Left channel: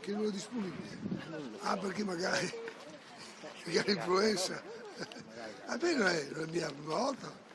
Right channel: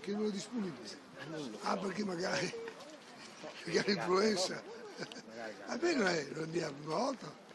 Che non è disponibile. Ah, perché magari influenza. Almeno lo andiamo una volta.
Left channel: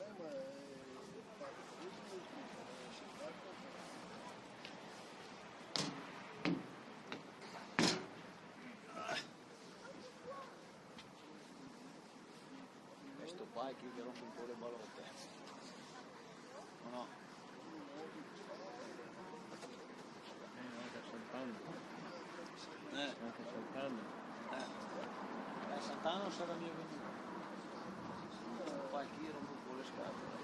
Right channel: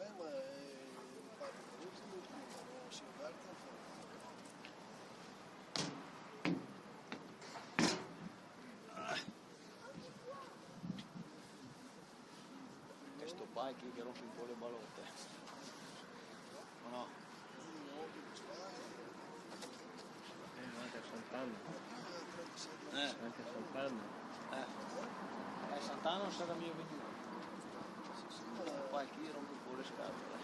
E sto qua è qui che rompe un po' le balotte. O no? No, anche Sant'Anna. Anche Sant'Anna. Sant'Anna non sarà mio venuto. Sto qua è qui rompe un po' le scatole.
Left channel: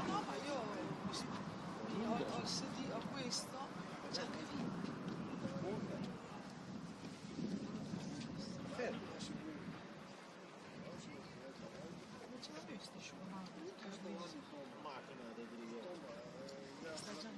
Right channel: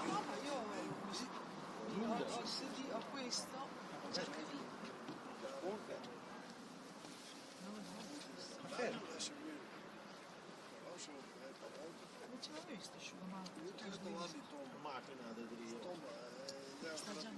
No, ma io ho questo, già che diceva questo, ci ma Macchina di griglio. sta già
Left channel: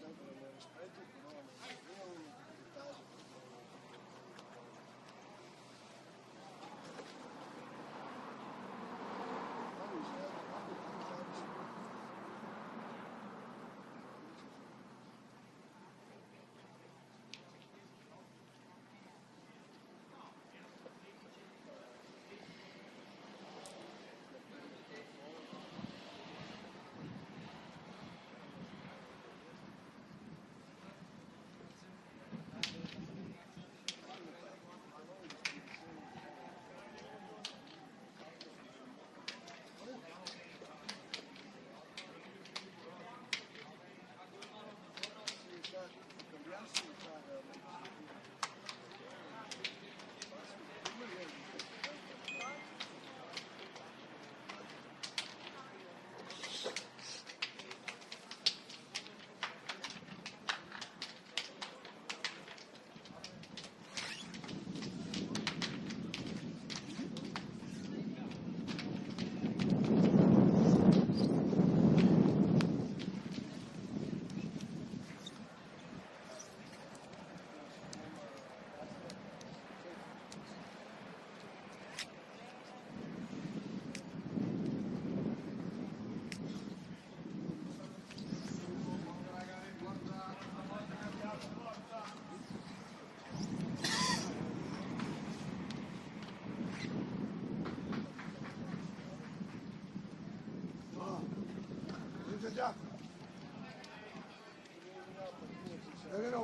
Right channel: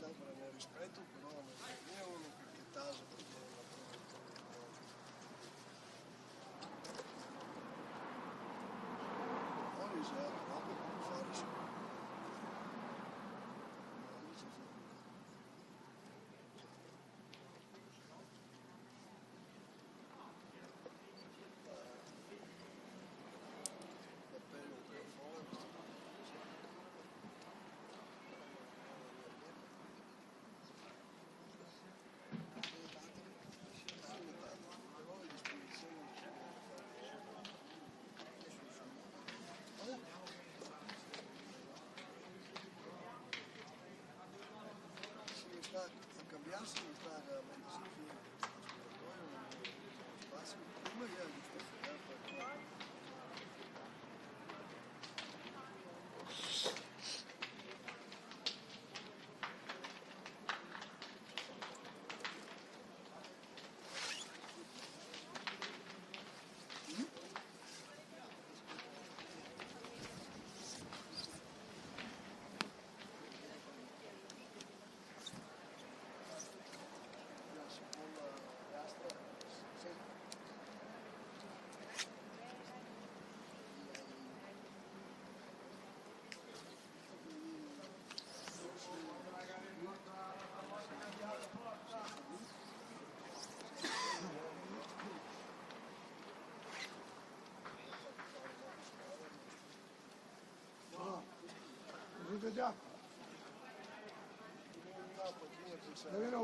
sempre nel rispetto, però non è uno che taso perché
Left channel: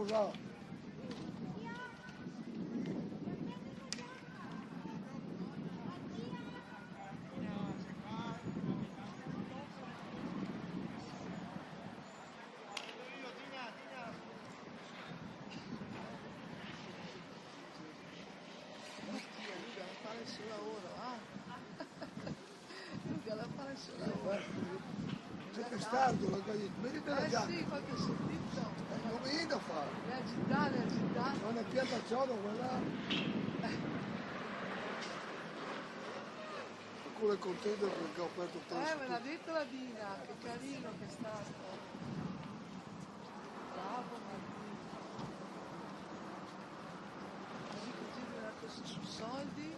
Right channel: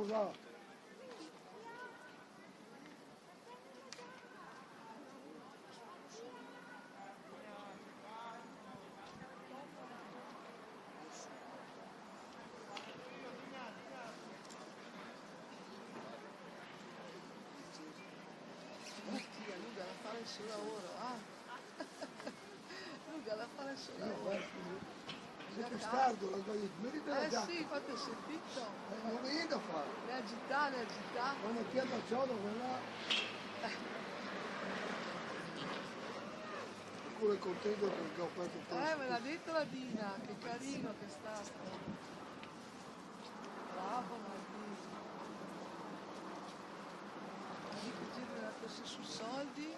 là. Mattia, Luca la fare il suo lavoro, ah. Luca la fare il suo lavoro. Sempre stardo, la gallina. Vedi la giacca? Sì, infatti ho sentito. Non mi viene da fare. Le agitare. Quando ti è da ciò, quella... Qualcuno è contento perché ho aperto il posto. Me l'ha detto la Dina, che carino che è stato. Bravo Martino. Così così è andato così sui soldi,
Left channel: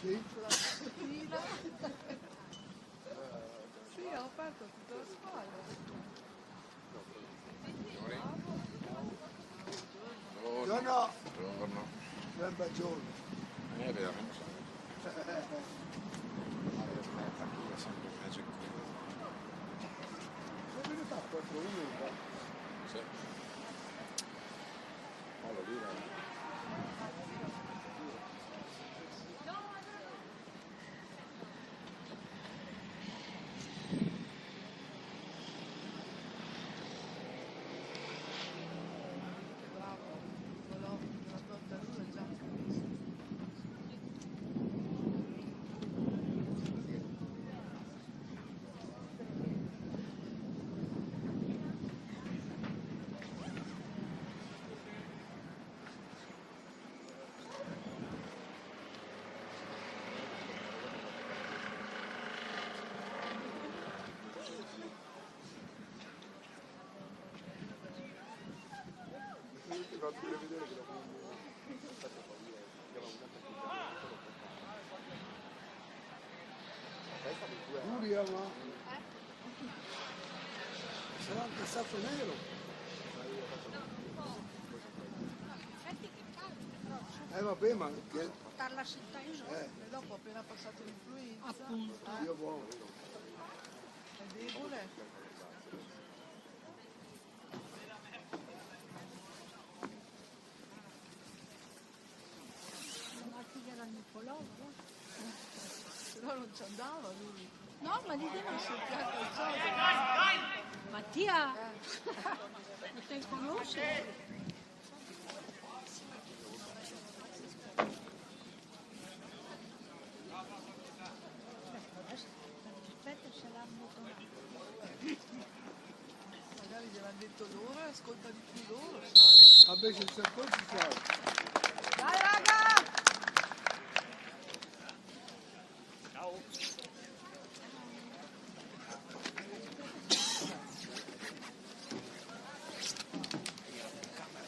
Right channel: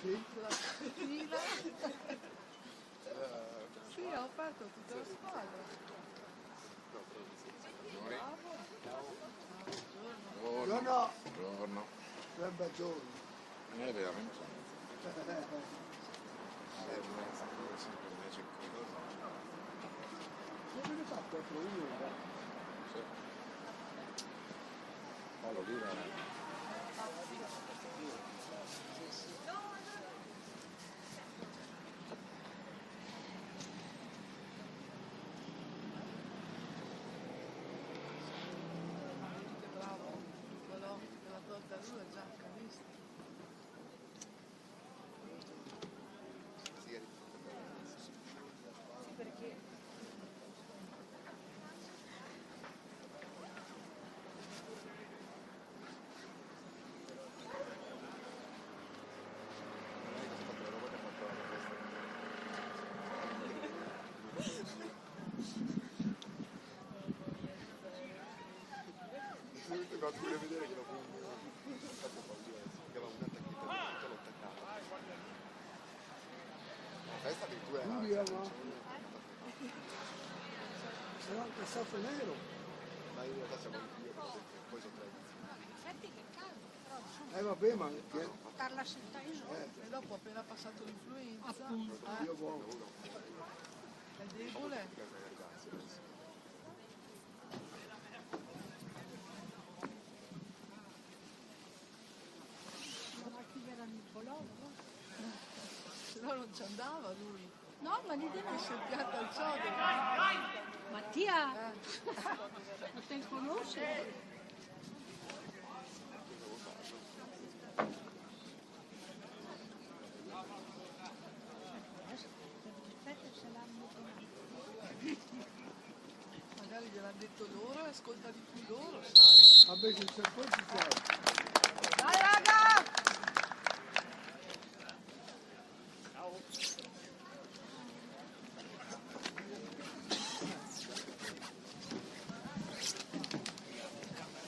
Sì? con la piscina. Sì, ho aperto tutta la spalla. Buongiorno. Buongiorno. Sempre giorno. Veramente sono. Io sempre invece qui. Come fa proprio io? Sì. Ma l'oliva è... Bravo, quello della torta è già carissimo. Giulia, ma... Sarà anche stato nero. Vabbè, ma Parla cittadino. E dopo appena passato l'influenza, Appunto. io buono. è debole. Non ha più il pullover. Se no non ci andava lui. No, ma dico no. Si pianta il sodo. Mattia, ma te conosci? Certo se l'hanno donato. Magari gliel'hanno detto loro e ascolta di più loro, sai. Vabbè, che c'è poi ci sei. Dai raga!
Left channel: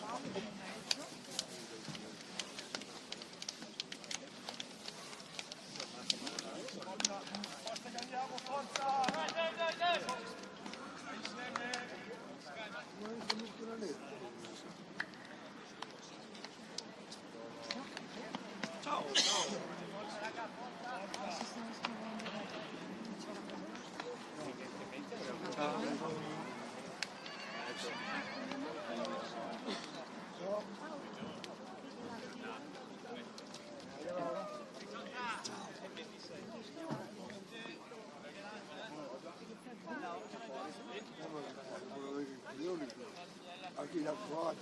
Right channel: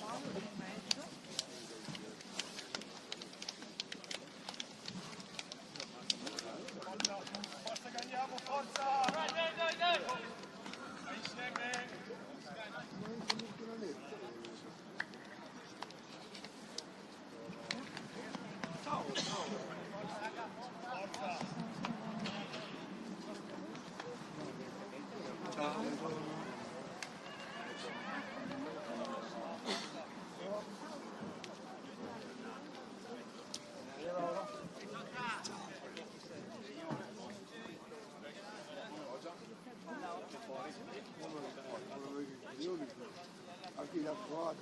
Paolo in mezzo. Anche la qua,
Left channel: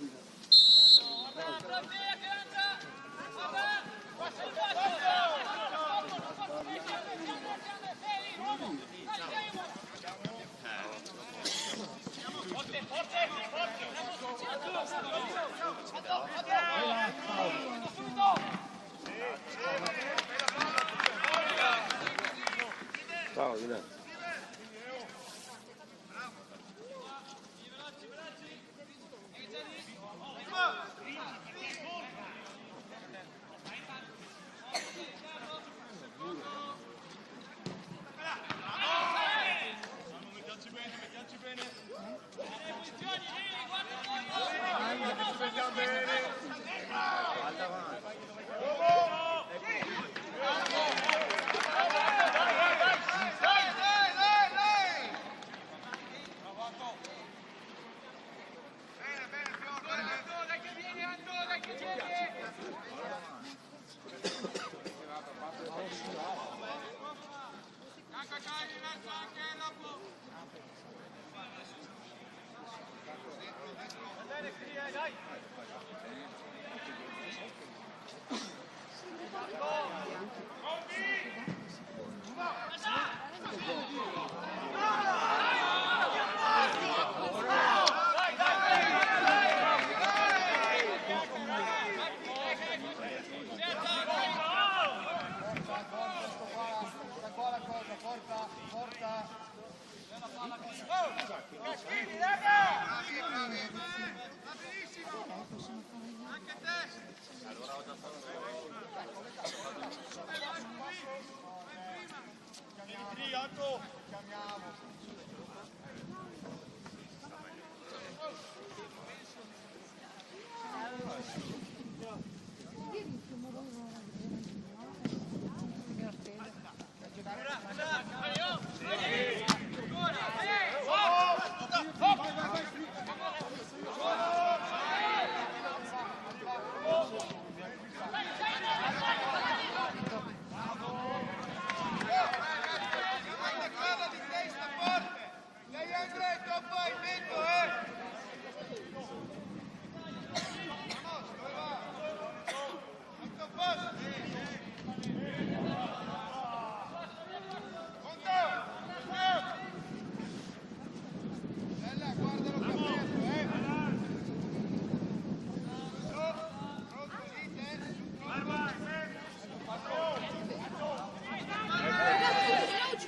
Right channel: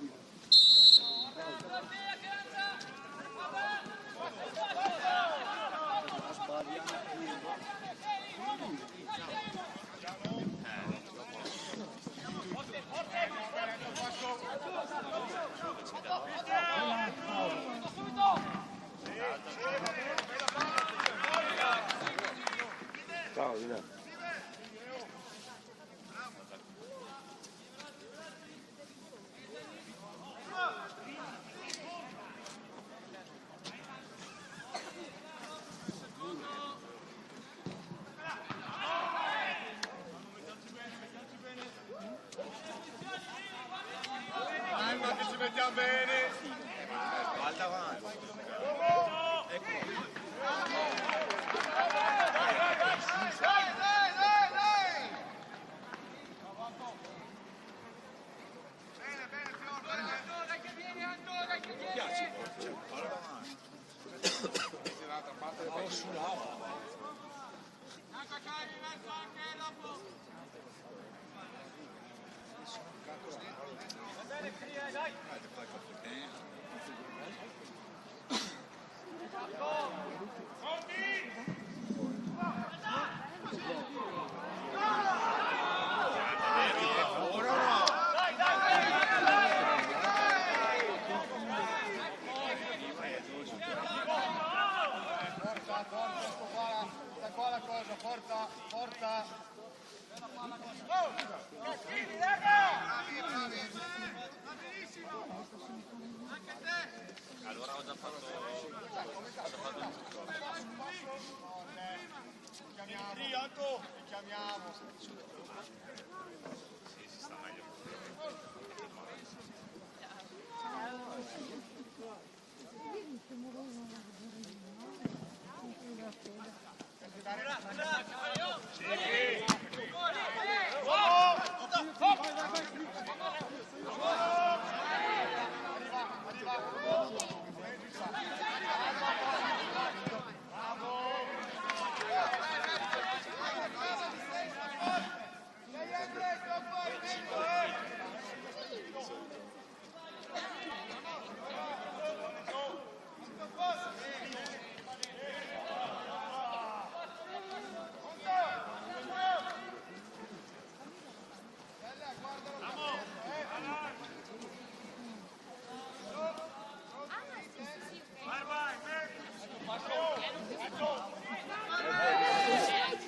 Ciao, Ina. Bene, Fior, bene.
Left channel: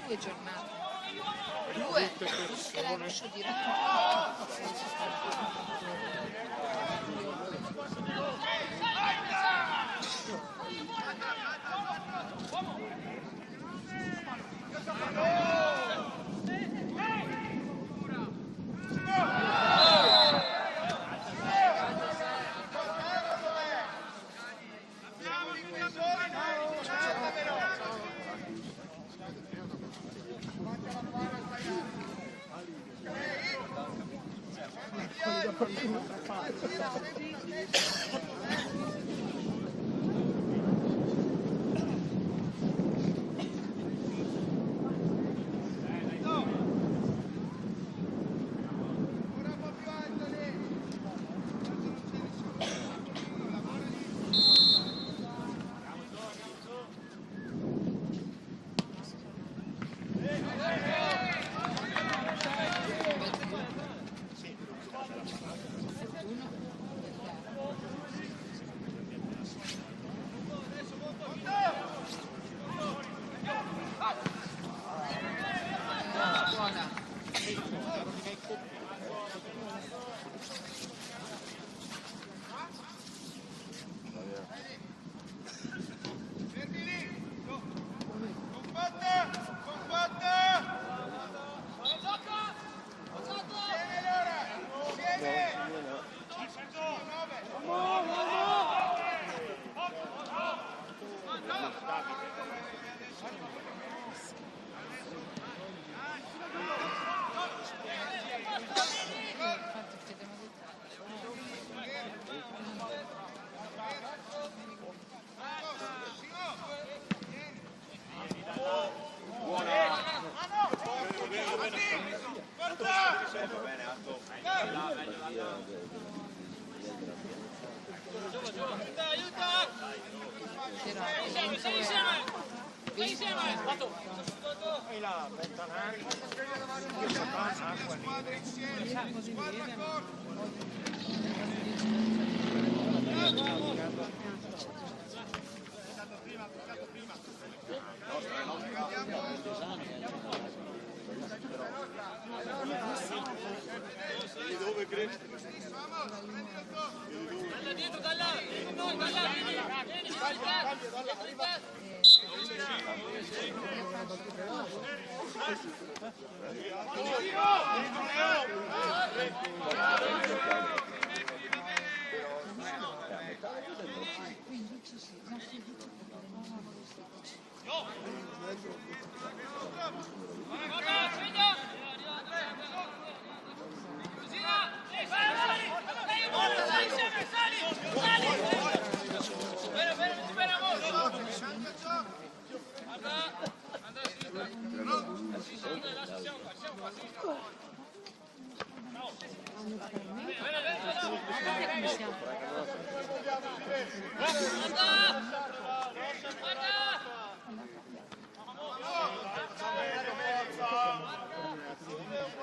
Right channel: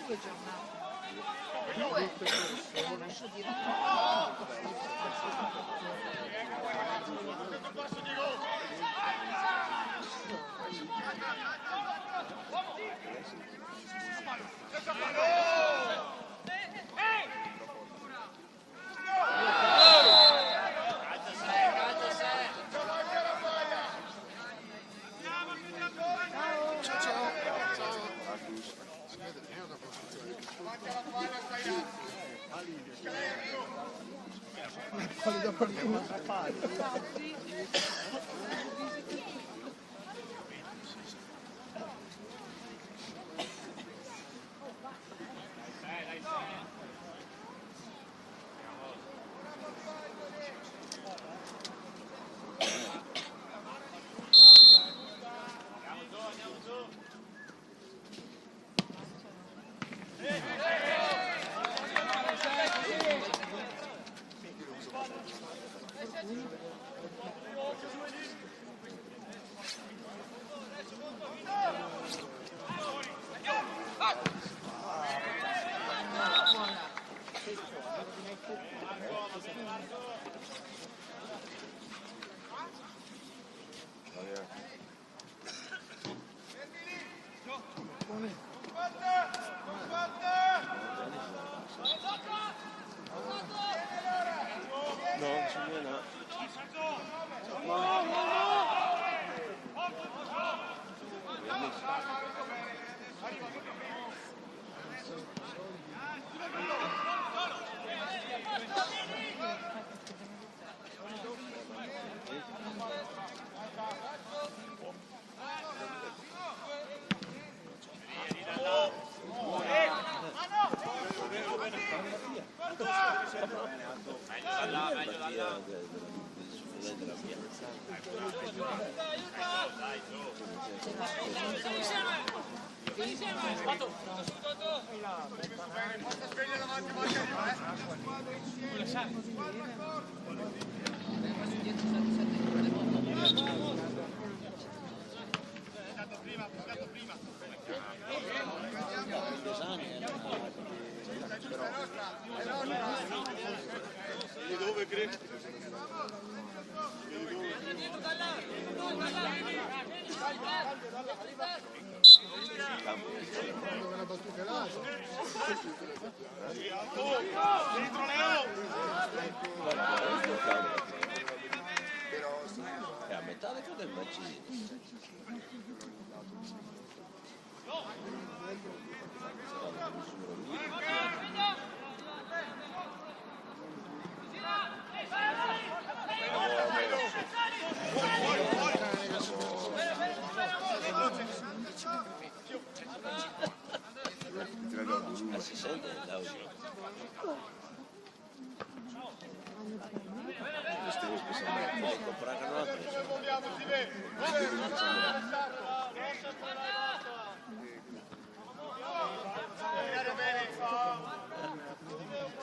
Che giornata? 2 e la lascio dire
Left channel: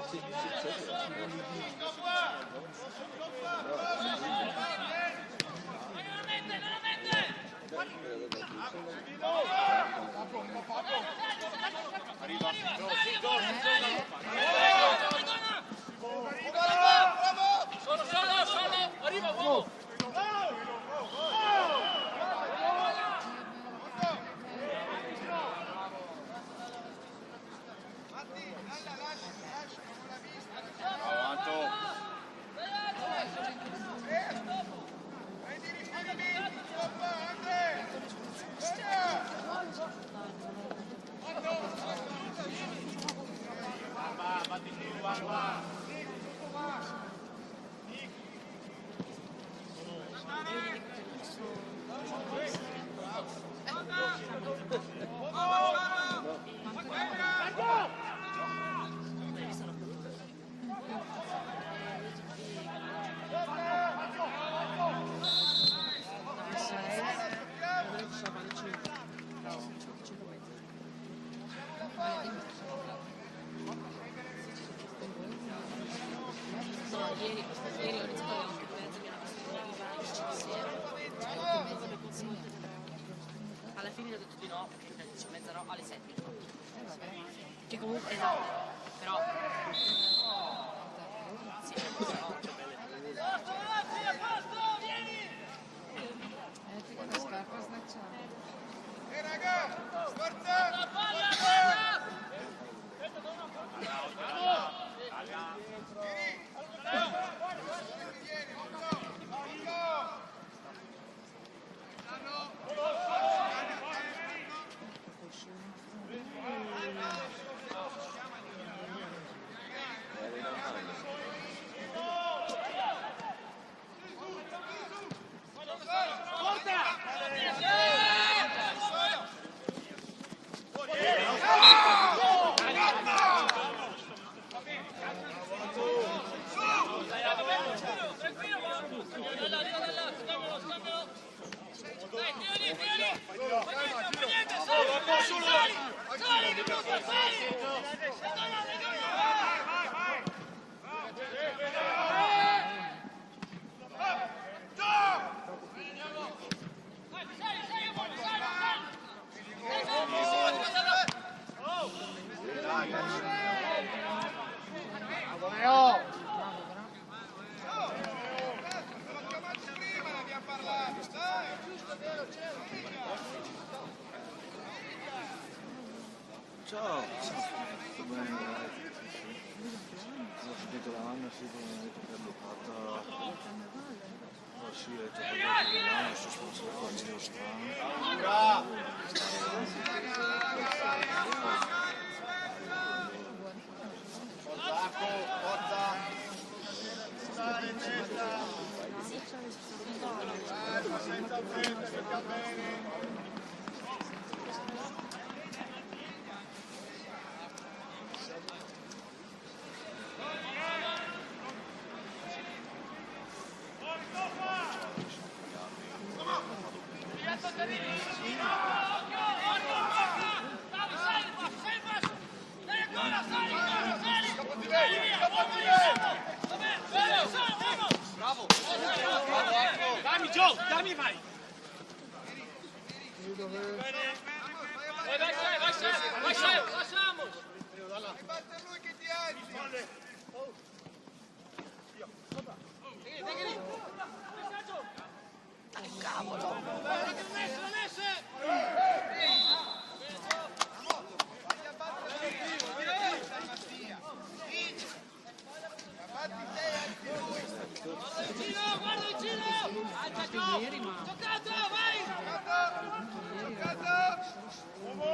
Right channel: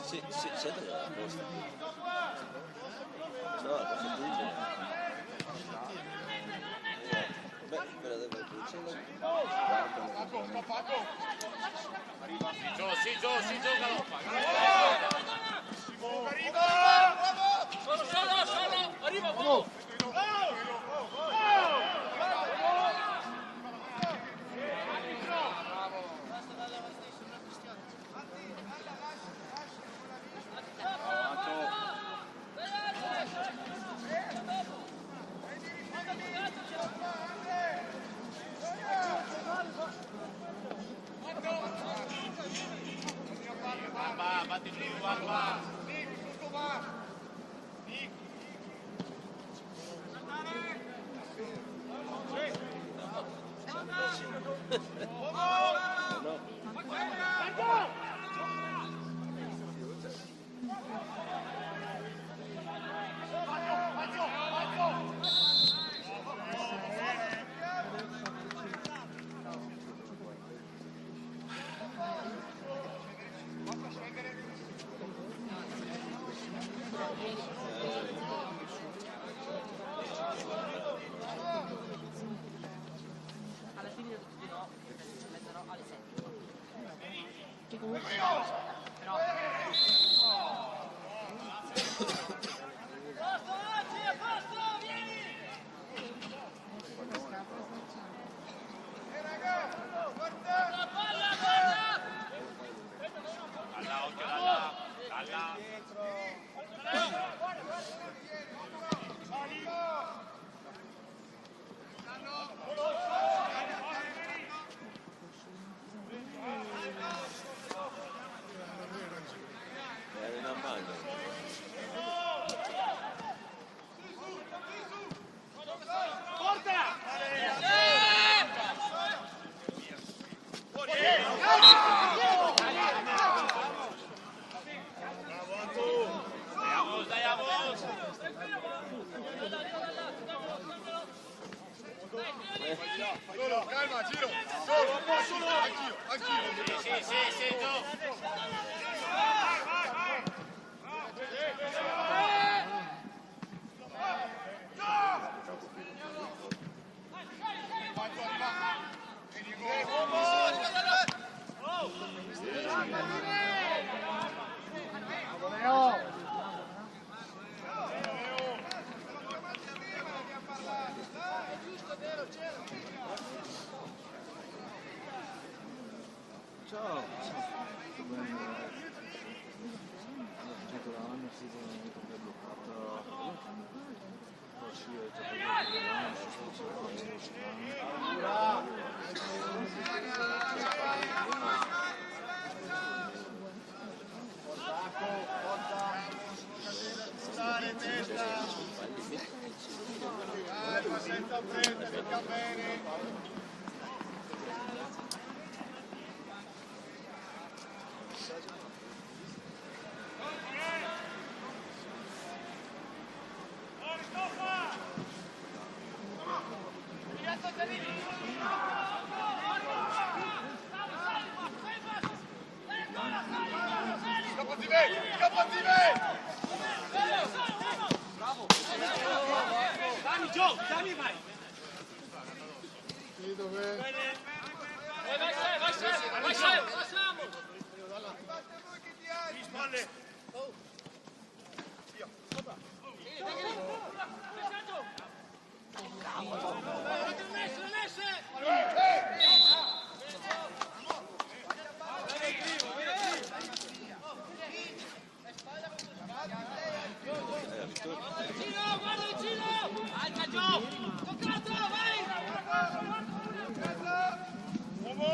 Sì, senti. Solo, arriva uomo! Alla fine ho detto di no, perché ci mezzerò alle 7. Che comunque no, però... Posto, vieni! Palla, palla! Ciao, l'anno si è bloccato, poi si è giocato l'anno, si sono Stare testa! Senza fretta, che va bene! Dammi, vai! Vai, lasciamo! Guarda vicino! Alza giù! Giocato, vai! Vediamo!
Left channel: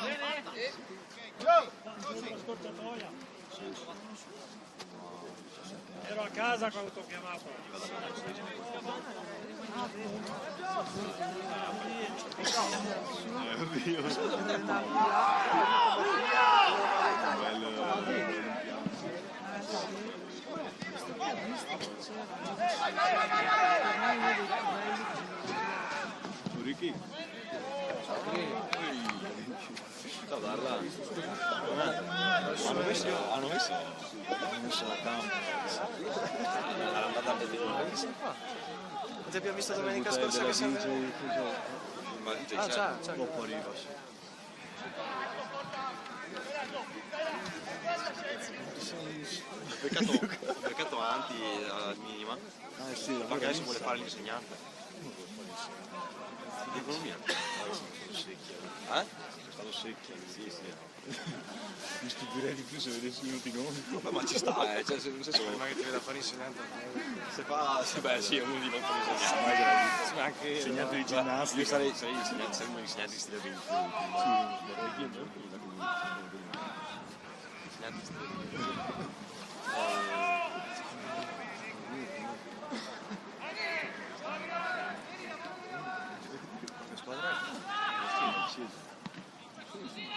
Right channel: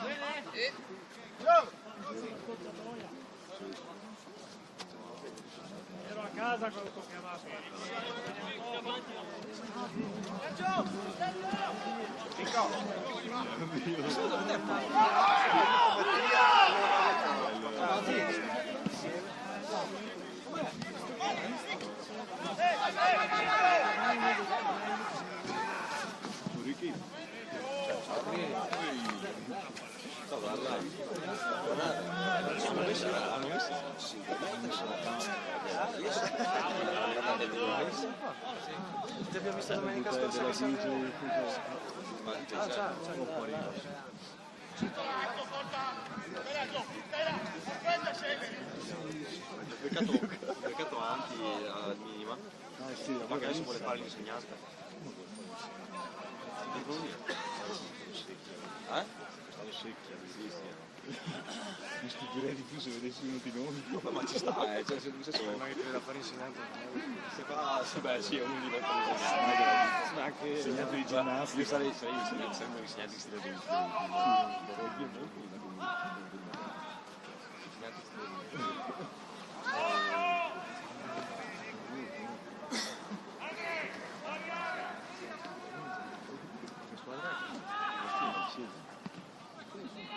Bene? Ero a casa quando ti ho chiamato. Ricky. Sta guarda. Hanno messo Ti abbiamo visto domenica scorsa che siamo... Ah, ciao. Un po' arriva. Peccato avanti al minima. Ah sì, Perché adesso vuole fare l'insegnante. Economia. Stanno secchi, sì. Mi stupirei di più se vedessi venuti noi. Ma ci sta, cioè se non so se Ma che ti vede a fare insegnante? se fa, sì, beh sì, è uno di noi fa Anche... Insegnante di ginnastica. io sarei insegnante, sempre un insegnante di storia. Insegnante di storia.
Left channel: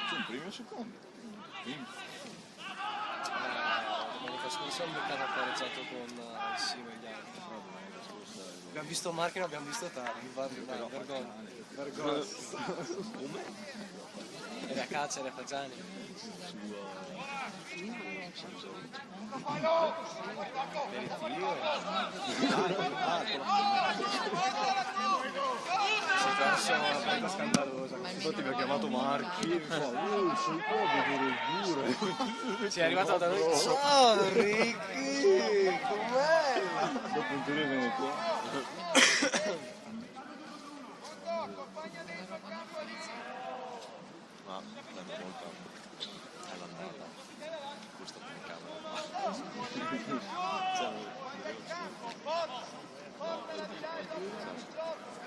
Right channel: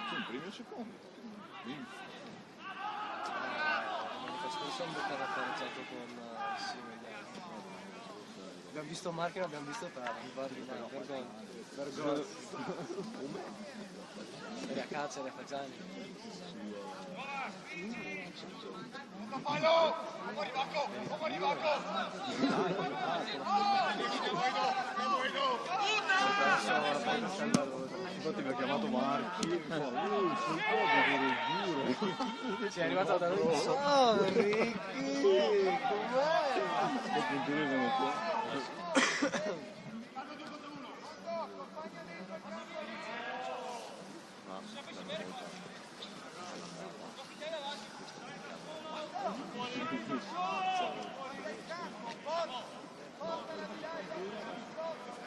Sono primo o secondo? Domenica scorsa mi aveva pareggiato con il Similiano. Abbiamo visto Marchi e non abbiamo visto tardi. Vergogna. Era a caccia, era a Fagiani. Infatti mi ha chiamato Marchi e mi fa sei qua a vedere il giro. Sì, è arrivato da noi. Oh, Ricky! Com'è? Dopo un telefono qua.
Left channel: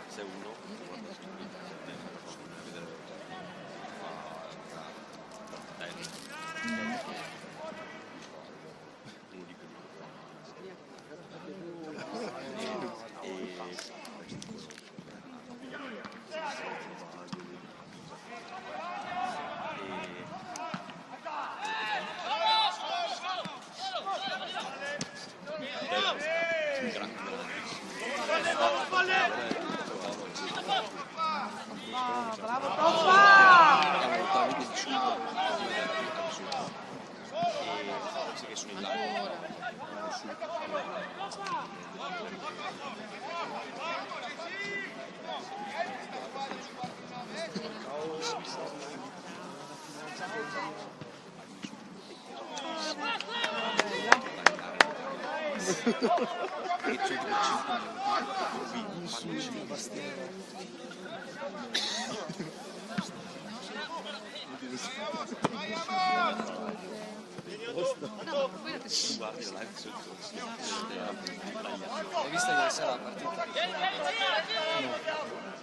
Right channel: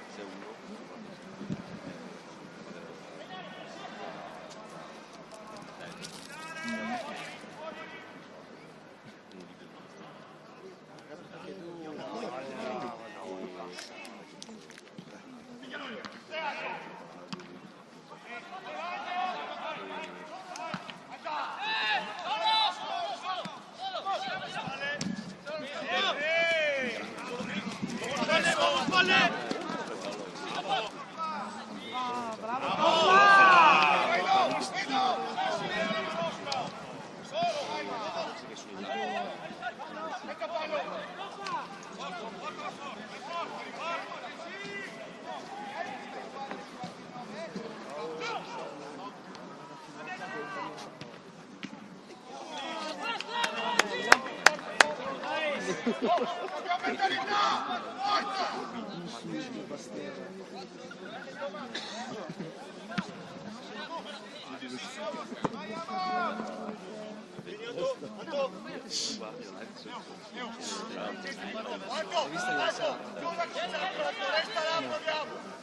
Se uno Ah, bravo Toppa! Hai visto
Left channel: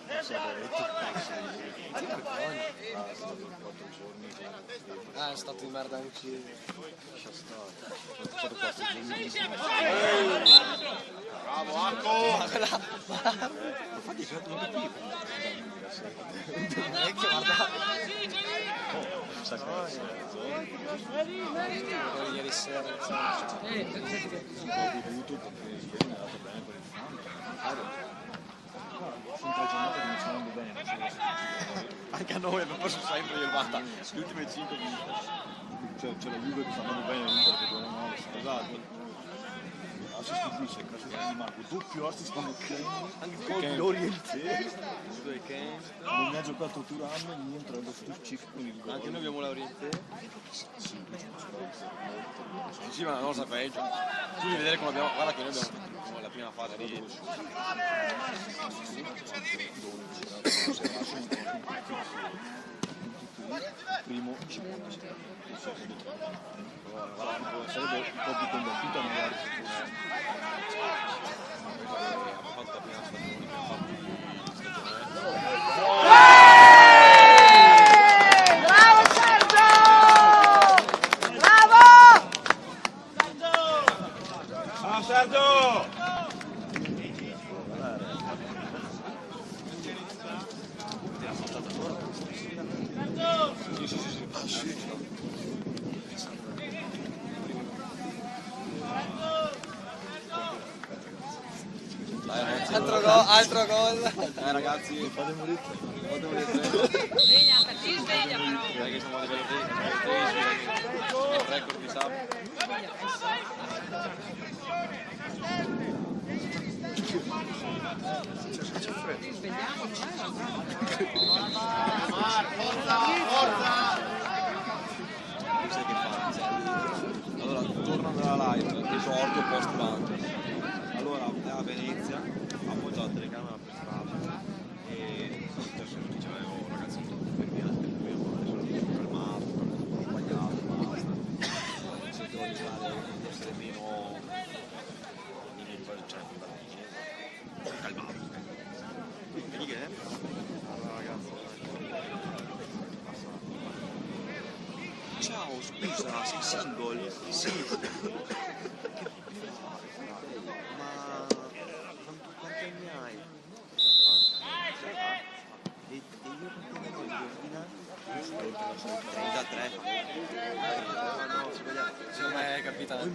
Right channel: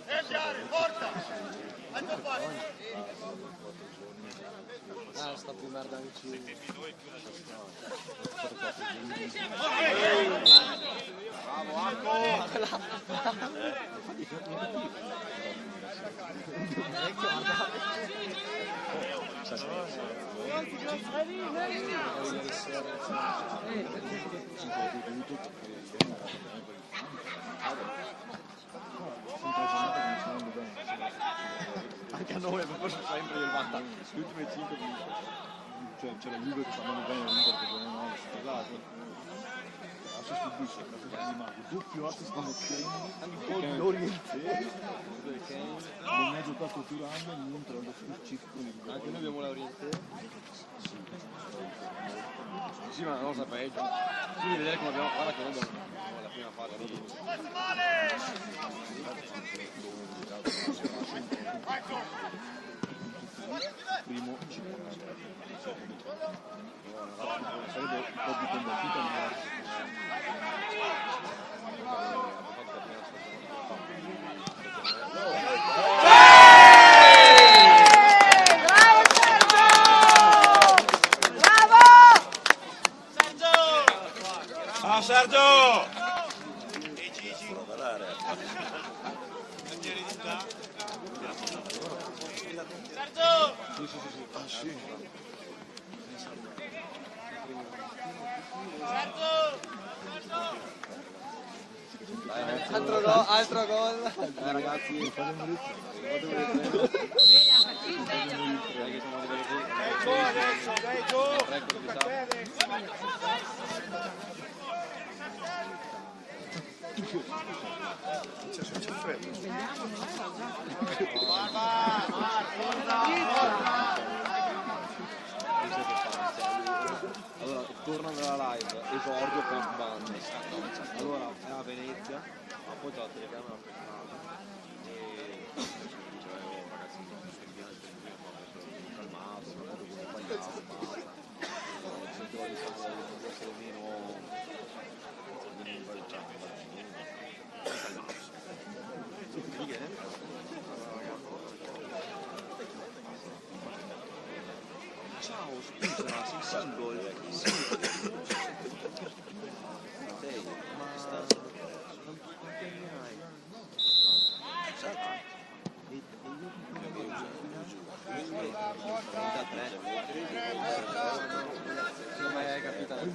ieri sera la partita? Ah, è stato in merda anche... Ieri sera... Anche a noi non posso sempre io fatta le ultime 5 cioè c'è la Juve che sta andando bene l'Inter che non ha sposato assist di Bissek, ma sono rimasto doppio assist con Kane, gol di Oriente non ne ha giocato Turan e non tra lo Sturcik con il gol. anche noi abbiamo la Oriente. Sì, ma non lo sapevi. Tu devi vedere come abbiamo guarda che noi abbiamo la prima fase di primo 56, secondo 3. Sarebbe un po' più convertita magari. Bravo Sergio! Bravo! Ah Sergio! Altro gol. Ragazzi, fate un ritmo. Sveglia, per ti sveglia però. Che siamo arrivati record di sabato. C'è freddo. Allora, torno alla live, esordio post bando. Allora, a Venezia, ho appoggiato la telecamera per strada e adesso mi diceva, ragazzi, sono fermiato, ciao, scusa, sei single? Sì. Quanti anni hai? E io sono 33. Secondo me è capitato. Che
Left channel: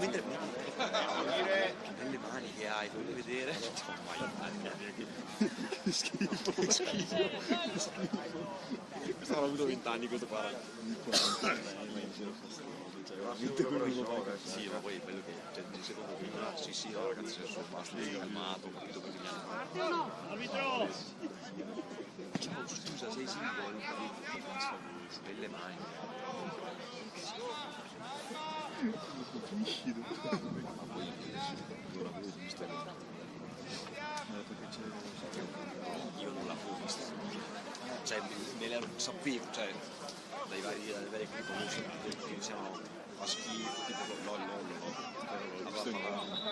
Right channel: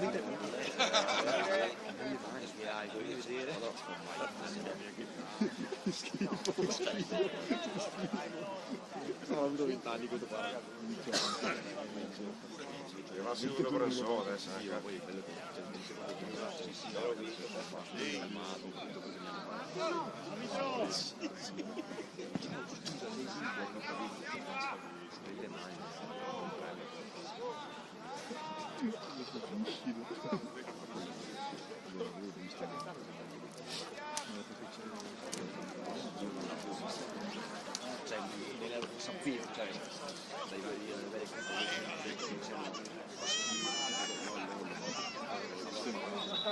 belle mani che hai, vuoi vedere? Schifo. Questa avuto 20 anni questo qua. Veramente quello sì, ma poi è bello che cioè, mi secondo che sì, ragazzi, sono animato, ciao, scusa, sei single? Belle mani. Io non l'avevo vista, cioè me la sapevo, cioè dai vari conoscimenti che iniziano a schifo, tipo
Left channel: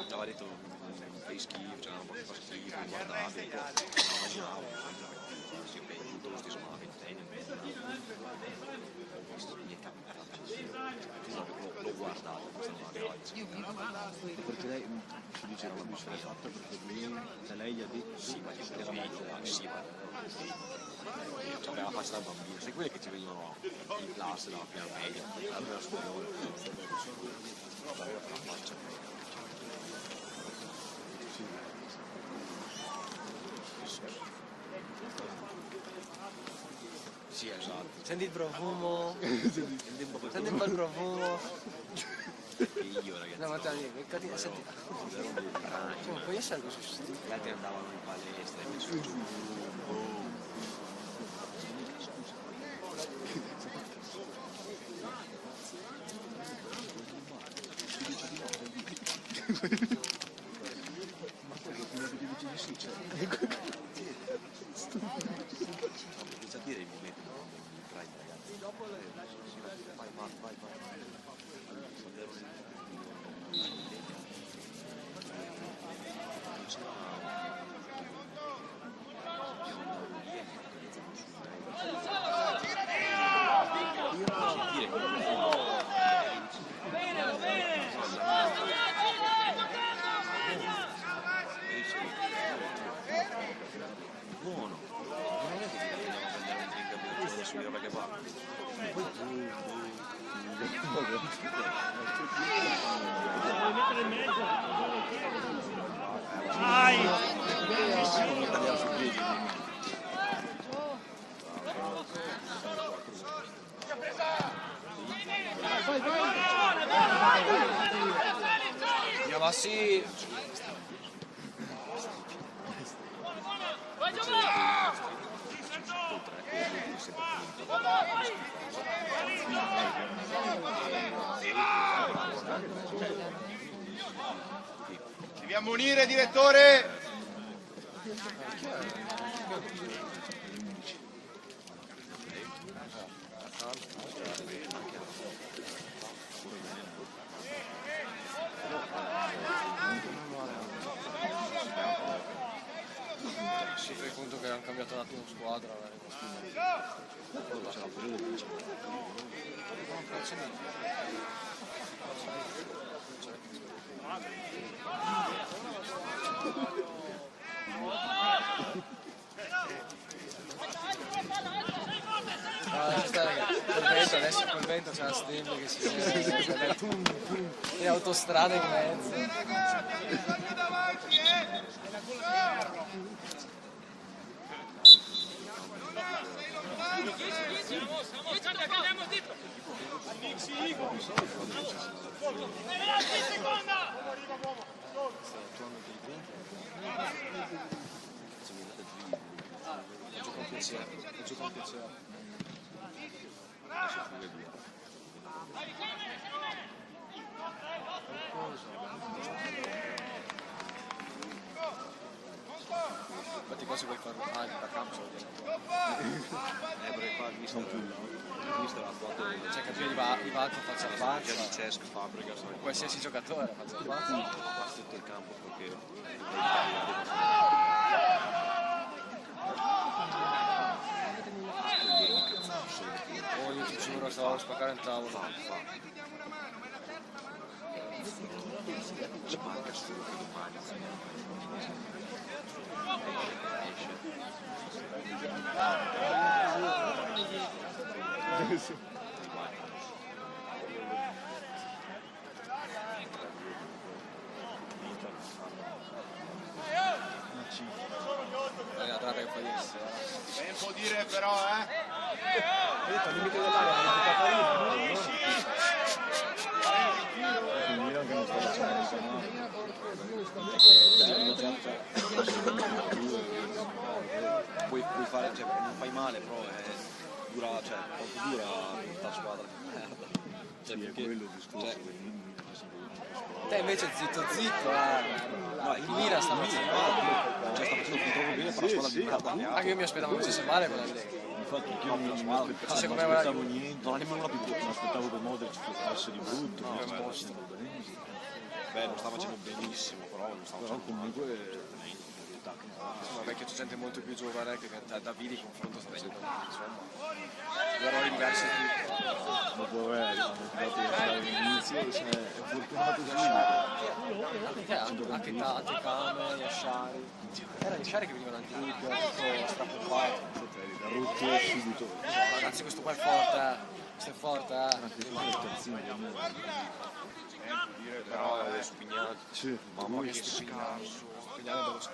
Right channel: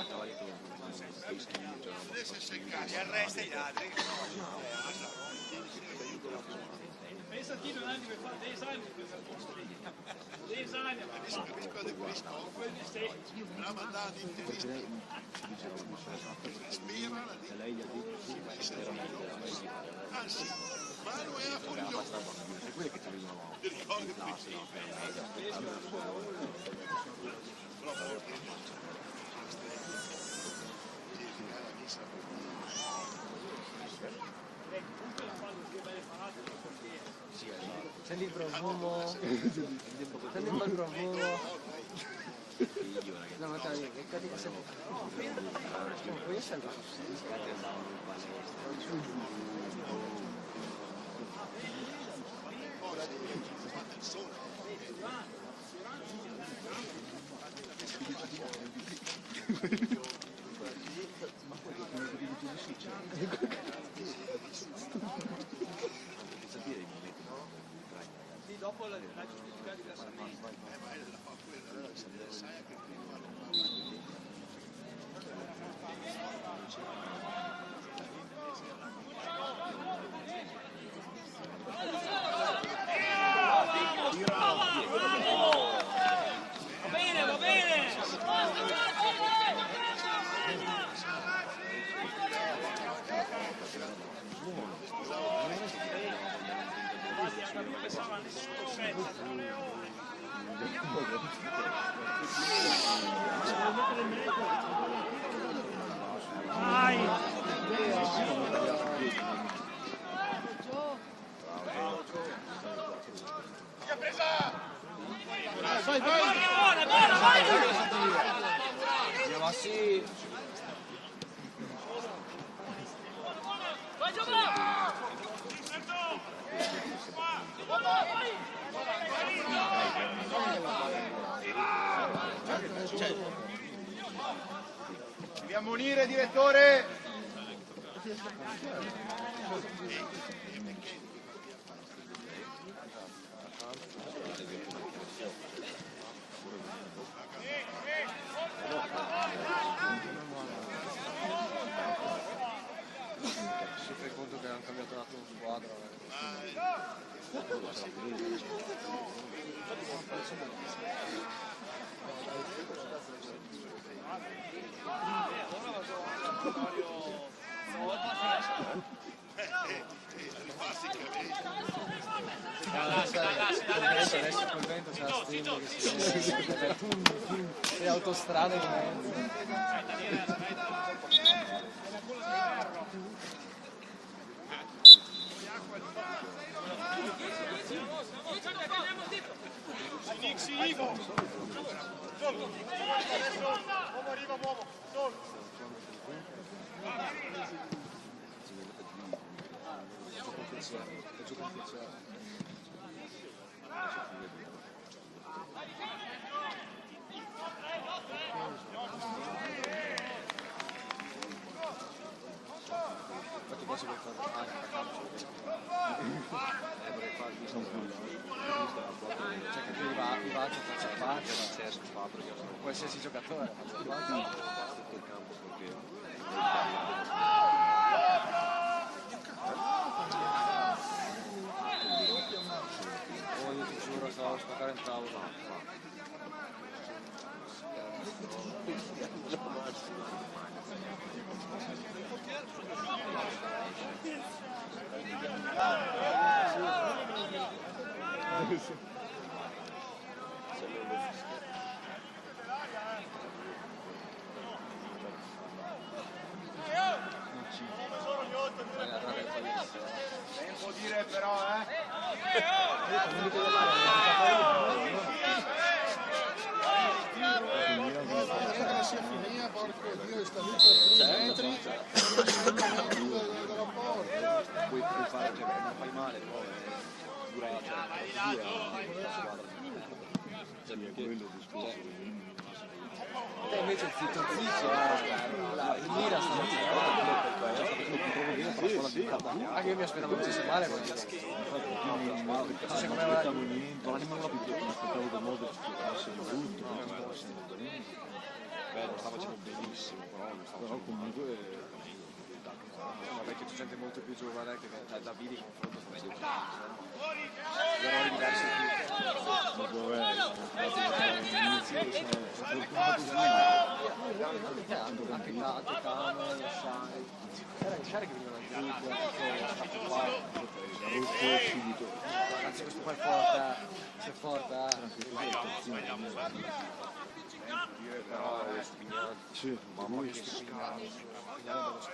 la varietà fai schifo, cioè non fa perché lei ci diceva che l'ha fatto perché lei gli ha detto sì, ma che era molto aggressiva. Aveva passato a dire, sì, quelli che ci vedono in classe, in media, aveva sì, esatto. Senti il profumo. Senti un bel profumo. Io, ragazzi. No, ma dai, che cattiva senti. Come puoi essere così stupito? Guardate, andavo in palestra, su giù. Sapere i momenti Io ma sì. Vai Giovanni! Vai! Devi ammonire, direttore! Si fai conto che hanno cambiato un attimo squadra. adesso col vento c'è la stella che si vede, le autostrade in mezzo. Gioco con piacere. Infatti qua si vuole fare sono più cioè che i Valco faccia il calcio, qualsiasi giocatore faccia il calcio. tutto il campo perché Io ti giuro, stavo spaccare il tavolo. Tempo dire però, puoi fare, cioè, non fai male, però dura, cioè, è più dura la squadra. Cioè, perché, quello il discorso. Te invece zitto, il Mira sta facendo male, Cioè, sta facendo il controllo bene, però la squadra blindata. anche io mi aspettavo che facesse male, Infatti anch'io non aspettavo niente, non nemmeno la più, mi aspettavo che Modric fosse di brutto, non stava facendo assolutamente. Beh, non stava facendo benissimo, però comunque vabbè che c'è gente molto più giovane che da Vidi confronto sempre erano diversi ma poverello, all'inizio è fortunato anche Tati, Sciari, era il Sciari che veniva dal gruppo, tutto stato qua, ha rotto subito. anzi questo qua è forte, Però è Spignato. Sì, mamma mia che Spignano dello scorso,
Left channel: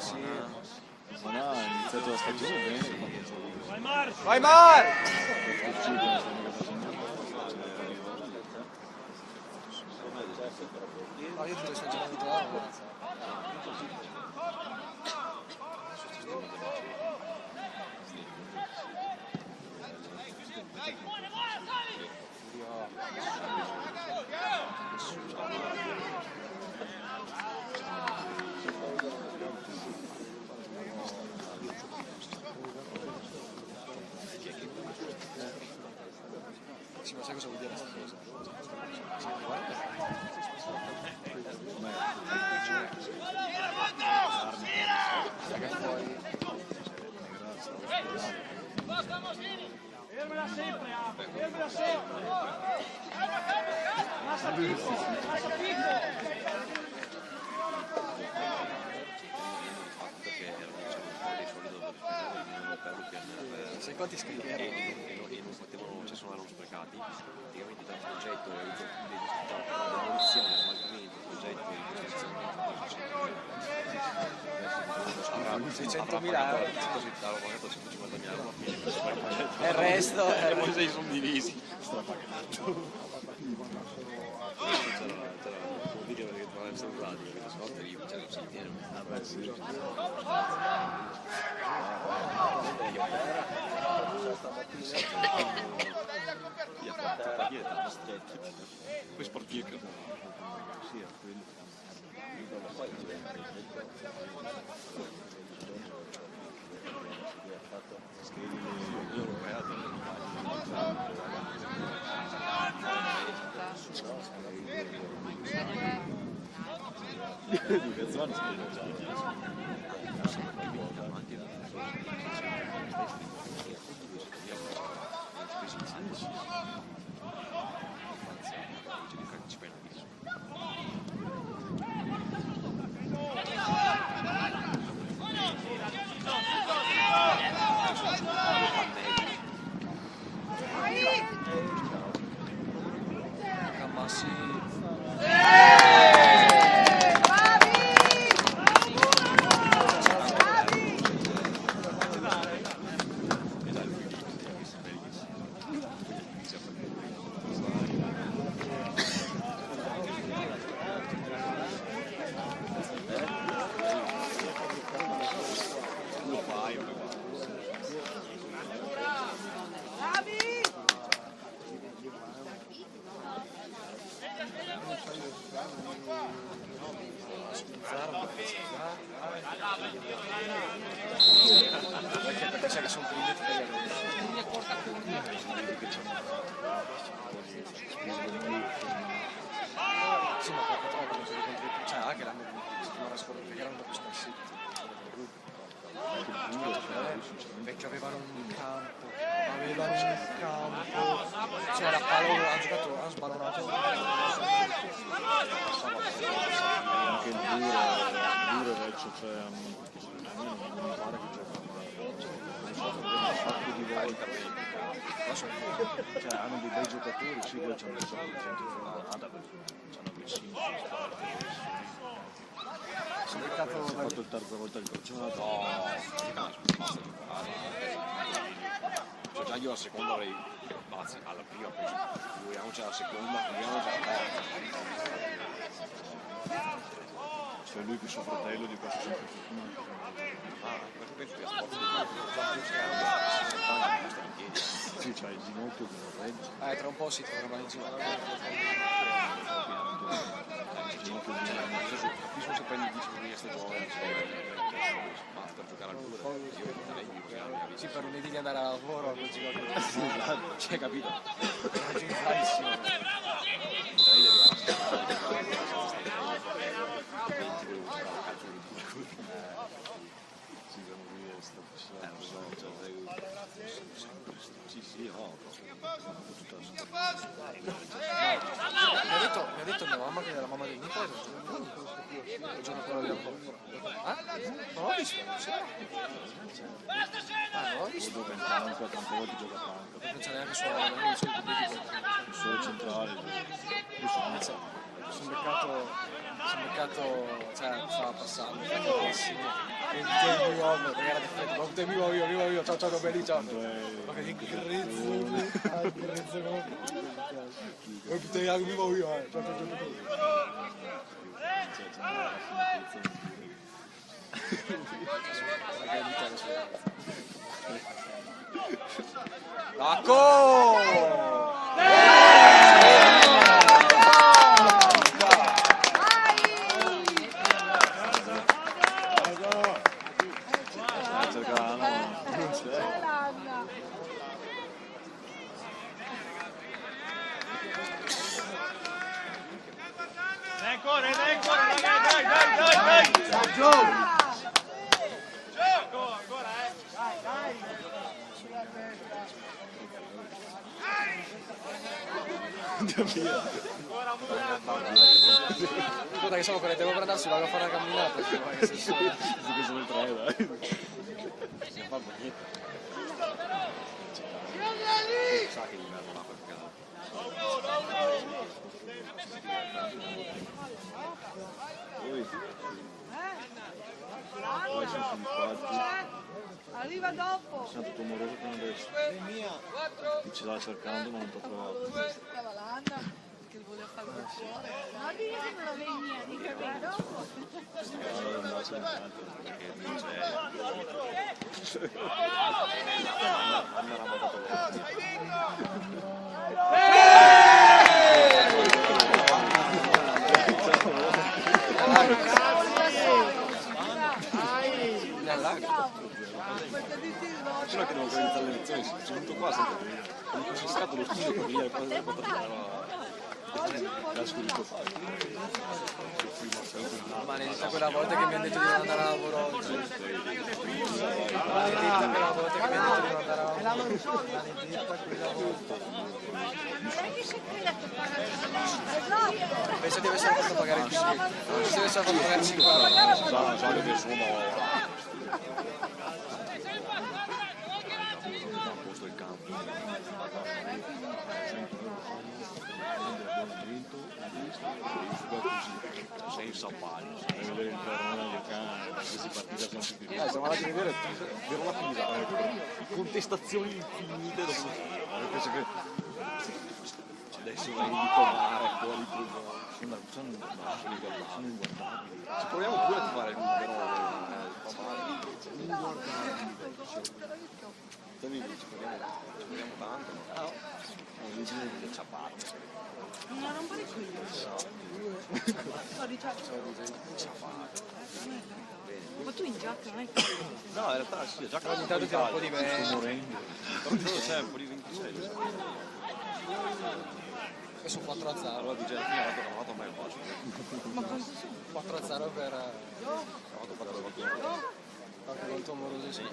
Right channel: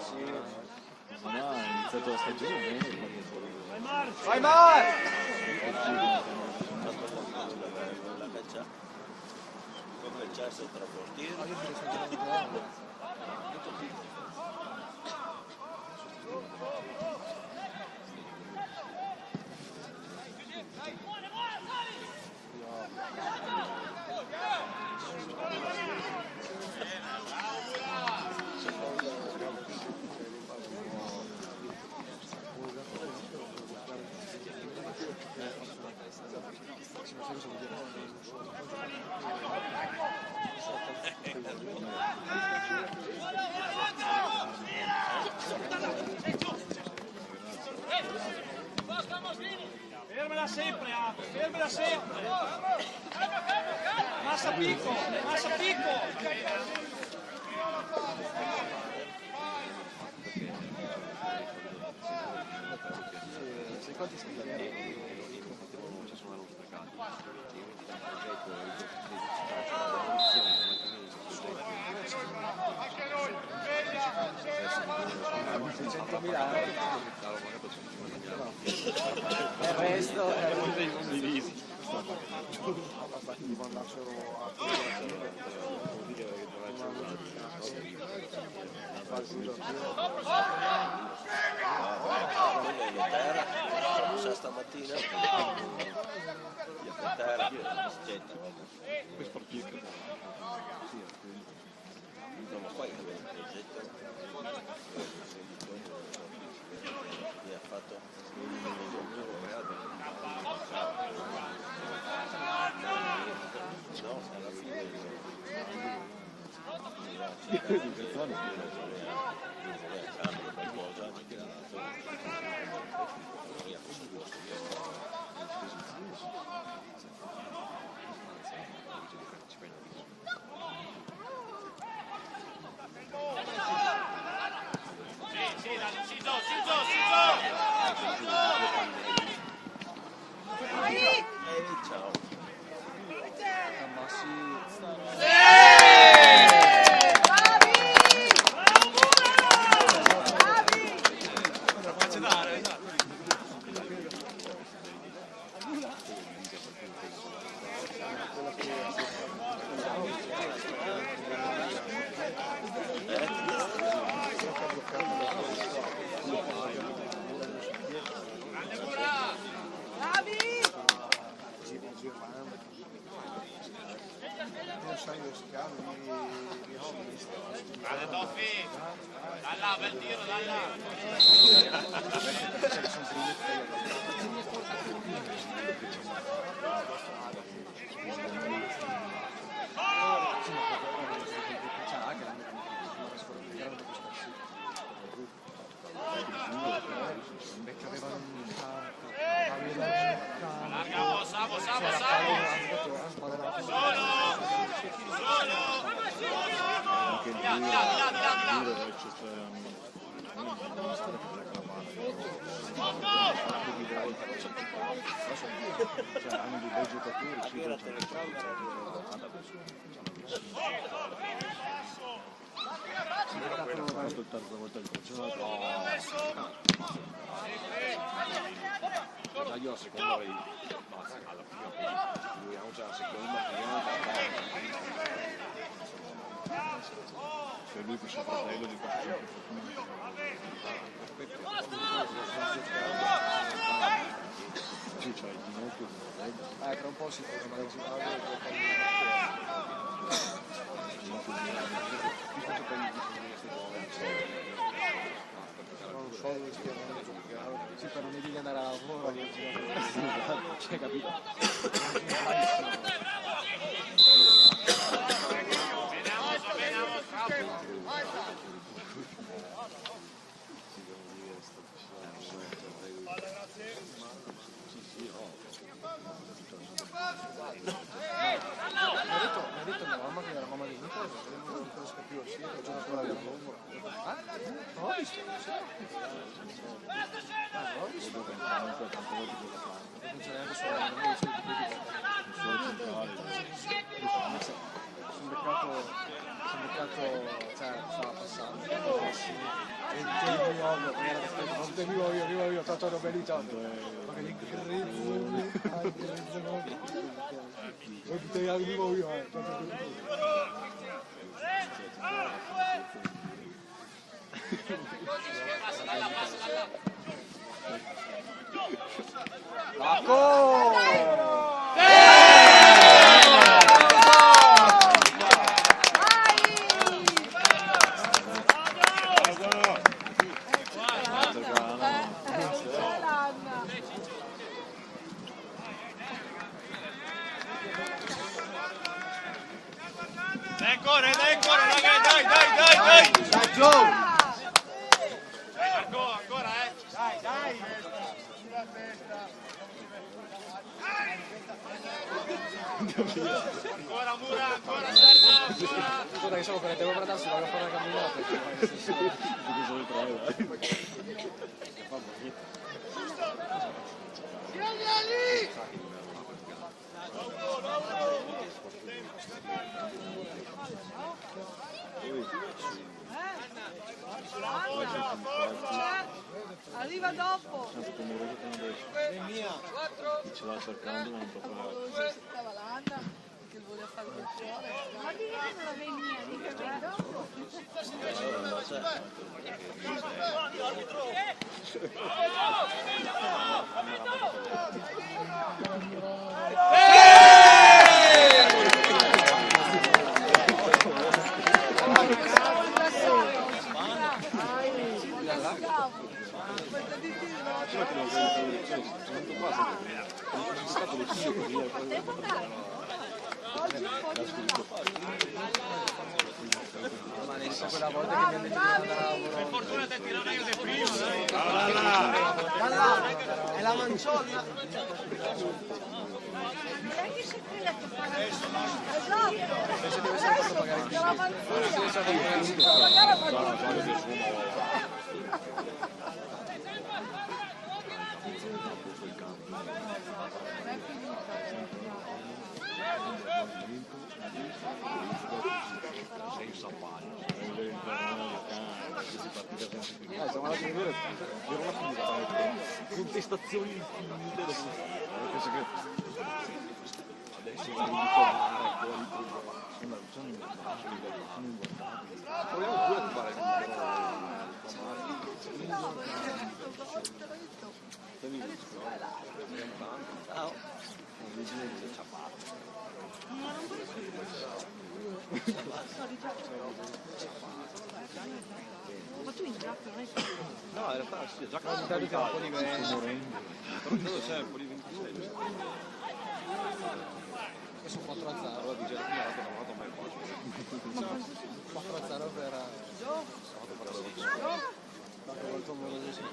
sì. ma ha iniziato la stagione bene, Vai Mar! Sai cosa vuol dire questa Fermela sempre, fermela sempre. Massa picco, massa picco. Sai quanti scrivi? non ci sono sprecati. Io mi dico il progetto la demolizione, euro, 600.000 e il resto sono divisi. Sai che sono primi sì, ma cioè anche la perché avevano un campo, c'era Paolo, ha giocato, ha sbagliato. Anche il duro vecchio, cioè non fare che di volte cioè hanno dei bei giocatori, sì, poi c'hanno vicino. Si è fatto il terza volta il campionato. Cioè, io la seconda avrei, anzi alla prima, poi figuriamoci alla seconda, C'è lui che suo fratello di questo sempre fortunato. Sì, c'è il ginocchio di Reggio. tra un po' si trova il ginocchio. il ginocchio di capisco se poi mi dice che sto giovane, basta giocare ancora. Sì, per venire di andare a lavoro non giocare. Sì, esatto, cioè, capito? Mi ha detto mia mamma che era mamma di Nicola, non conosco più, sì, il giorno che non l'ho visto, non l'ho visto. Vedo che tante volte gioca tanto. Non c'è neanche solo la mia, Solo centrale. sono beccato, cioè, stava passando, bellissimo. E il mio uomo, che era di vivo, ciao, belli, ciao. Ma che grezzo, vuoi che te la vivo io, Marco! Guarda che siamo per devo guardarsi, vado a fare una camminata. Perché sono tre, dai. Arriva dopo. Sono tutto moroso che non riesce. Chi ci stava cercando ma non può trovare. Stava l'Anna che voleva fare il cuore. Ma di che non la venia, di che dopo. Possiamo rilassare oggi, questa di tiro, C'è che non credo che sono venuto qua sempre. Mi è stato lo studio per via oggi un po' di Ma ne sa quella volta che mi hanno detto di andare a lavoro. E la manciona. Esatto. Adesso perché la manzina. già che sono senza pari, siamo andati a vedere la fila, contestazioni infinite, penso che adesso vado di provare fuori sono inguardabili. Ci proviamo pure a fare che mi dici? Proviamo tanto. Non mi dici che c'ha parte. Ma tu in giacca non hai No, in realtà sì, già Ogni tanto un po' di me. c'è un po' di 26. E su 4 a 0. Allora di gente mi ha dato una nota mai facile. 4 a 0 per quanto quanto amoroso sei.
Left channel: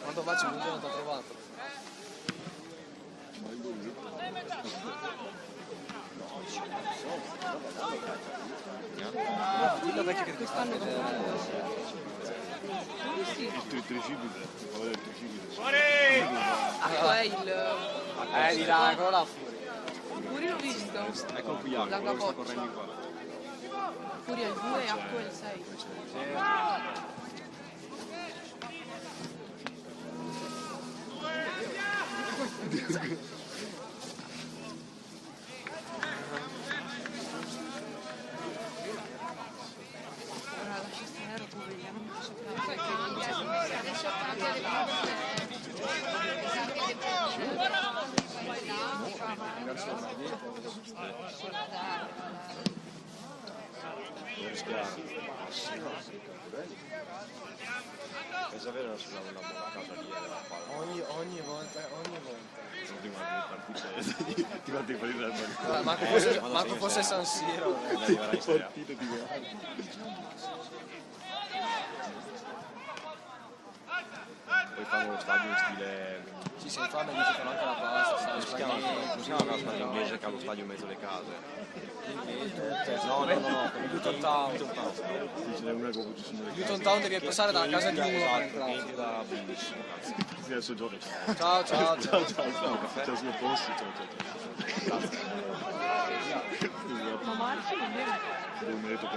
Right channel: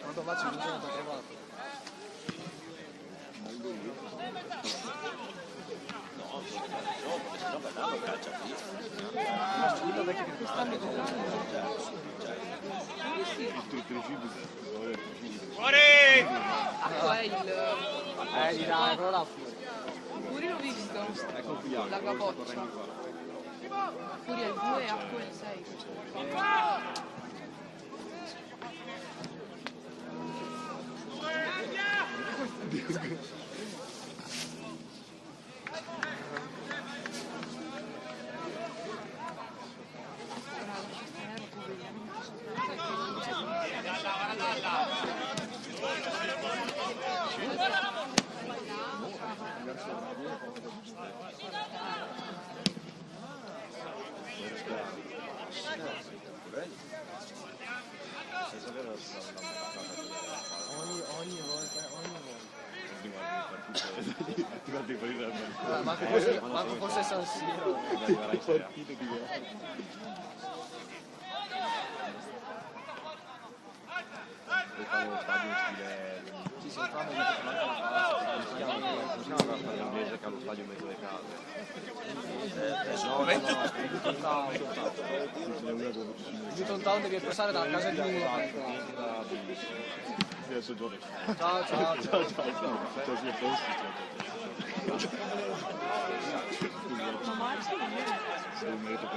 Quanto faccio un giorno da privato? Quest'anno è giocando. Il tuo cresciuto, poi il cresciuto. Acqua è il... Di là, quello là. Pure l'ho visto. Ecco qui, La capoccia. Pure il 2 e acqua è il 6. La cesta poverina, non mi piace. Ogni volta. Ti date per il Manco fosse San Siro. partito di là. Poi fanno lo stadio in stile... Ci si fanno di Si chiama così una squadra inglese che ha lo stadio in mezzo alle case. Luton Town. Ce n'è una che ha avuto simile. Luton Town devi passare dalla casa di uno. Adesso gioca. Ciao. Ciao, sì, a posto. Ciao. Ma Marci non è... Mi ha detto che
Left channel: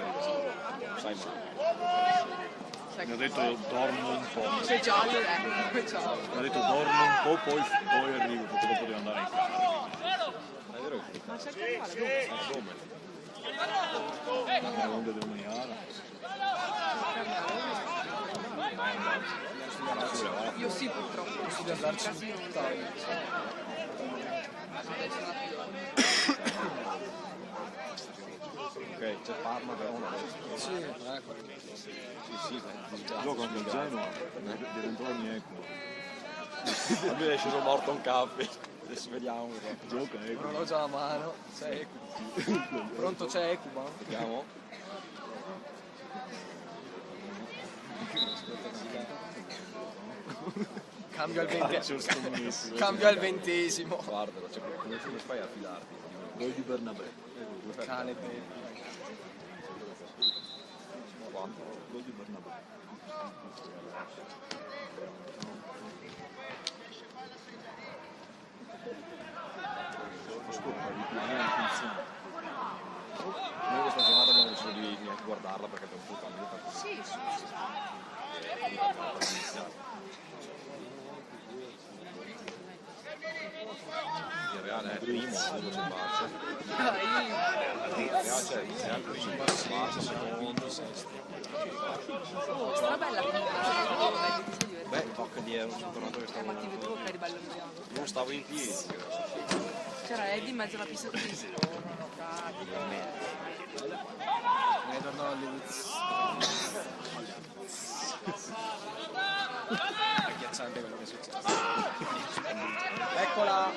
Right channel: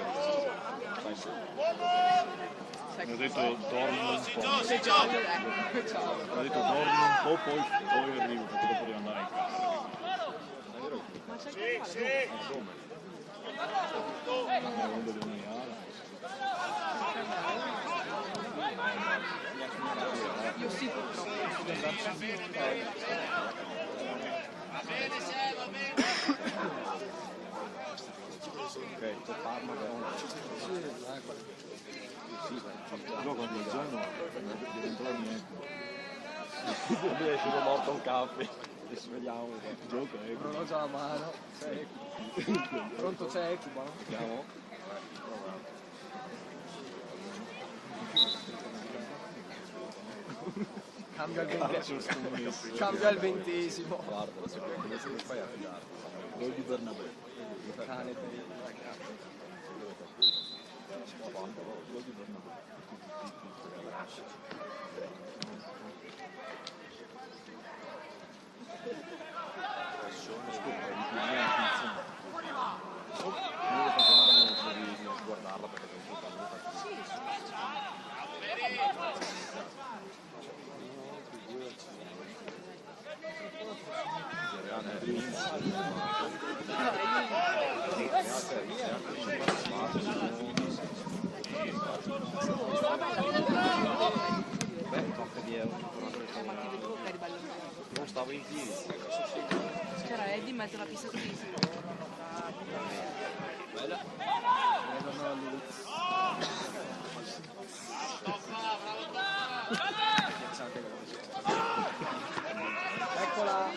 mi ha detto dormo un po'. Se giallo è... Ciao. Mi ha detto dormo un po', poi arrivo, perché dopo devo andare. Ma c'è che male, Come? La onda devo minare. io sì purtroppo. Ok, c'è Parma che è una. Sì, gioco con il Genoa, diventò niente. Lui è sceso morto un caffè. Adesso vediamo. Gioca, Non ho già la mano. C'è Ecuba. Pronto c'è Ecuba? vediamo. Cambio al 20. Scommesso. Cambio al 20esimo. Guarda, c'è qualcuno che fai a fidarti. Gol di Bernabé. Cane bello. Quanto? Gol di Bernabé. Ascolta, di più, non è attenzione. Io questa giornata non riesco di neanche guardarla perché è un po' caldo. Il Reale è primo. Beh, tocca di euro, Ma ti vedevo che eri bello annoiato. non stavo in piedi. C'era Eddie in mezzo alla pista così. Eccola.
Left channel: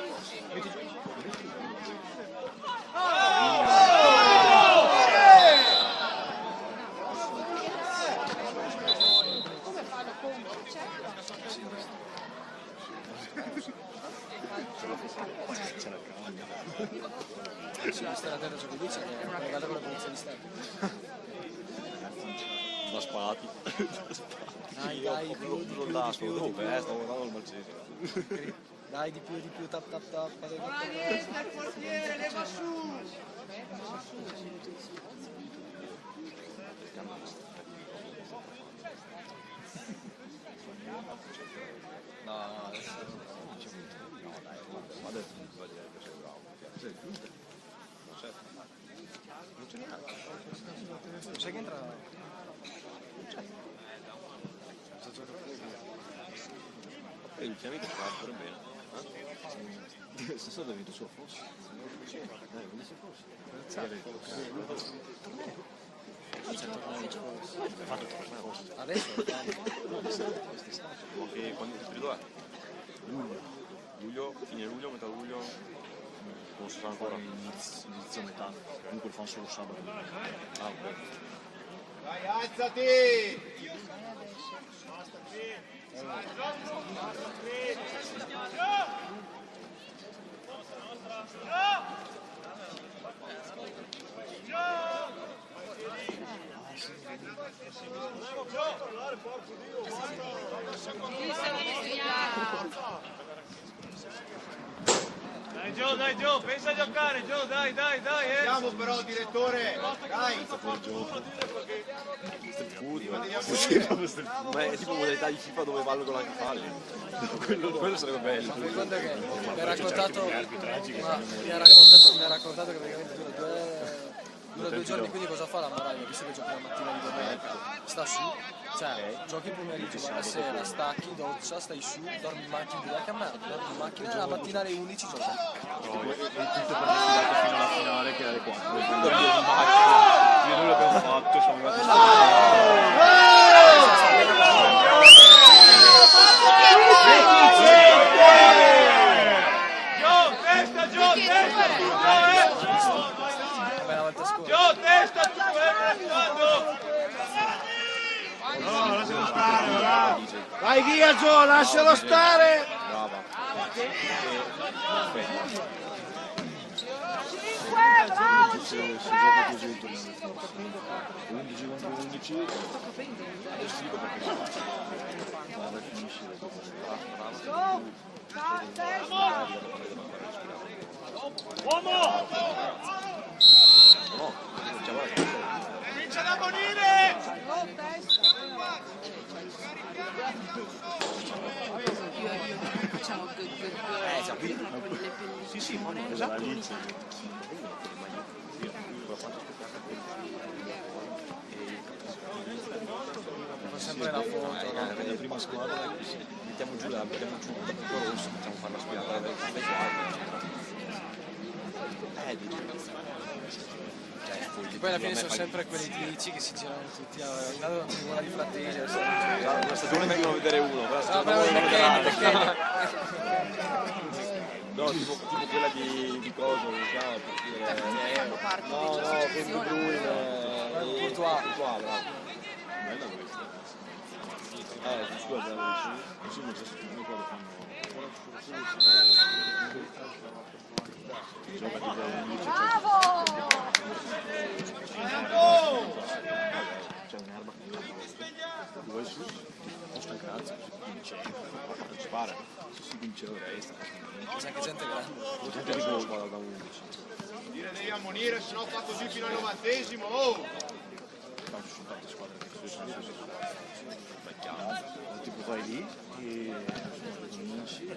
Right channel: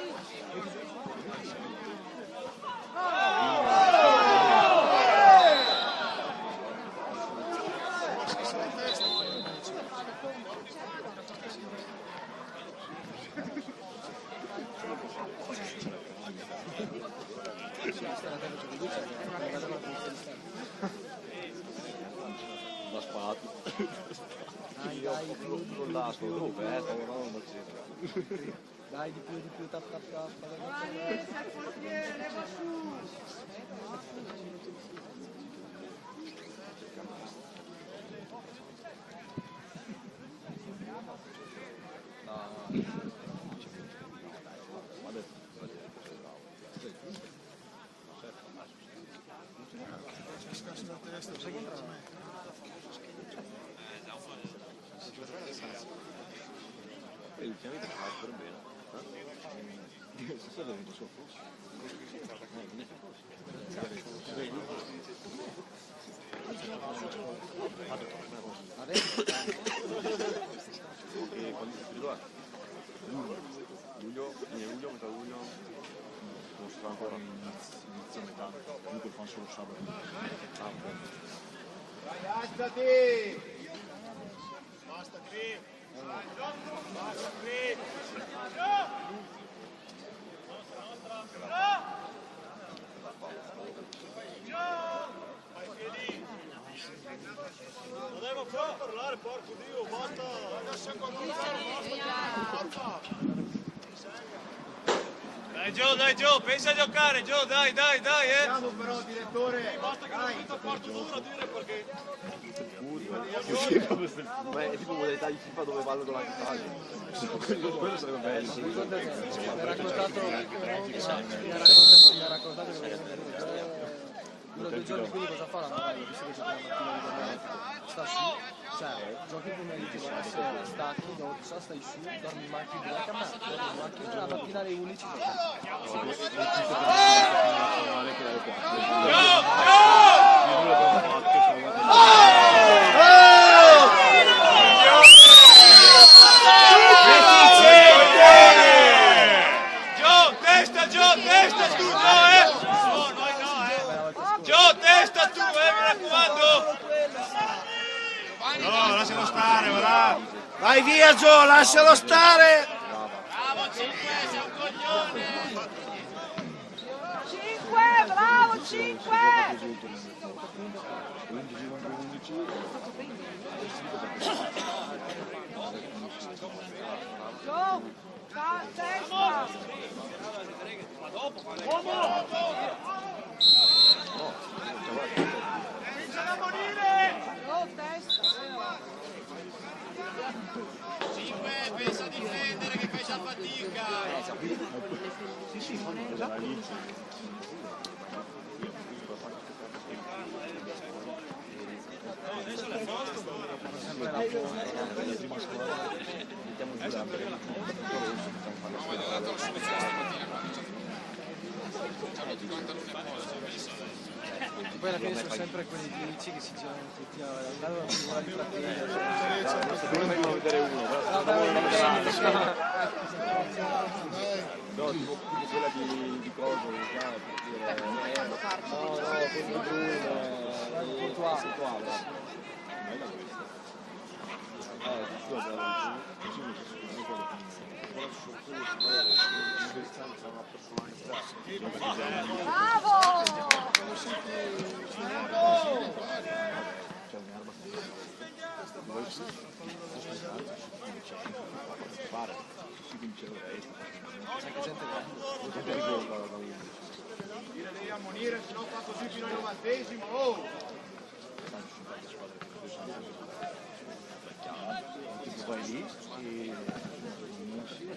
Da spati. Dai, più là, stavo guardando il Malcese. Dai di più, tap. E ultimamente fa pure bene. Stasera è venuto su a Fossi. Non si fosse. Adesso E quando si periodo è? Luglio, fine luglio, metà luglio, forse fa ancora inizio metà, comunque lo fanno solo sabato. Dai, alzati! Basta qui! Basta qui! Volevo però parlare, porco Dio, guarda! Ragazzi, ancora un basta! Dai Gio, pensa a giocare Gio, dai. Andiamo però, direttore! Dai! È tipo modalità di FIFA dove ballo con la chitarra. Quello sarebbe bello. mi ha raccontato che praticamente due giorni, quindi cosa fa la Novella? Visto che gioca la mattina di domenica, sta su, cioè giochi il pomeriggio, la sera stacchi, doccia, stai su, dormi in macchina, dormi in macchina, la mattina alle 11 giochi. Tutto per la finale che è alle 4. Io non l'abbiamo fatto, siamo Testa tu, mi raccomando! No, lascialo stare, va! Vai via Gio, lascialo stare! 5, bravo, 5! 11 contro 11. Go! Testa! Comincia a morire! Go, testa! La Linz. La prima squadra mettiamo giù la rossa, facciamo fare la squadra. Poi alla fine sono sempre quelli 10 che si girano tutti a intanto una figura di fratelli. Stagione ne devo vedere uno, no, tipo quella di Coso, puntuale. Bella questa. Scusa, così non c'è sotto Bravo! c'è un'arma dove su questo cazzo si spara si vince la testa Sai che gente grande. gente che da 11 Dire devi ammonire, se no tanto giù fino al 90esimo, oh! quando si parte squadra tipo vai lì e vinci e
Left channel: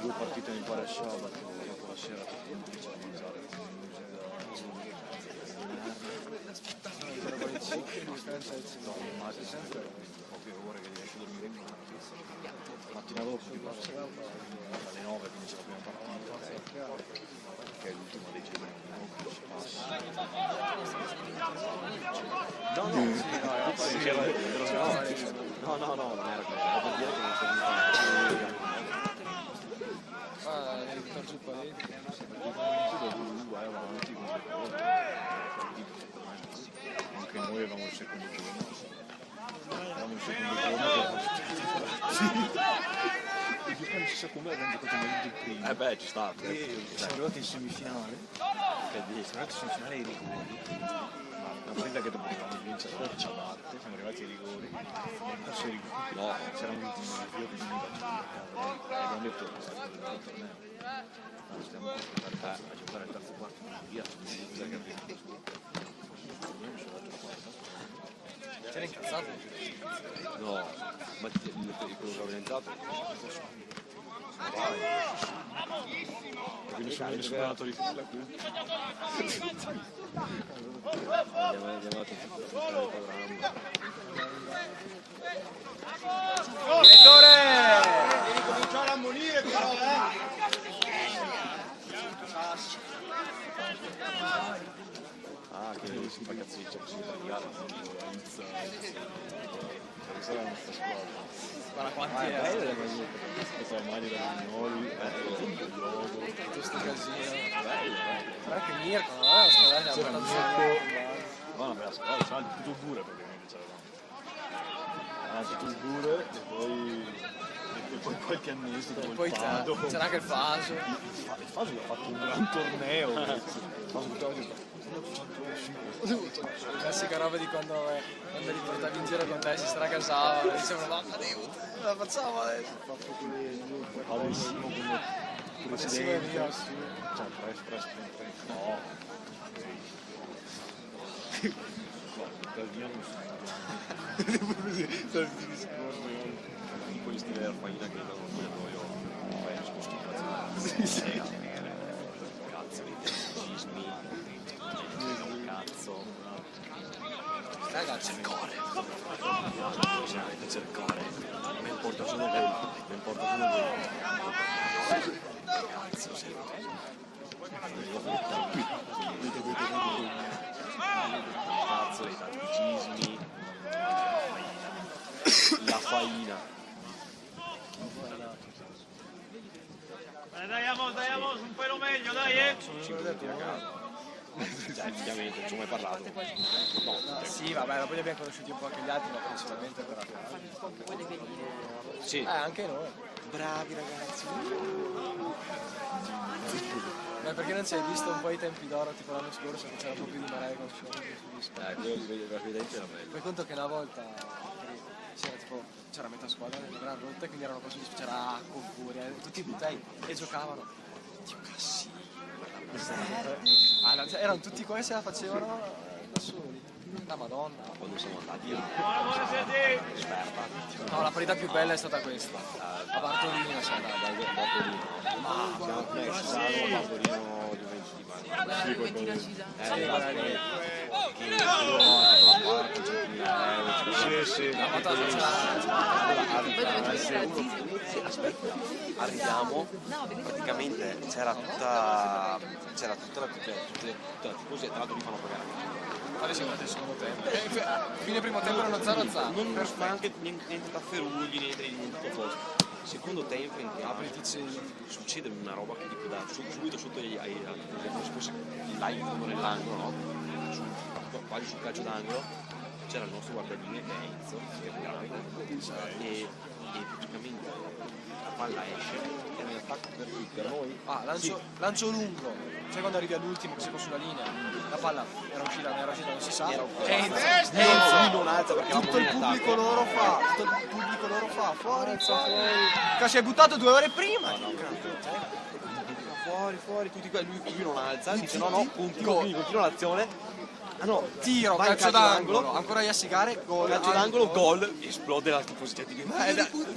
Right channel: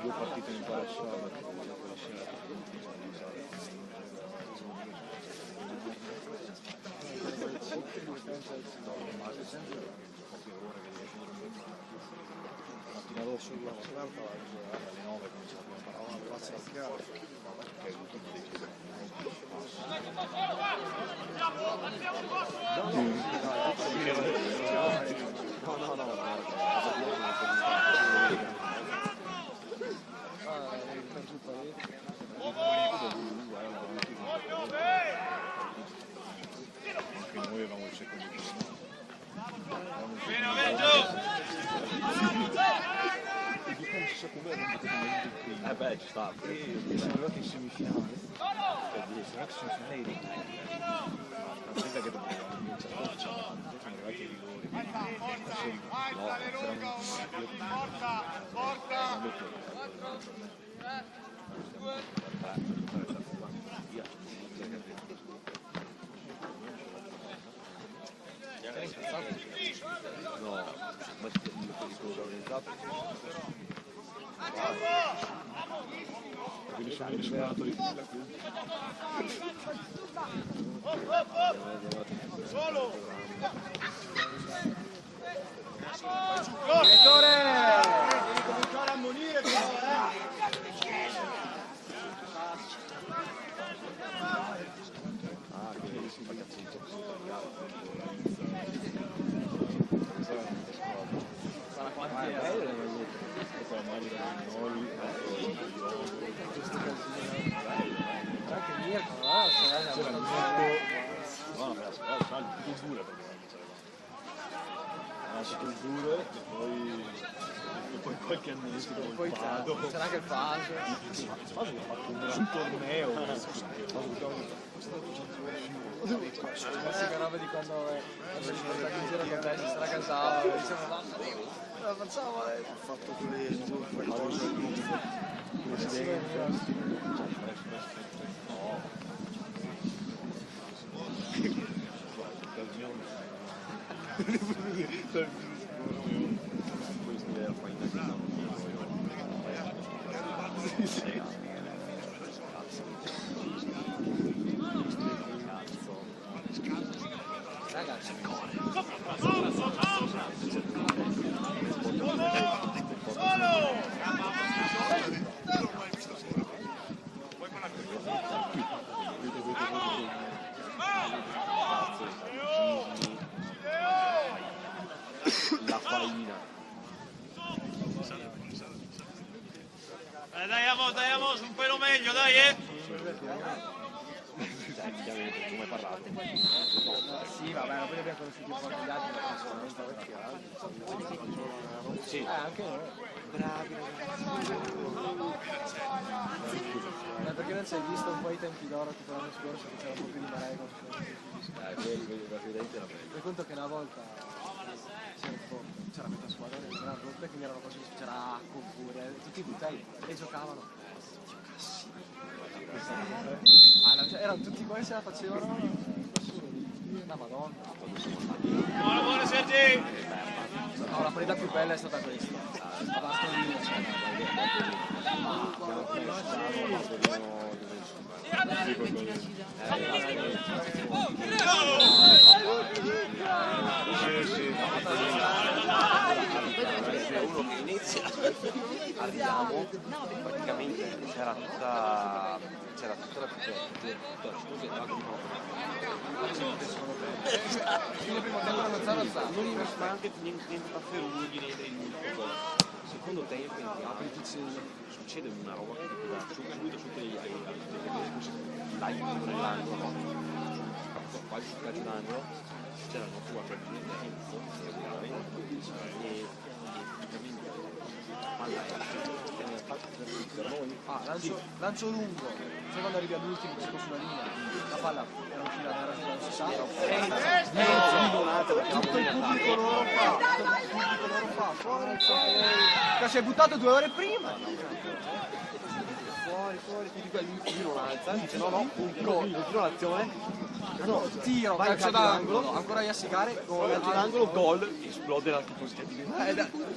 2 partite in pari sabato dopo la sera che comincia a mangiare poche ore che devo chiudere un mattina dopo alle 9 comincia la prima partita che è l'ultimo dei giri anche noi avevamo il secondo turno beh ci sta siamo arrivati in semifinale per dire sarà che sono finale di rigori non sembra che dobbiamo vincere poi ci siamo arrivati ai rigori sarà un ultimo abbiamo detto no ma quello organizzato perché nessuno è andato di là più maglia da Vignoli, questi casini. Anche Mirko, no? c'era Mirko, no, una bella squadra, c'era tutto il dure perché non c'era tutto il dure e poi qualche annesso come Poi il Fado. c'era anche il Faso. Il Faso gli ha fatto un gran torneo, il Faso buttava giù. Classica roba di quando gli portavi in giro con te, si stracasava, dicevamo mamma Dio, la facciamo adesso. Ha fatto quelle presidenti, cioè no. Per Dio non so. Poi scrivere la faina che non dico io. Ragazzi, la farina. Dai, amos, un pelo meglio, dai, Dai, effettivamente, non ci ho mai parlato. sì, vabbè, poi li abbiamo conosciuti un po' anche gli altri, ma principalmente perché... Sì. Anche noi. Bravi ragazzi. Perché non ci hai visto un po' i tempi d'oro, tipo l'anno scorso, che c'era un po' più di marea con Fai conto che una volta c'era questa squadra che era brutta, quindi erano così, c'era acqua oppure tutti i butei e giocavano. Dio cassi. Erano tutti qua e se la facevano da soli. La madonna. Quando siamo andati Buona Sergi! No, la partita più bella è stata questa. A Bartolino, arriviamo, praticamente c'era tutta la cose davanti di quale siamo andati al secondo tempo? Fine primo tempo erano 0-0. non neanche niente tafferugli, niente cosa. Secondo tempo in teatro succede una roba che tipo da subito sotto ai nell'angolo, no? Quasi sul calcio d'angolo c'era il nostro guardaline Enzo e praticamente la palla esce e nel attacco per noi Lancio lungo, sai quando arrivi all'ultimo che si sulla linea, la palla era uscita, non si sa. Tutto il pubblico loro fa, fuori. Che si è buttato 2 ore prima. fuori, tutti qua, lui non alza, dice no, continua l'azione. No, tiro, vai in calcio d'angolo, ancora a Iasigare, gol, calcio d'angolo, gol, esplode la tifoseria di merda, quello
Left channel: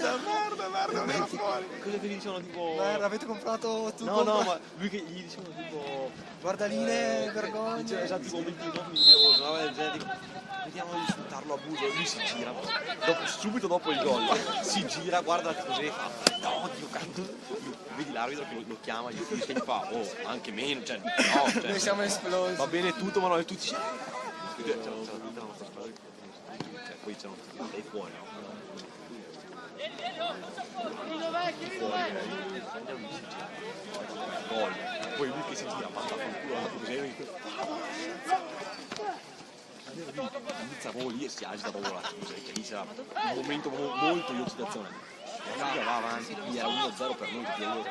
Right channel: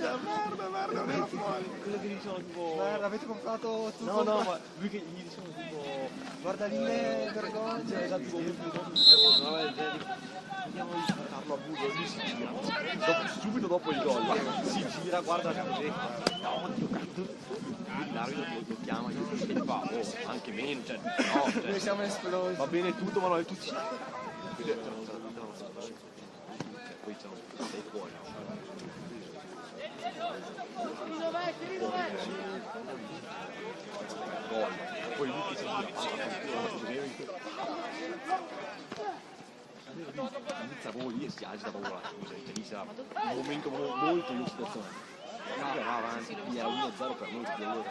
che dicevano tipo merda, avete comprato tutto? No, ma lui che gli dicevano tipo guardaline, vergogna, esatto, come vediamo di sfruttarlo a buio, lui si gira, subito dopo il gol, si gira, guarda la tifoseria, vedi l'arbitro che lo chiama, gli fa, anche meno, cioè, no, noi siamo esplosi. Va bene tutto, ma non è tutti. Poi c'è sei fuori. Gol. Poi lui che si gira, inizia proprio lì e si agita proprio la scusa, che lì c'era un momento molto di eccitazione. La va avanti, quindi era 1-0 per noi, perché io ero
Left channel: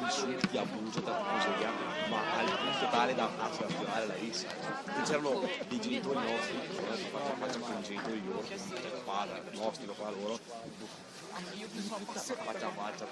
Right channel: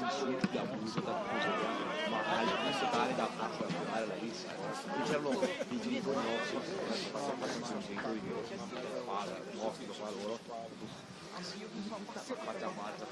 insulti, abuso, ma tale da tirare la rissa. C'erano dei genitori nostri, i genitori loro, nostri, lo fa loro, faccia a faccia,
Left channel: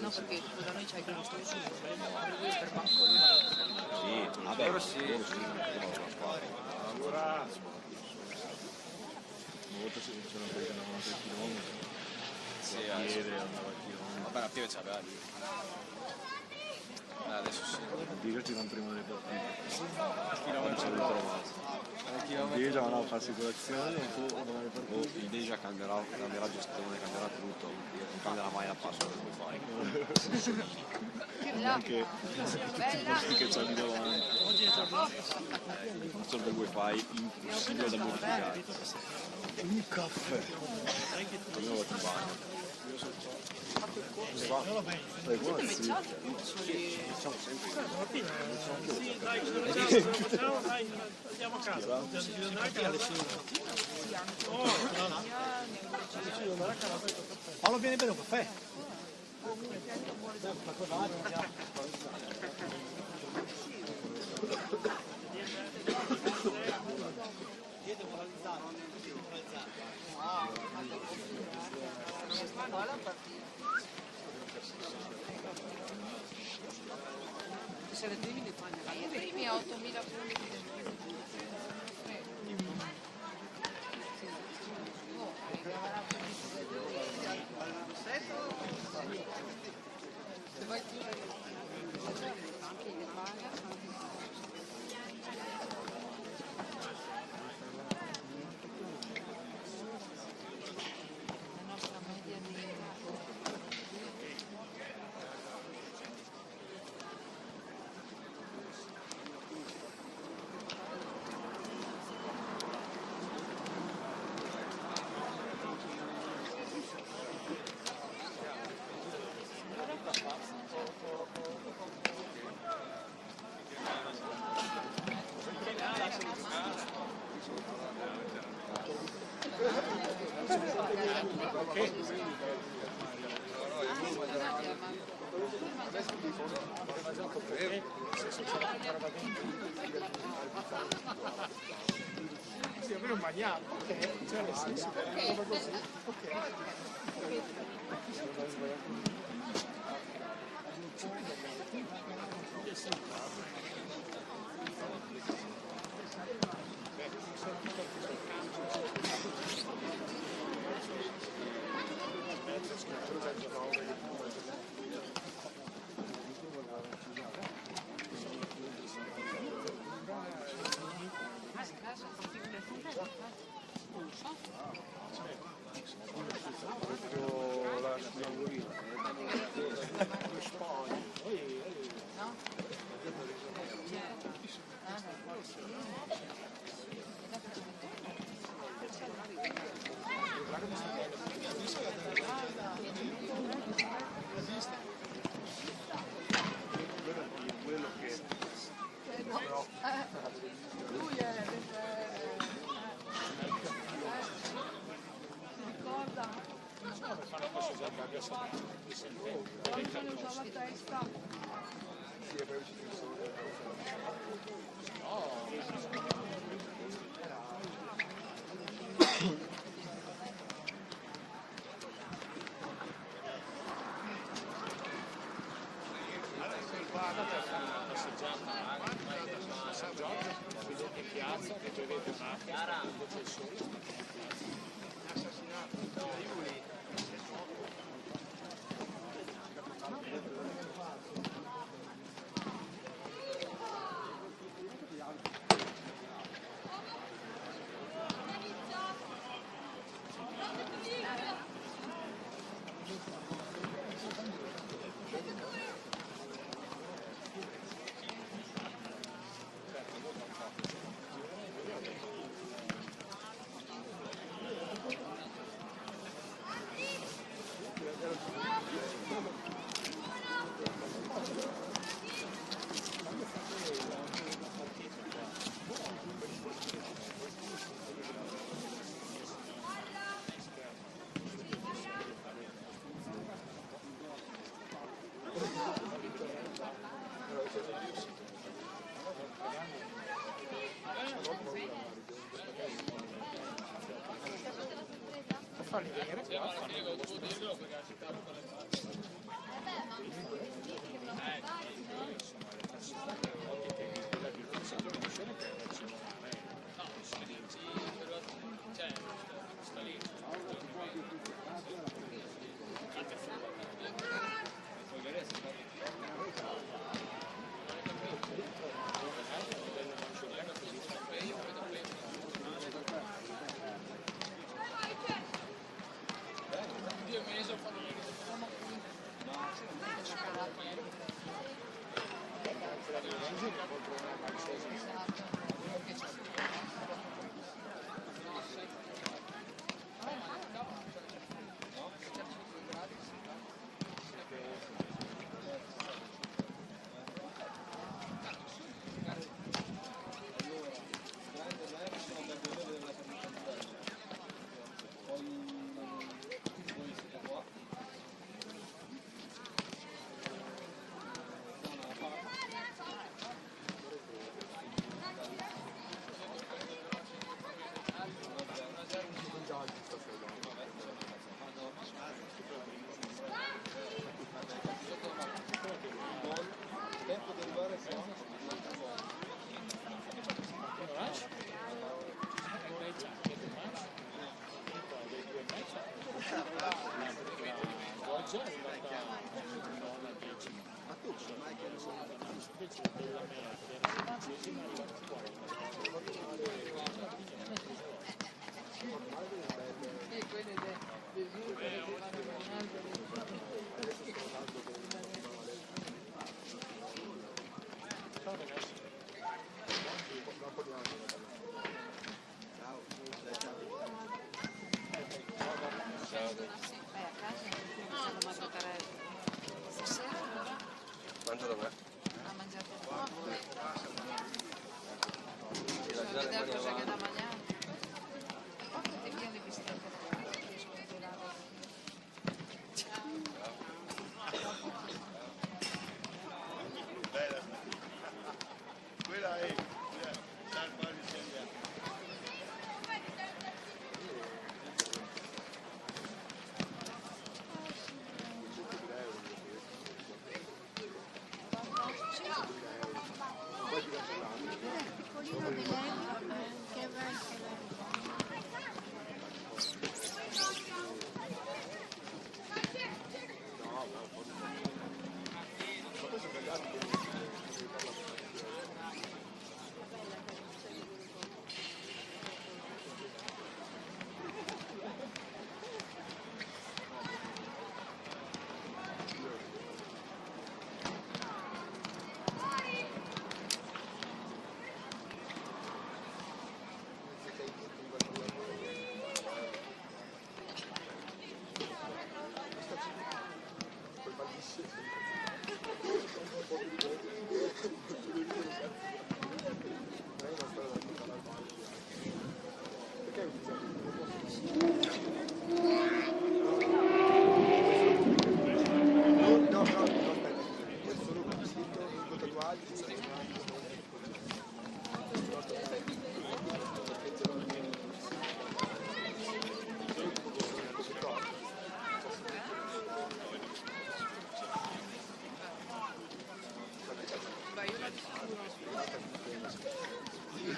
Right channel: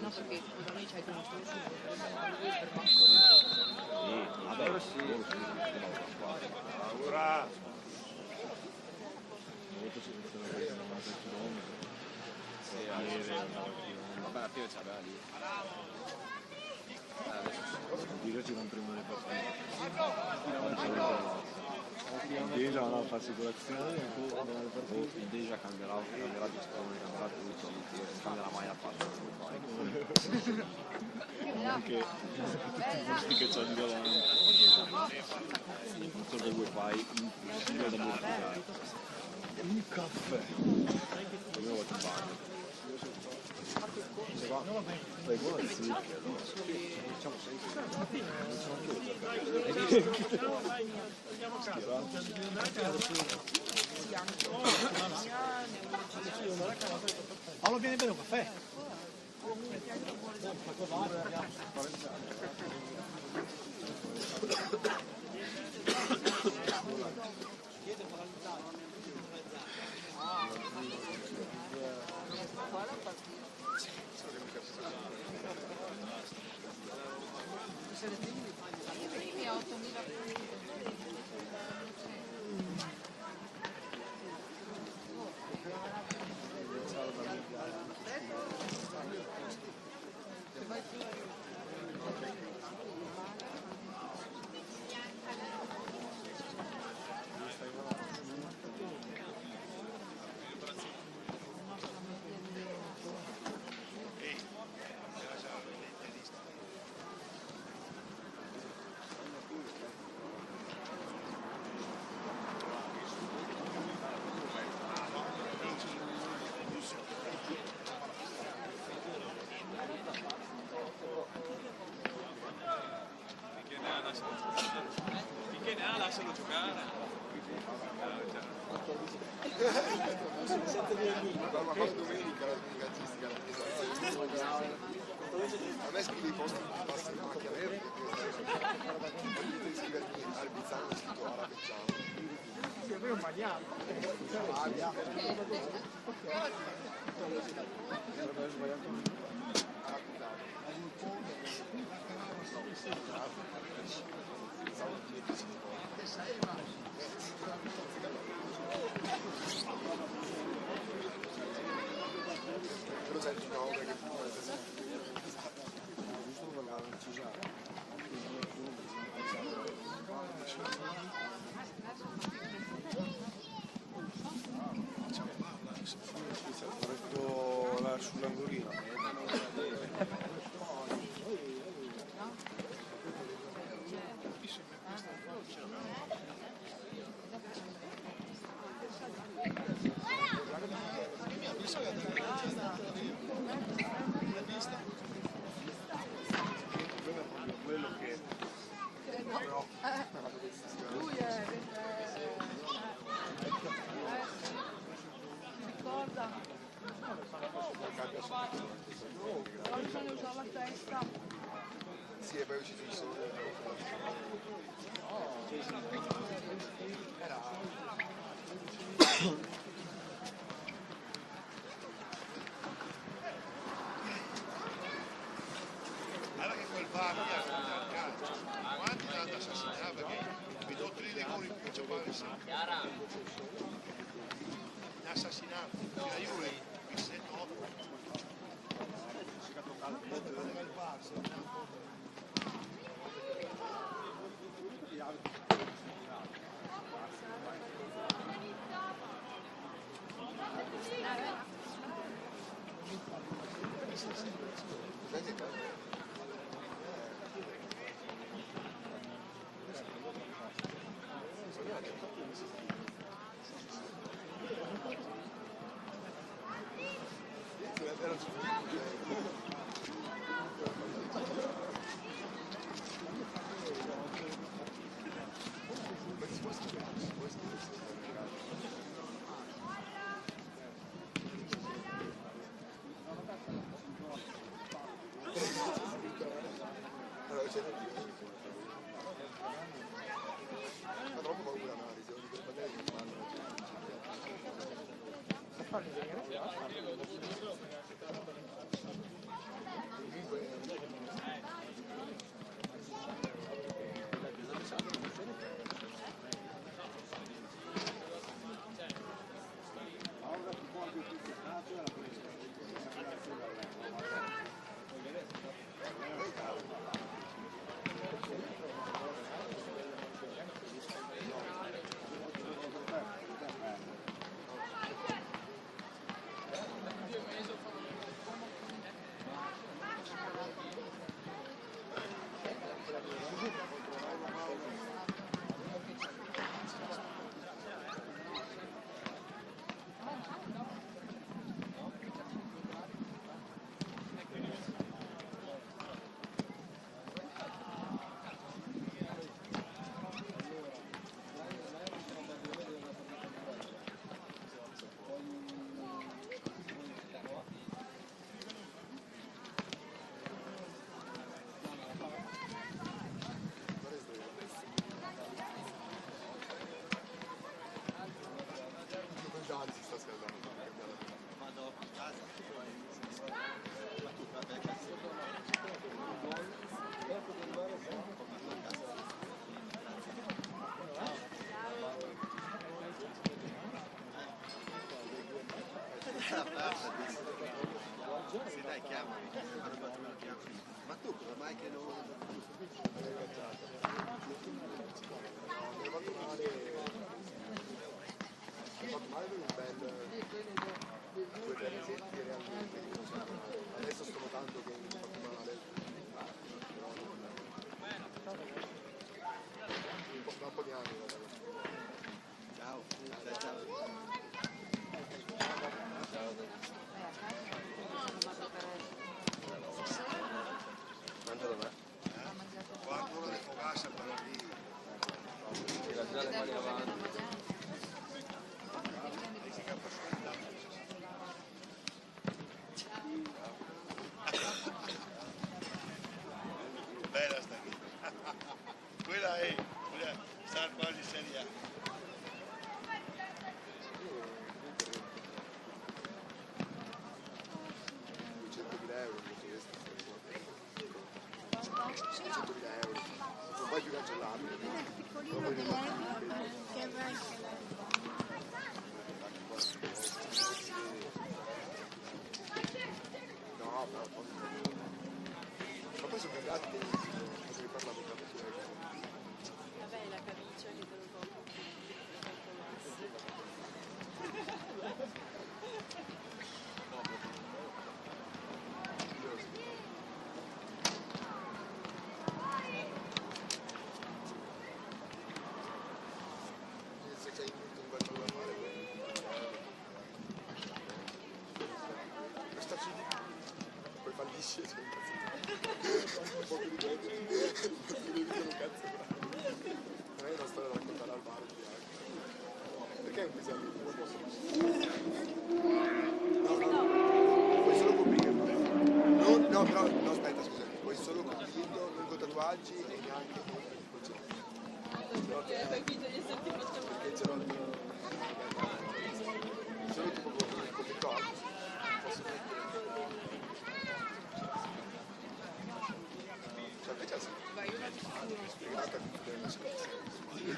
No, perché tipo da noi c'è che non sto uscendo, per banco vabbè, sì. Una volta c'è una volta da 90 km, Vabbè, la pioggia c'aveva lì. Adesso sì. Dirci l'anno prima delle partite. Al chilometro Deja va a farsi colazione e tu domani partiti. Il Deja cambierà gestione, cambierà tutto, non cambierà mai la password. Anche tutti i gusti che c'ha di davanti. Non serve wifi impossibile da modificare. Un caffè. Io l'ho trovato. Fai buono, sì. Facciamo sempre. Allora vieni per un caffè. I primi 8.000 punti. Lui è ti ricorda? Però bisogna usare la testa. dare le mani avanti. Bella sta. Quella è sta quasi seria. Il piccolino dell'Elvio che va in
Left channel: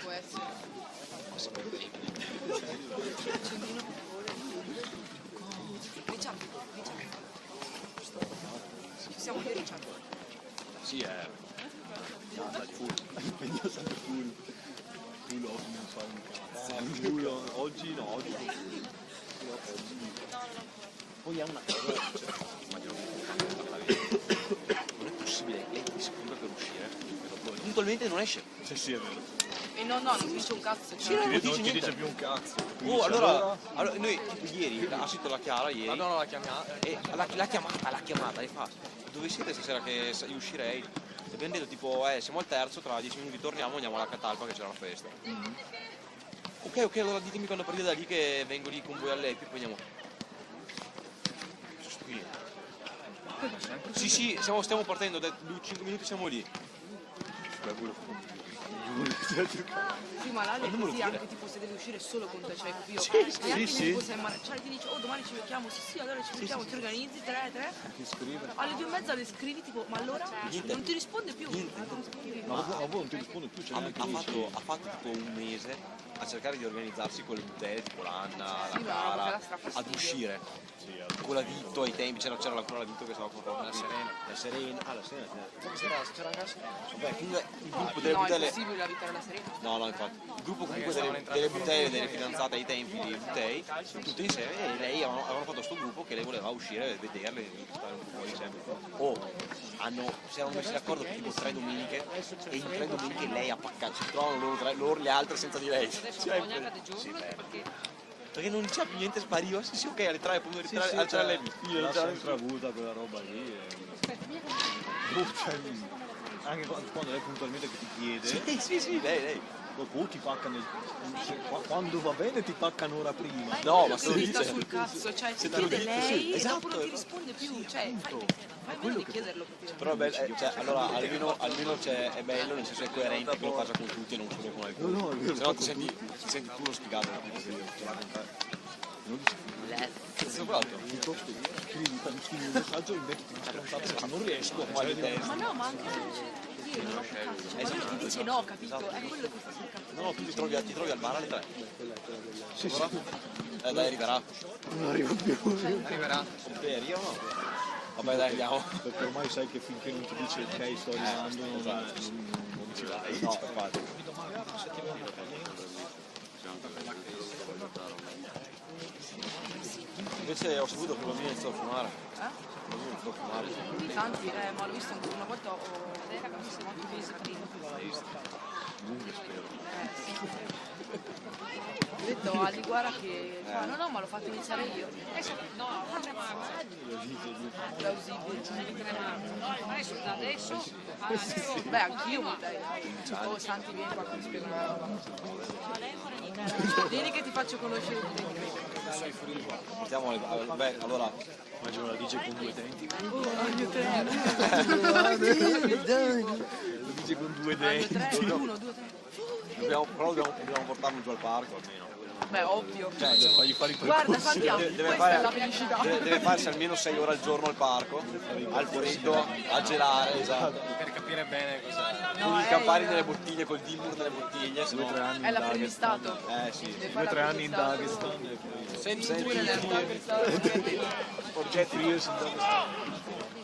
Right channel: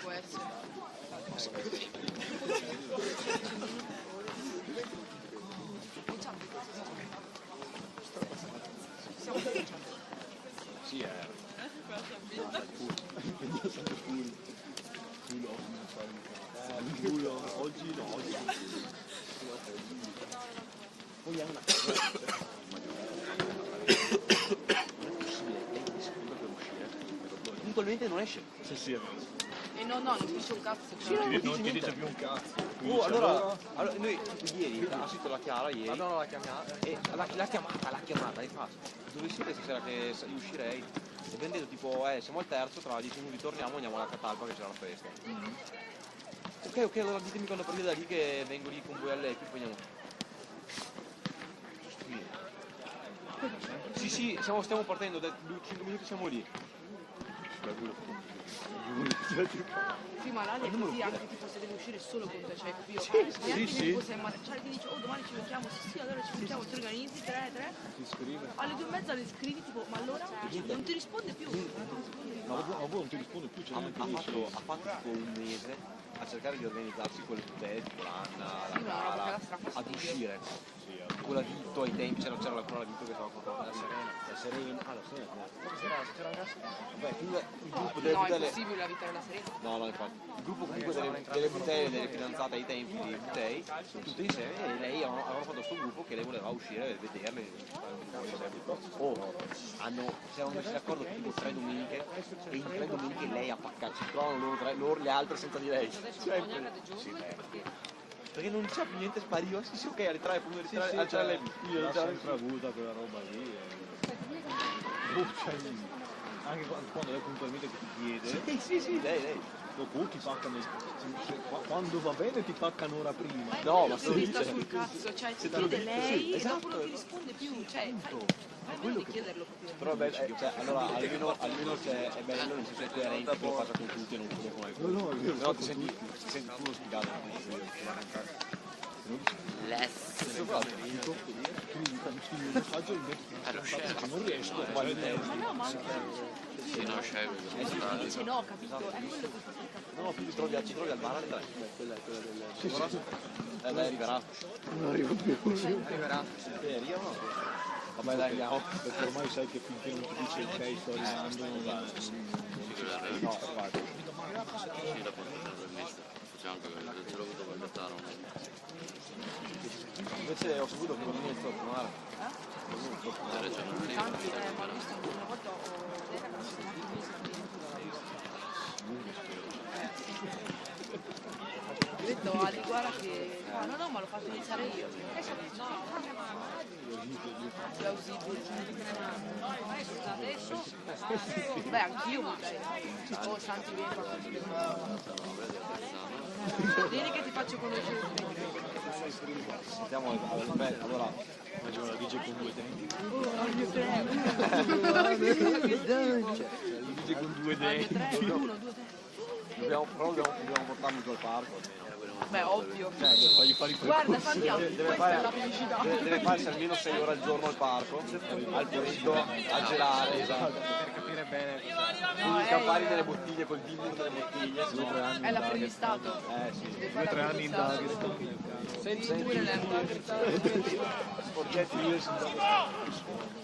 può essere. Sì, è. Io sono full oggi non so un cazzo. Oggi no, oggi. Poi ha una cosa. Non è possibile, lei ti scrive per uscire. Puntualmente non esce. Sì, sì, è vero. E no, non dice un cazzo. Sì, non Non dice ti niente. dice più un cazzo. Ti Oh, dice, allora noi tipo ieri ha scritto la Chiara ieri Allora la chiamiamo. e l'ha chiamata e fa dove siete stasera che io uscirei? E abbiamo detto tipo siamo al terzo, tra 10 minuti torniamo, andiamo alla Catalpa che c'è una festa. Ok, allora ditemi quando partite da lì che vengo lì con voi a lei, poi andiamo. Sì, stiamo partendo, da 5 minuti siamo lì. Sì, ma l'Ale è Non me lo così dire. anche tipo se devi uscire solo con te, cioè io Sì, neanche sì. tipo se Charlie ti dice domani ci becchiamo, sì, allora ci becchiamo, ti organizzi, 3, alle 2:30 le scrivi tipo ma allora non ti risponde più, non ti risponde più. Ma voi non ti rispondi più, c'è neanche lui. Ha fatto tipo un mese a cercare di organizzarsi con le bottiglie, tipo l'Anna, Sì, ma la perché la Cara, sta fastidio. ad uscire. Con la Vitto ai tempi c'era ancora la Vitto che stava comprando la Serena. La Serena. C'era una casa. Beh, comunque il gruppo delle No, è bottiglie. impossibile abitare la Serena. No, infatti. Il gruppo comunque delle bottiglie, delle fidanzate ai tempi di Butei, tutte insieme, e lei avevano fatto questo gruppo che lei voleva uscire e vederle. Si erano messi d'accordo tipo 3 domeniche e in 3 domeniche lei ha paccato, si trovano loro le altre senza di lei. Perché non c'è più niente, spariva, sì, ok, alle 3 appunto, alle 3 lei Io l'ho sempre avuta quella roba lì. Anche quando lei puntualmente che ti chiede, Sì, lei. dopo ti paccano, quando va bene ti paccano ora prima. No, ma se Mi dice. sta sul cazzo, cioè ti Se te lo chiede dico, lei sì, e esatto. dopo non ti risponde più, cioè fai modo di chiederlo proprio. Però è bello, cioè, allora almeno è bello, nel senso è coerente che lo faccia con tutti e non solo con alcuni. No, io Se no ti senti uno spiegato. Scrivi un messaggio e invece ti non riesco. Ma no, ma anche quello ti dice no, capito? È quello che fa sul cazzo. No, tu ti trovi al bar alle 3. Sì. Dai, arriverà. Non arrivo più. Arriverà. Io no. Vabbè, dai, andiamo. Perché ormai sai che finché non ti dice ok, sto arrivando, non ci vai. No, guarda. Invece ho saputo che non viene iniziato a fumare. Tanti, ma l'ho visto anche una volta, ho visto neanche mesi prima. Lungo spero. Sì. detto a Liguara che fa, no, ma l'ho fatto iniziare io. Beh, anch'io vorrei. Oh, Santi, vieni qua che spiego. Vieni che ti faccio conoscere. Mettiamo beh, allora immagino la DJ con 2 denti. Aglio 3. DJ con 2 Aglio 3, denti. 1, 2, 3. Dobbiamo portarlo giù al parco almeno. Beh, ovvio. Cioè, per fargli fare i Guarda, Santiago, questa è la felicità. deve farsi almeno 6 ore al giorno al parco, al freddo, a gelare, esatto. Per capire bene Con i campari delle bottiglie, col dimmi delle bottiglie. È l'apprendistato. Sì. 2 o 3 anni in Dagestan. Senti Pure l'apprendistato. Oggetti diversi in Dagestan.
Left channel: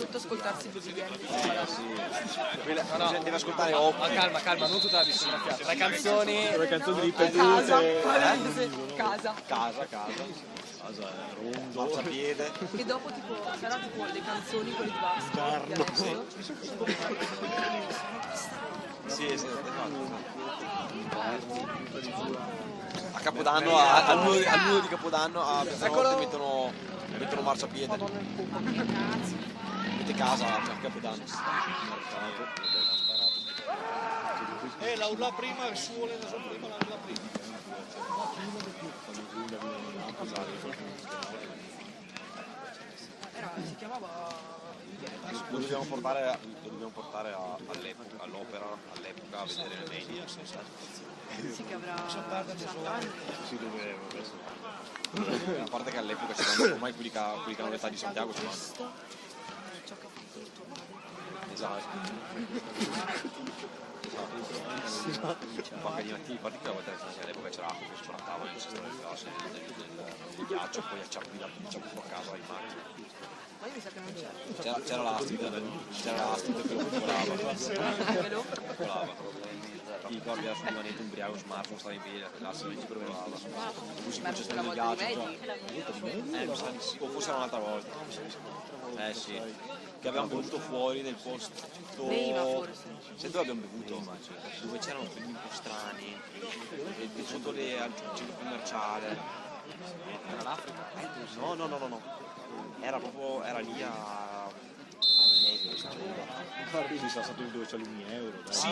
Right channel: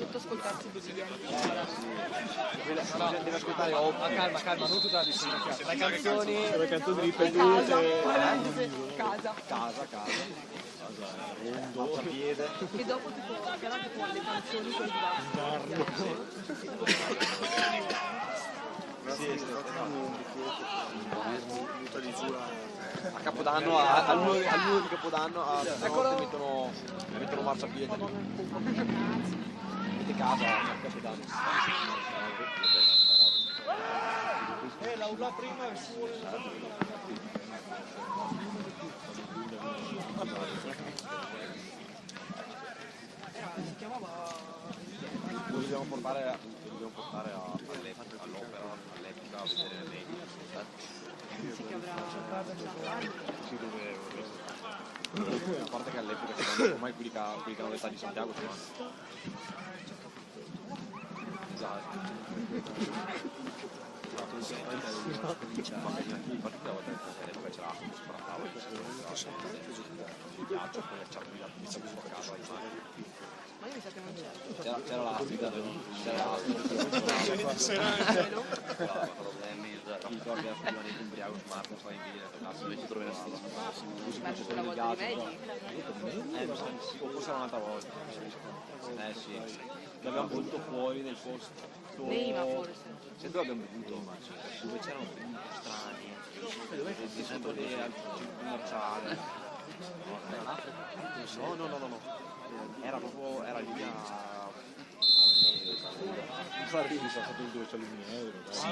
Sotto ascoltarsi i quotidiani. Deve ascoltare Oppi. calma, non tutta la distribuzione. Le canzoni Casa. Casa, rondo, piede. E dopo tipo sarà tipo le canzoni con i bassi. Sì. A Capodanno, al muro di Capodanno a mezzanotte mettono marciapiede. Mette casa a Capodanno. la urla prima e su Si chiamava Lo dobbiamo portare all'opera all'epoca a vedere le media. che avrà 60 anni. A parte che all'epoca c'erano ormai quelli che hanno l'età di Santiago c'erano. Esatto. Ma che gli partiti all'epoca c'era tavola, il ghiaccio, poi ci ha guidato a casa. Ma io mi sa che non c'era. C'era l'astida, ti ricordi adesso di Vaneto ubriaco smartphone, stava in piedi, così Ma c'è una stato il volta di ghiaccio. meglio. Mi sa di sì, o forse era un'altra volta. Sì. Che abbiamo bevuto fuori nel posto. Veniva forse. Se dove abbiamo bevuto? Dove c'erano quelli un po' strani, sotto le al centro commerciale. No. Era lì a Infatti mi sta stato dove c'è l'Uniero. Sì.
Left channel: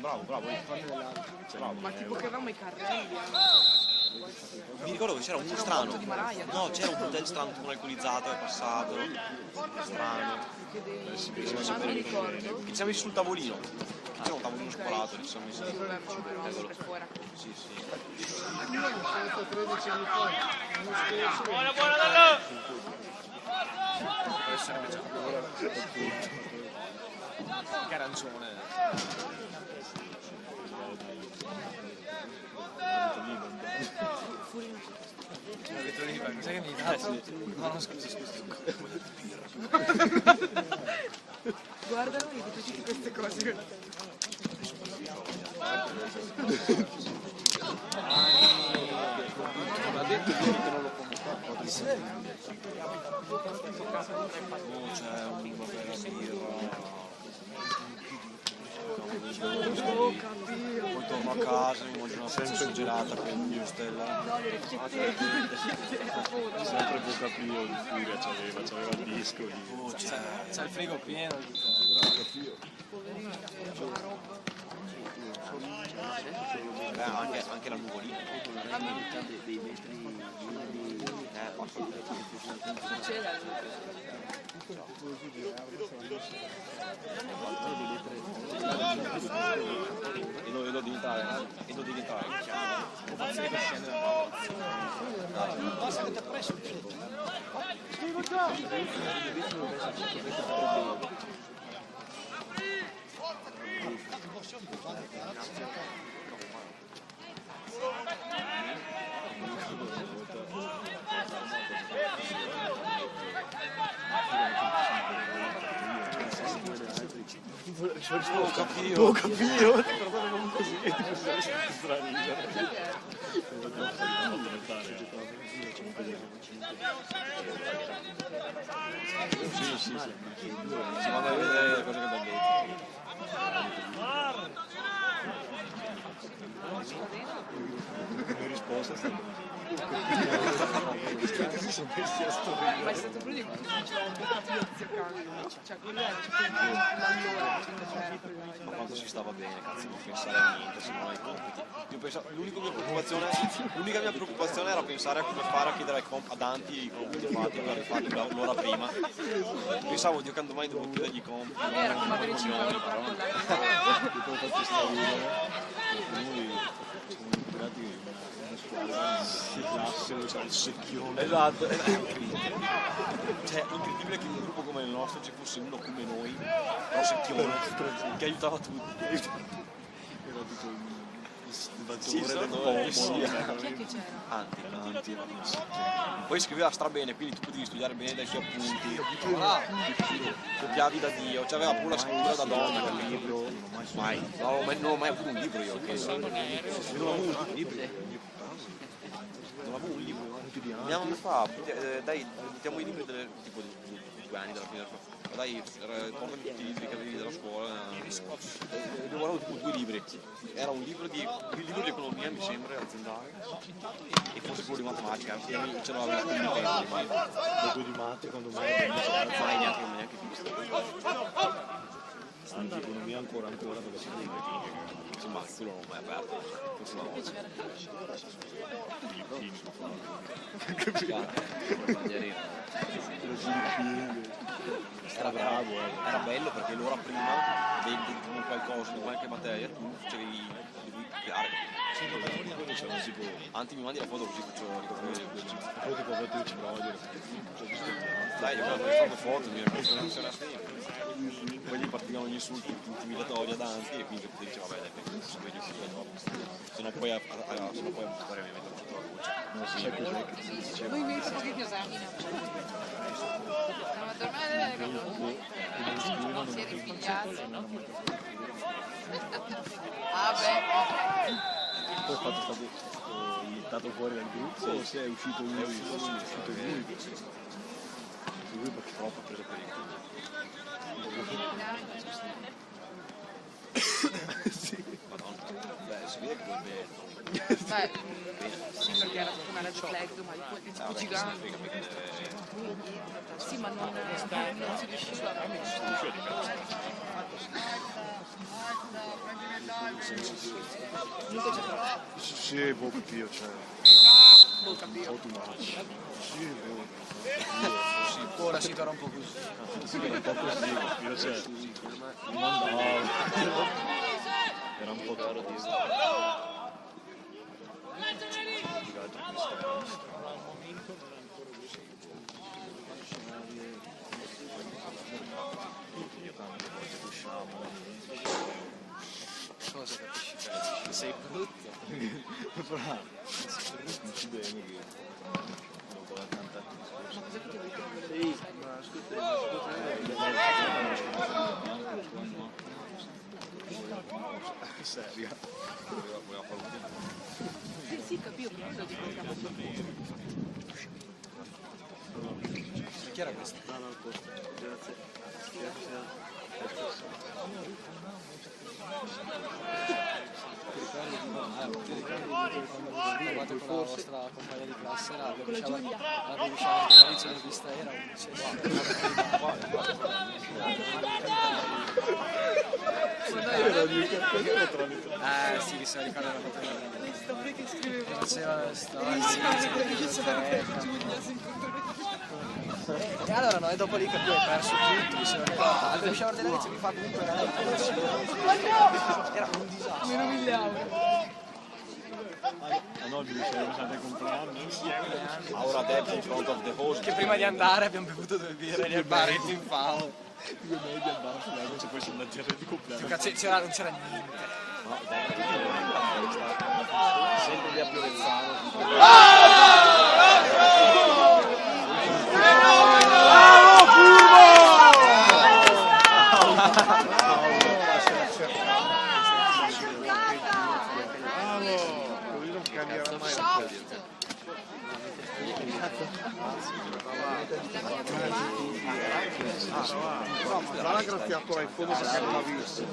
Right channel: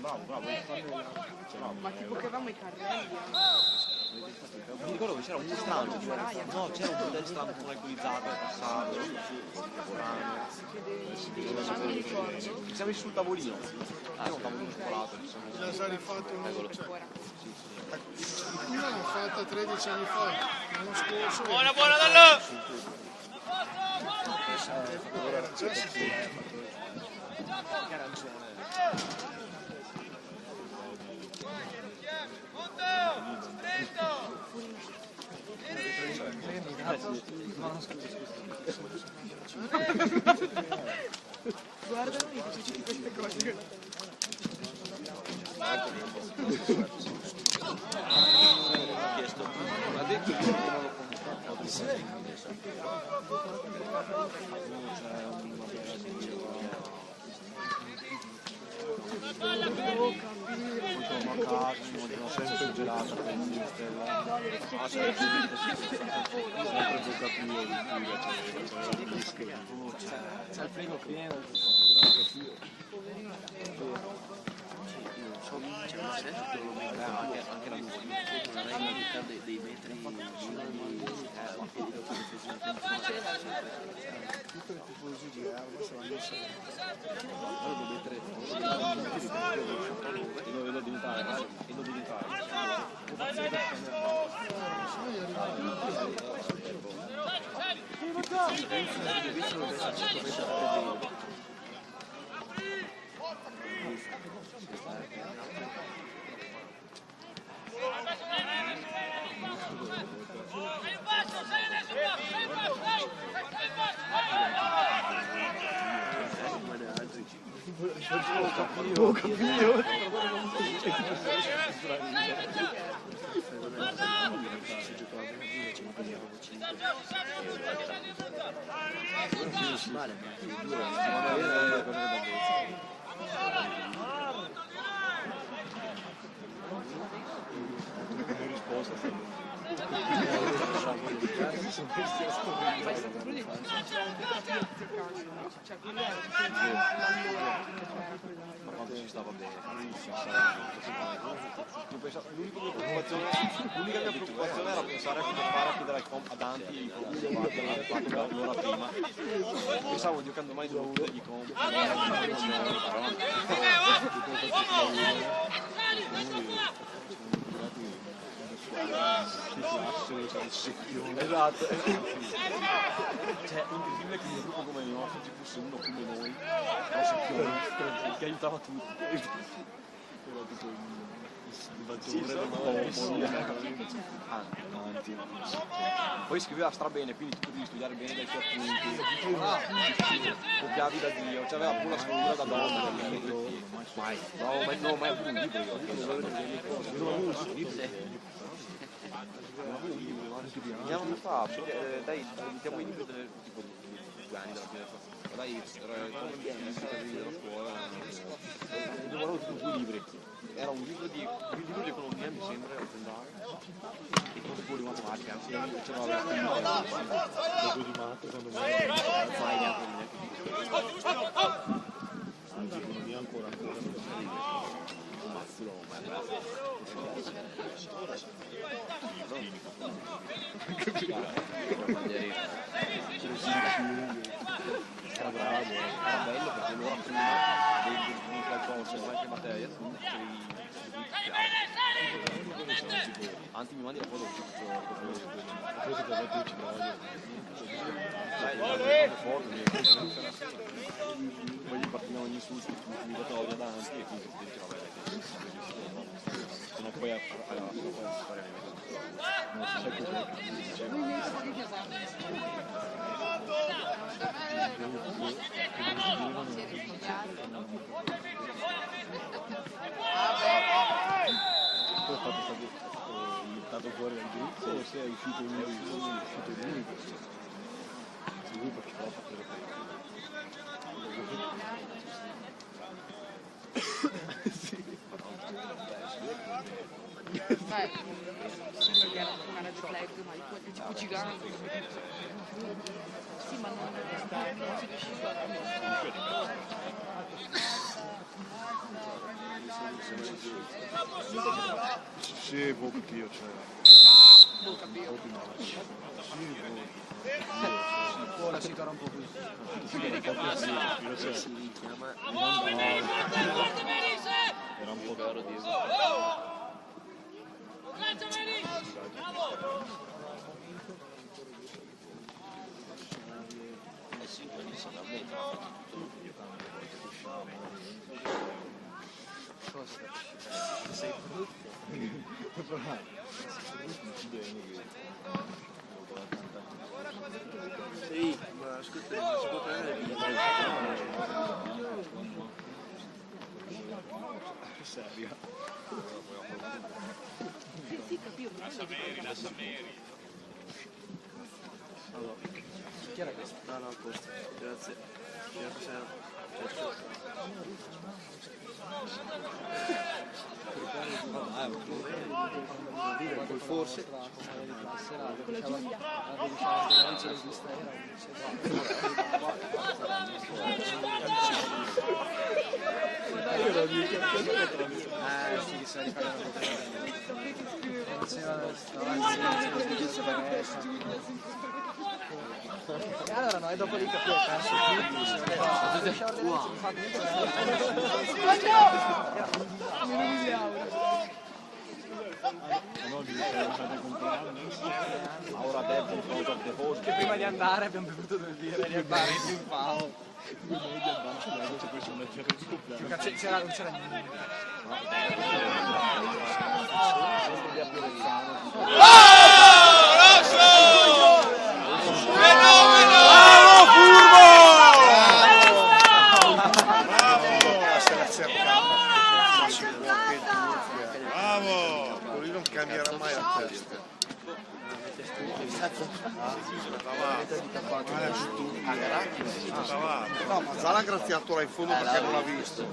Bravo. Ma tipo che avevamo i carrelli Mi ricordo che c'era un strano. No, c'era un hotel strano con alcolizzato al passato. Strano. non mi ricordo. Ci siamo messi sul tavolino. C'era un tavolino cioccolato, lì siamo messi. Io l'ho fatto 13 anni fa, l'anno scorso. Buona Dallo! che arancione. Sai che mi dà? No, scusa. Guarda, mi dice tutte queste cose nella testa. Torno a casa, non sono suggerato per il mio stella. Sempre poca più di furia c'aveva il disco. C'è il frigo pieno. Anche la nuvolina. E lo diventare. posto sta Ma è stato quello che cioè quello era Ma quando ci stava bene, cazzo, l'unica mia preoccupazione era pensare a come fare a chiedere a Danti l'ora prima. Pensavo, Dio, quando mai dovevo chiedergli comp. Esatto. Cioè, incredibile che in un gruppo come il nostro ci fosse uno come noi, però secchione, che aiutava tutti. Era tipo il poi scriveva strabene, quindi tu potevi studiare bene dai suoi appunti, copiavi da Dio, cioè aveva pure la scrittura da donna dal libro. Mai, non ho mai avuto un libro io, penso. Non ho avuto un libro. Andiamo a fare, dai, mettiamo i libri tipo di 2 anni della fine. Dai, tornami tutti i libri che avevi della scuola. Ho tipo 2 libri. Era un libro di economia, mi sembra, aziendale, e forse quello di matematica. Ce l'aveva Dopo di matto quando mi economia ancora non si scrive. Insomma, quello non è bello. Era bravo, era bello perché l'ora prima di qualcosa, in qualche materia, tu facevi copiare. Anzi, mi mandi la foto così faccio vedere. Poi ti porto ci provo. Dai, io guardo le foto, mi ricordo poi gli partivano gli insulti intimidatori davanti e quindi ti diceva vabbè, se no poi fare Non si sa cos'è che ti dice. Poi è stato fuori dal gruppo o se è uscito lui? È uscito lui. Lui perché troppo preso per il culo. Beh, sembra che era tipo una Red Flag, ma di tipo gigante. Sì, ma non si riusciva a Sì, proprio io c'ho. Ora si torna un po' più. Sì, era un po' così, invece non andava. Era un po' caro di Sei brutto. non ci bene che Sì, ma scritto seria. Sì, capito, Chi era questo? no, no, posto. Grazie. Forse la compagna di classe la rovesciava anche l'inizio di vista era sì, che sono ricordando e allora no, e dopo lì capivo che era su tutti, mi sono ricordato, rovesciava all'inizio di fatto era un disastro. No, mi diceva compleanni. Ora Debs in front of the host. Che prima di andare abbiamo bevuto 2 birre nel baretto in fao. 2 noi al bar sull'erba ci fosse una terra di compleanno. Non c'era niente. Sempre di Appirezzano. Cazzo, Cazzo. No, Mazzara ha graziato là in fondo perché non l'ha visto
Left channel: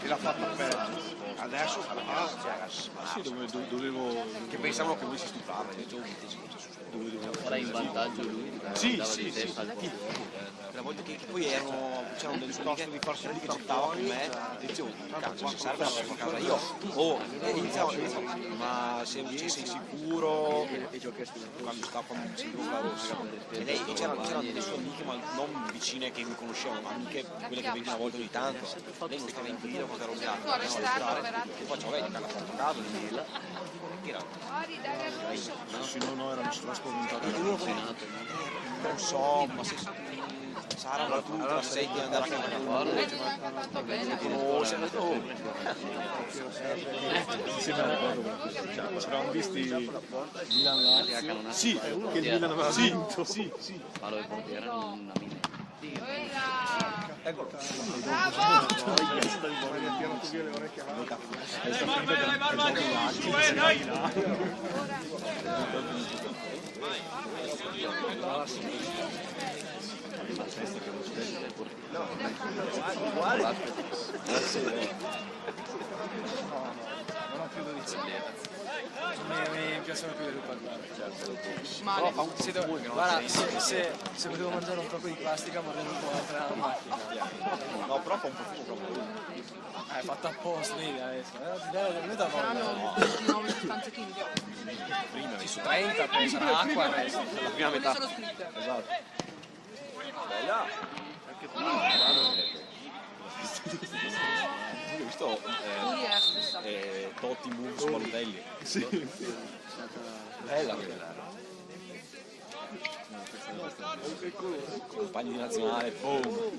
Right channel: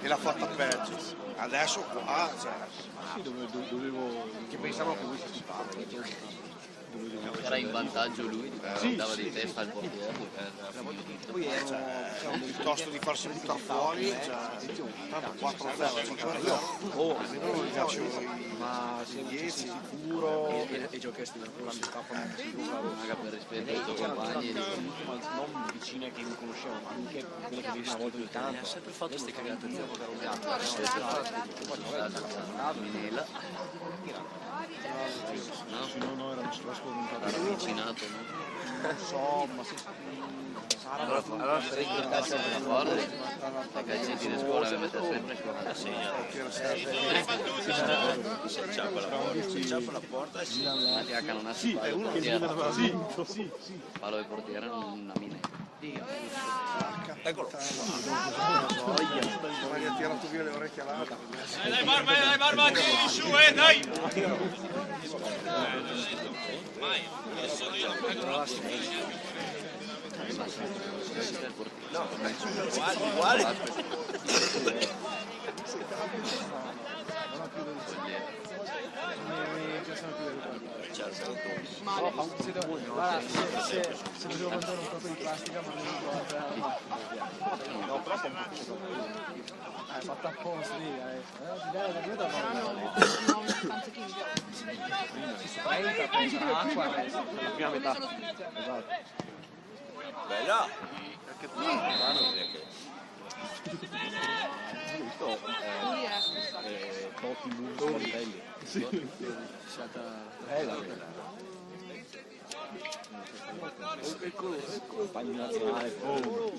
e l'ha fatta perdere. Adesso qua Sì, dovevo che pensavano che lui si stupava. Era in vantaggio lui, andava di testa al portiere. La volta che poi erano piuttosto di farsi buttare fuori, attenzione, tanto 4 fuori io. Ma se sei sicuro E giochi a sfida quando sta con Magari per rispetto ai tuoi c'erano compagni. persone amiche, ma non vicine che mi conoscevano, anche quelle che venivano una volta ogni tanto. Lei non stava in dire a portare un gatto. E poi no, era spaventato. Era cucinato, no? non so, ma se Sara Allora sei che andare sempre a fare, dai calcetti di scuola le mette sempre Ci eravamo visti Milan una che ha canonato Sì, il che il Milan aveva portiere. vinto, sì. Palo del portiere una mina. Dai, barba, tiri su, dai! Questo è il portiere. Mi piacciono più di parlare. Guarda, se dovevo mangiare un po' di plastica non no, però fa un po' è fatta apposta lì adesso. Saranno 9 sostanze chimiche. Ci su 30 pensa acqua adesso. la prima metà. Sono scritte. Questo Puri è la stessa. è Totti Moves Mordelli. Bella compagni di nazionale, boom.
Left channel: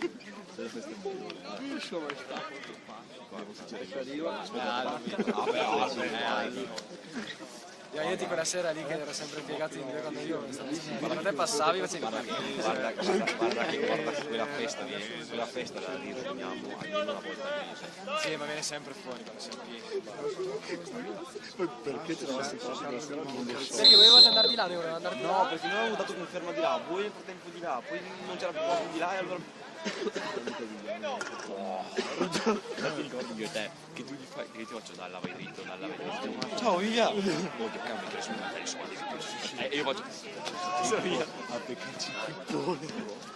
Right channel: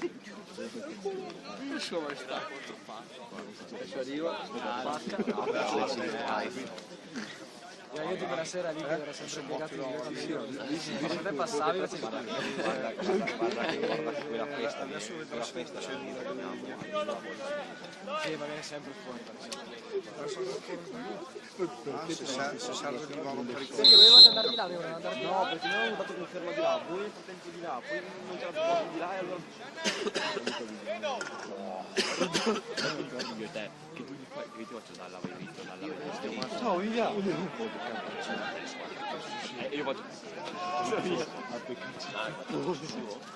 Io tipo la sera lì che ero sempre piegato di dire quando io te passavi facevi Guarda quella festa c'è lì, sì, ma viene sempre fuori perché dovevate andare di là, dovevano andare di là. no, perché noi avevamo dato conferma di là, voi nel tempo di là, poi non c'era più cosa di là e allora non ti ricordi io e te che tu gli fai, che io ti faccio dalla vai dritto, dalla vai dritto. Ciao, via! E io faccio via.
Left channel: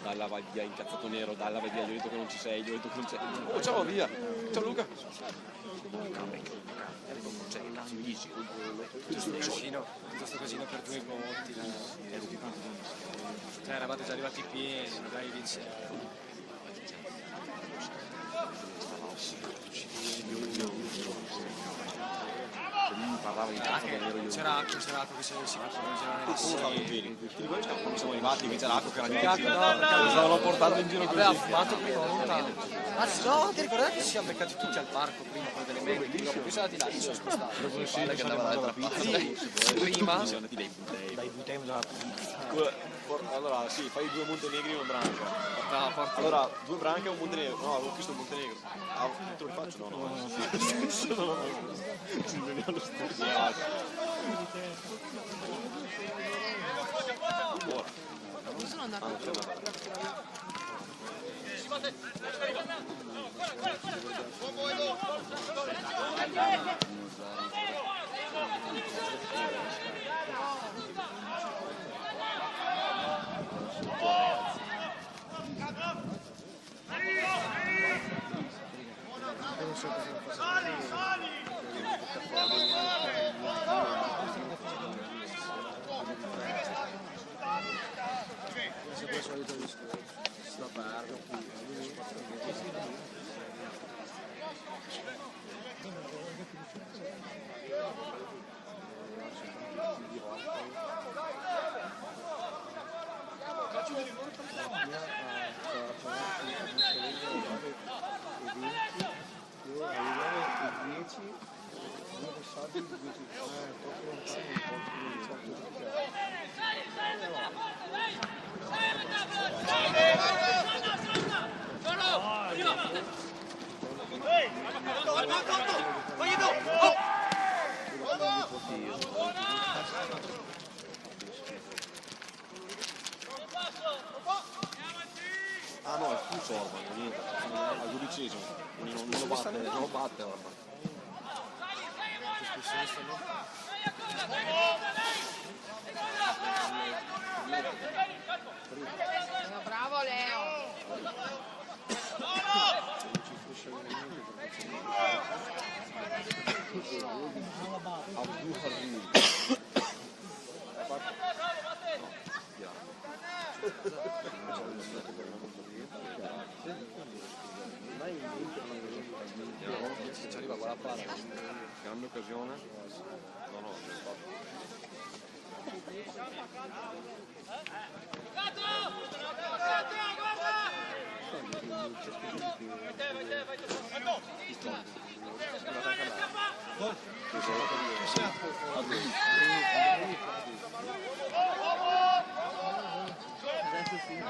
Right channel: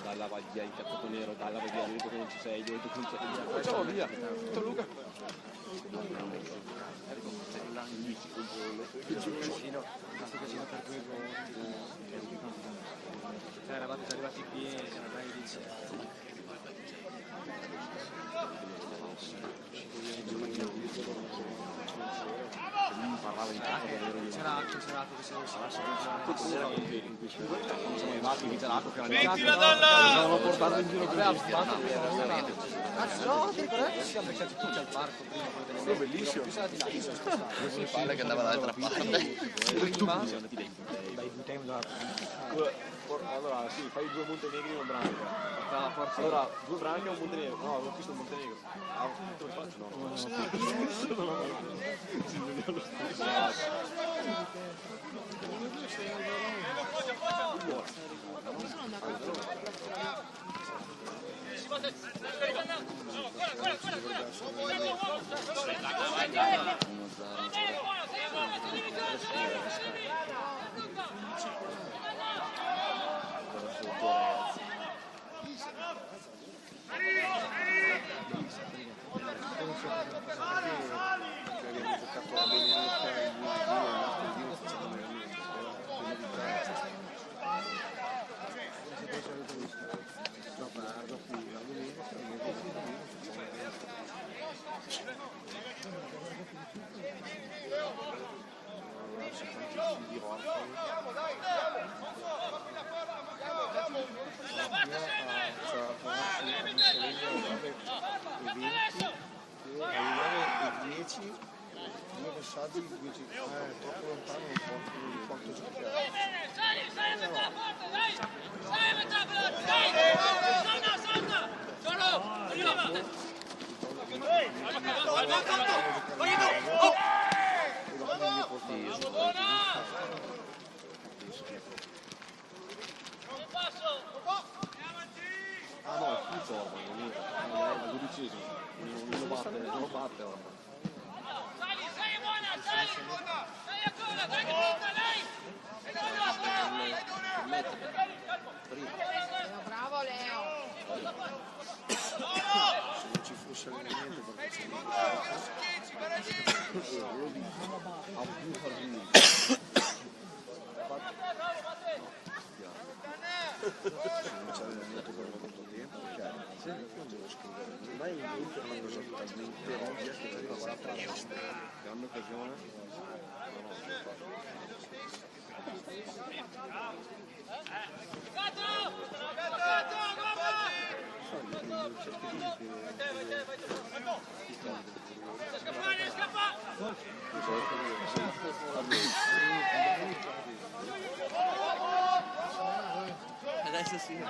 Dalla vai via incazzato nero, dalla vai via, io ho detto che non ci sei, io ho detto che non sei. Oh, ciao, via! Ciao Luca! Questo casino per 2 volte cioè eravate già arrivati pieni dai dice c'era acqua che si Quando siamo arrivati invece l'acqua che era Mettila dalla! stavano portando in giro così. no, ti ricordate che ci siamo beccati tutti al parco prima delle medie bellissimo poi siamo andati là io sono spostato Palle che andava dall'altra parte. prima Siamo andati dai Butei. Allora sì, fai 2 Montenegri e un branca. Allora 2 branche e un Montenegro. No, avevo visto un Montenegro. Ah, te lo faccio? No. Dove sono andato? Ah no, è fuso ormai, niente. Al 12esimo. Non lo batte ormai. Bravo Leo! Non ci fosse veramente perché c'è A due arrivi. ormai l'Inter non è talmente che ci arriva 4 Grande occasione. Ma no. adesso sì.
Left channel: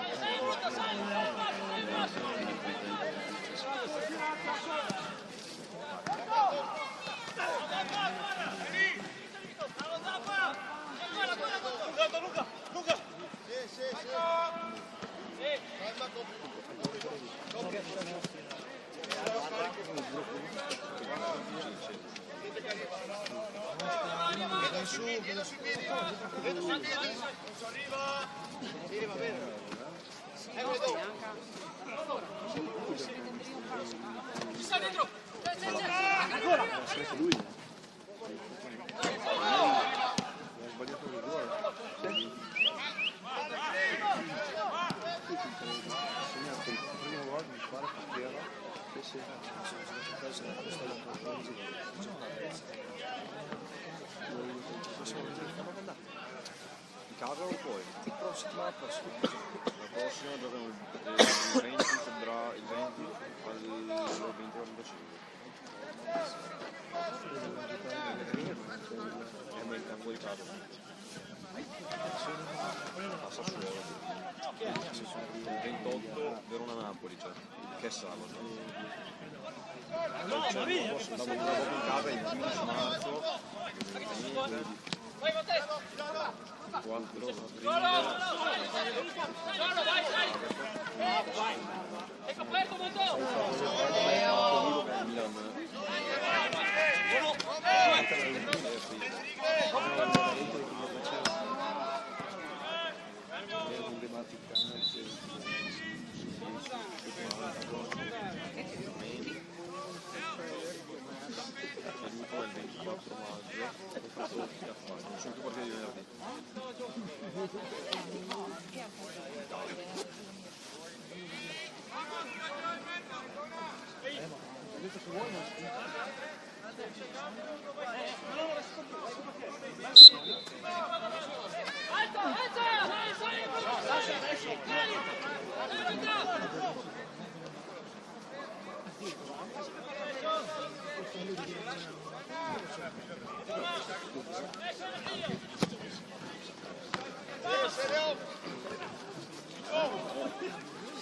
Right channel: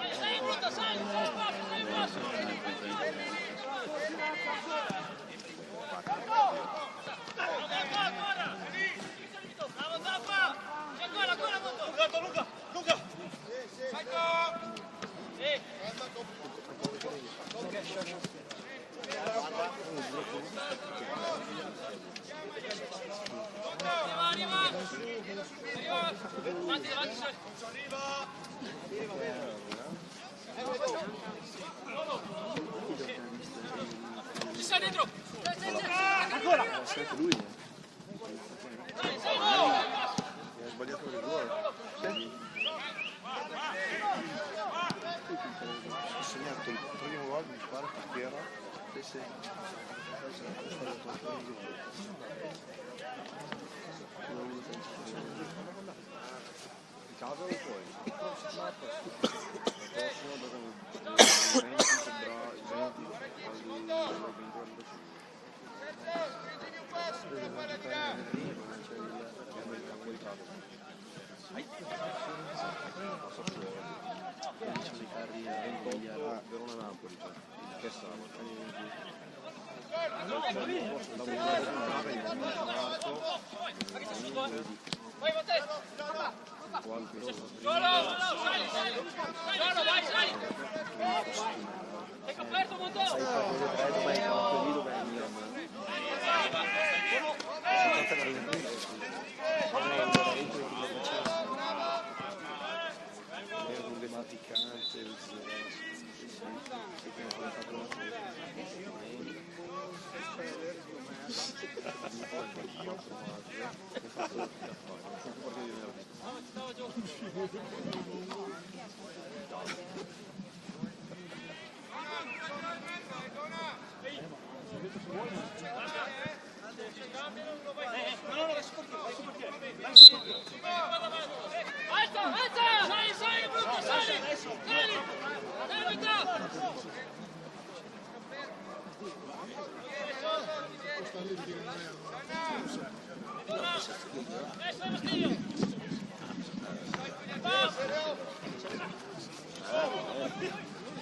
Ci sta dentro! Sempre lui. Ha sbagliato il gol. Ha segnato il primo gol, mi pare, Papiera. Sì. Cavolo poi. La prossima dove il 20 febbraio, il 20 passa su Verona-Napoli, cioè che Vai Matteo! Giorno, vai! Sei coperto Matteo!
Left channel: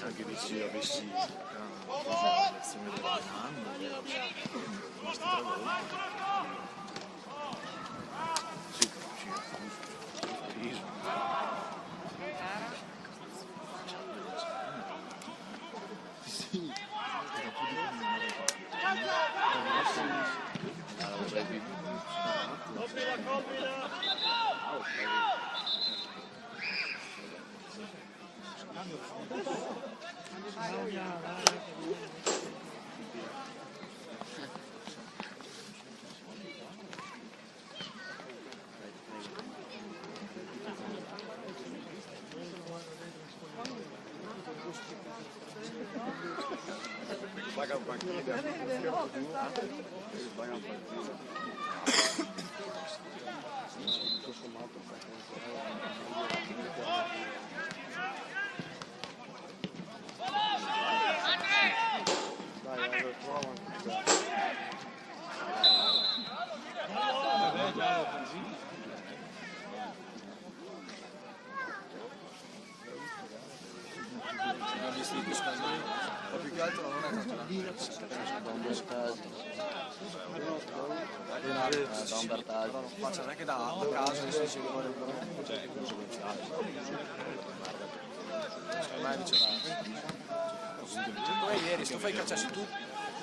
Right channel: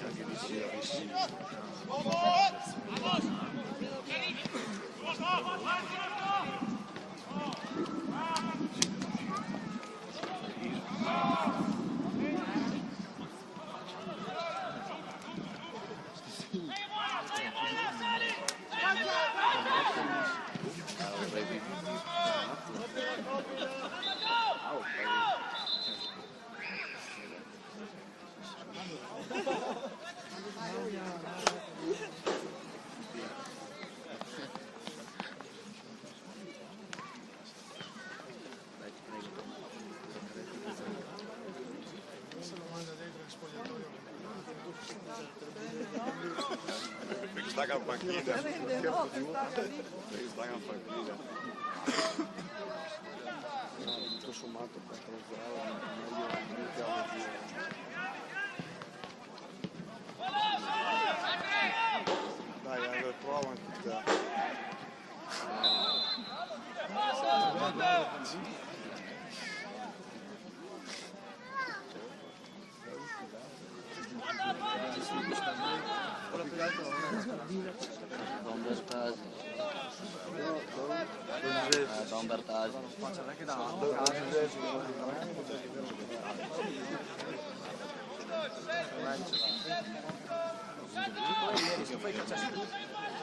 Anche di sì, avessi tutto sommato dai, allora prova Don Bertasi. Don Bertasi. faccia anche dall'altro caso ormai Poi ieri sto fai cacciarsi tu,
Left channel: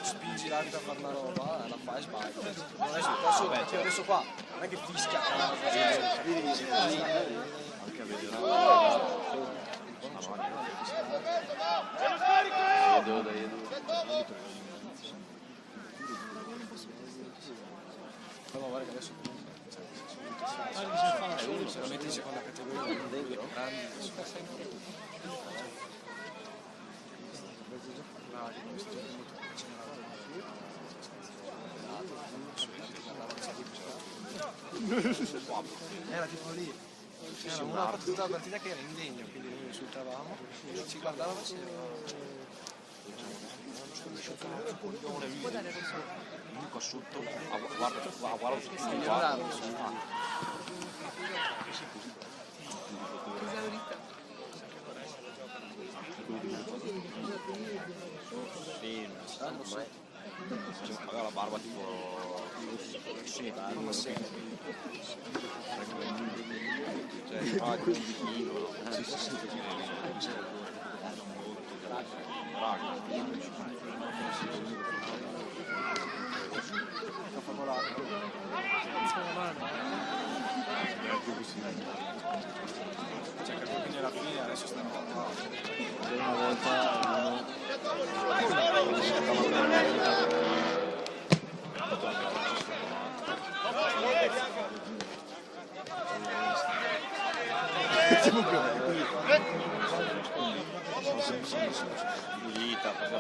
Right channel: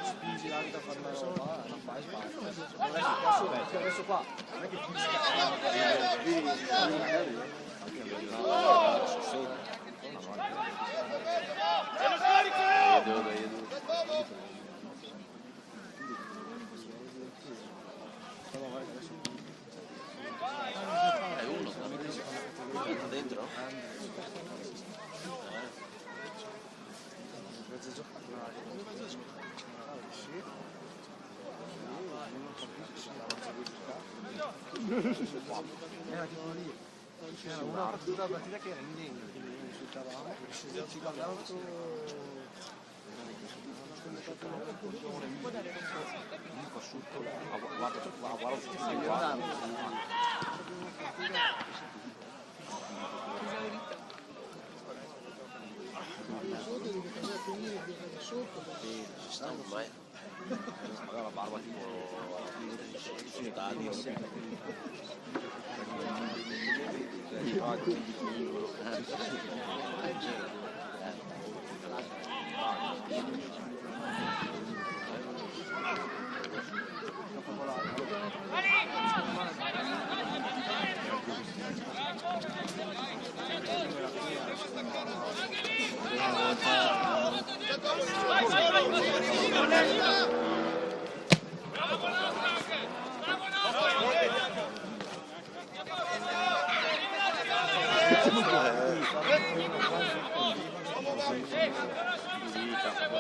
spingi l'arbitro a fare una roba, la fai sbaglia. Adesso qua, non è che fischia. È uno, solamente in seconda categoria dentro. Era tipo lì, c'era una partita che era indegno, quindi noi insultavamo, ci guardavamo Comunque asciutto, guarda su aveva la barba tipo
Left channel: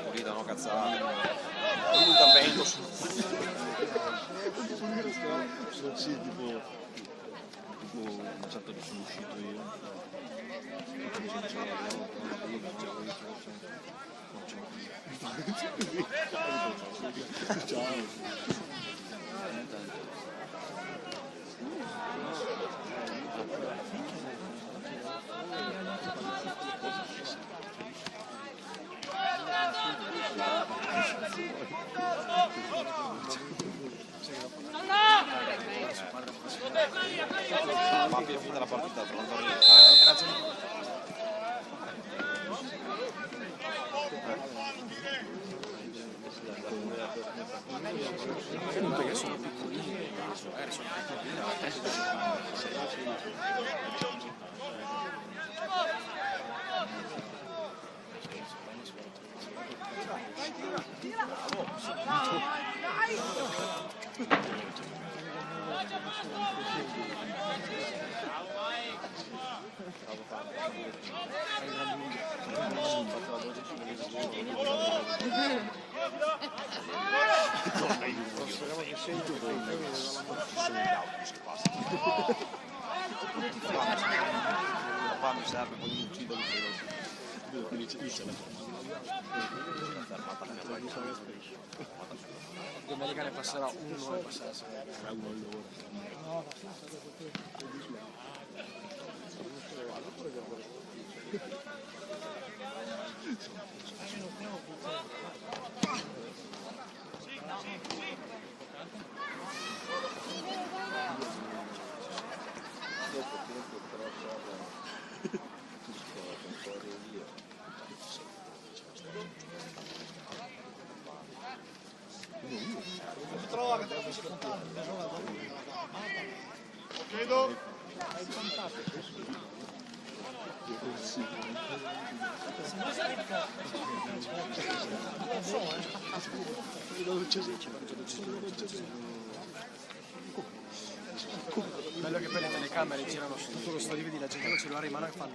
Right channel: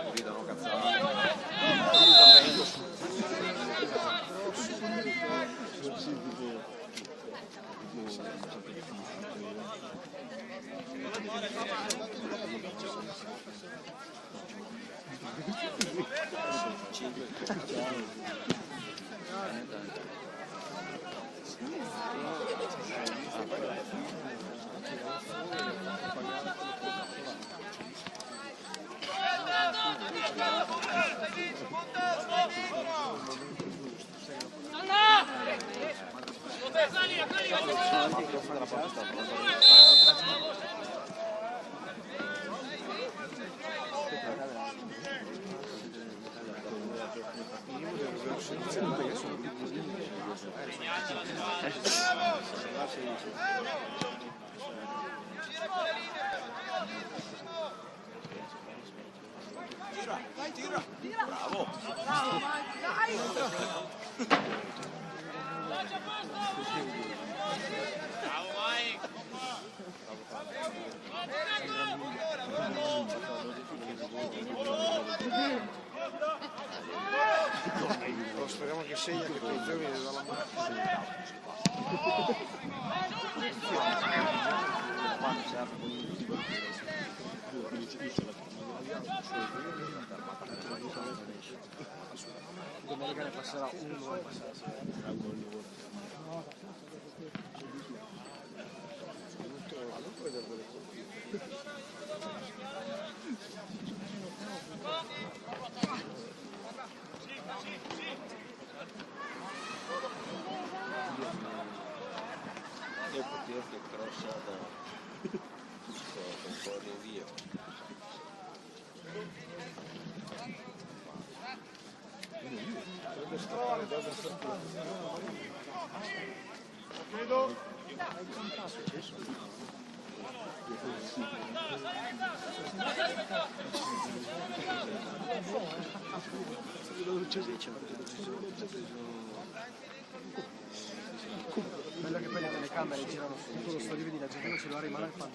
pulita, no cazzata. Sì, tipo un certo che sono uscito io. Speriamo che sia io perché il femmine non la domenica ne passerà uno e bello che poi le telecamere girano su tutto lo stadio, vedi la gente con il cellulare in mano e fanno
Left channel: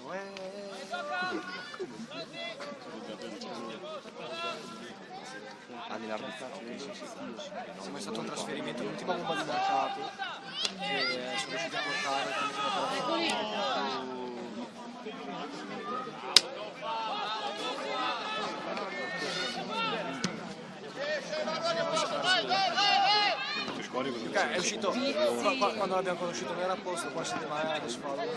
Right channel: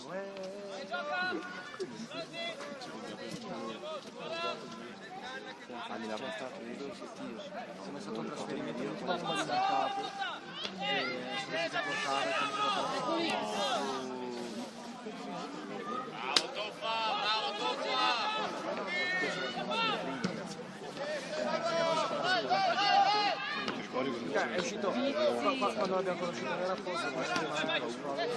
siamo stato un trasferimento l'ultimo anno mancato e sono riusciti a portare è uscito quando l'abbiamo conosciuto non era apposta, poi si chiamava la squadra.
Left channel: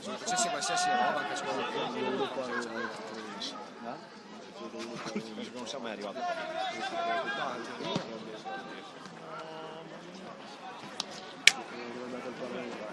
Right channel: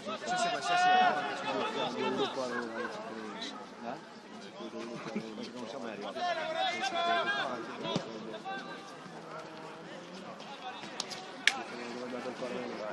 Successi qualsiasi roba che c'è l'Europa non siamo mai arrivati. Dove è andato il Parlamento?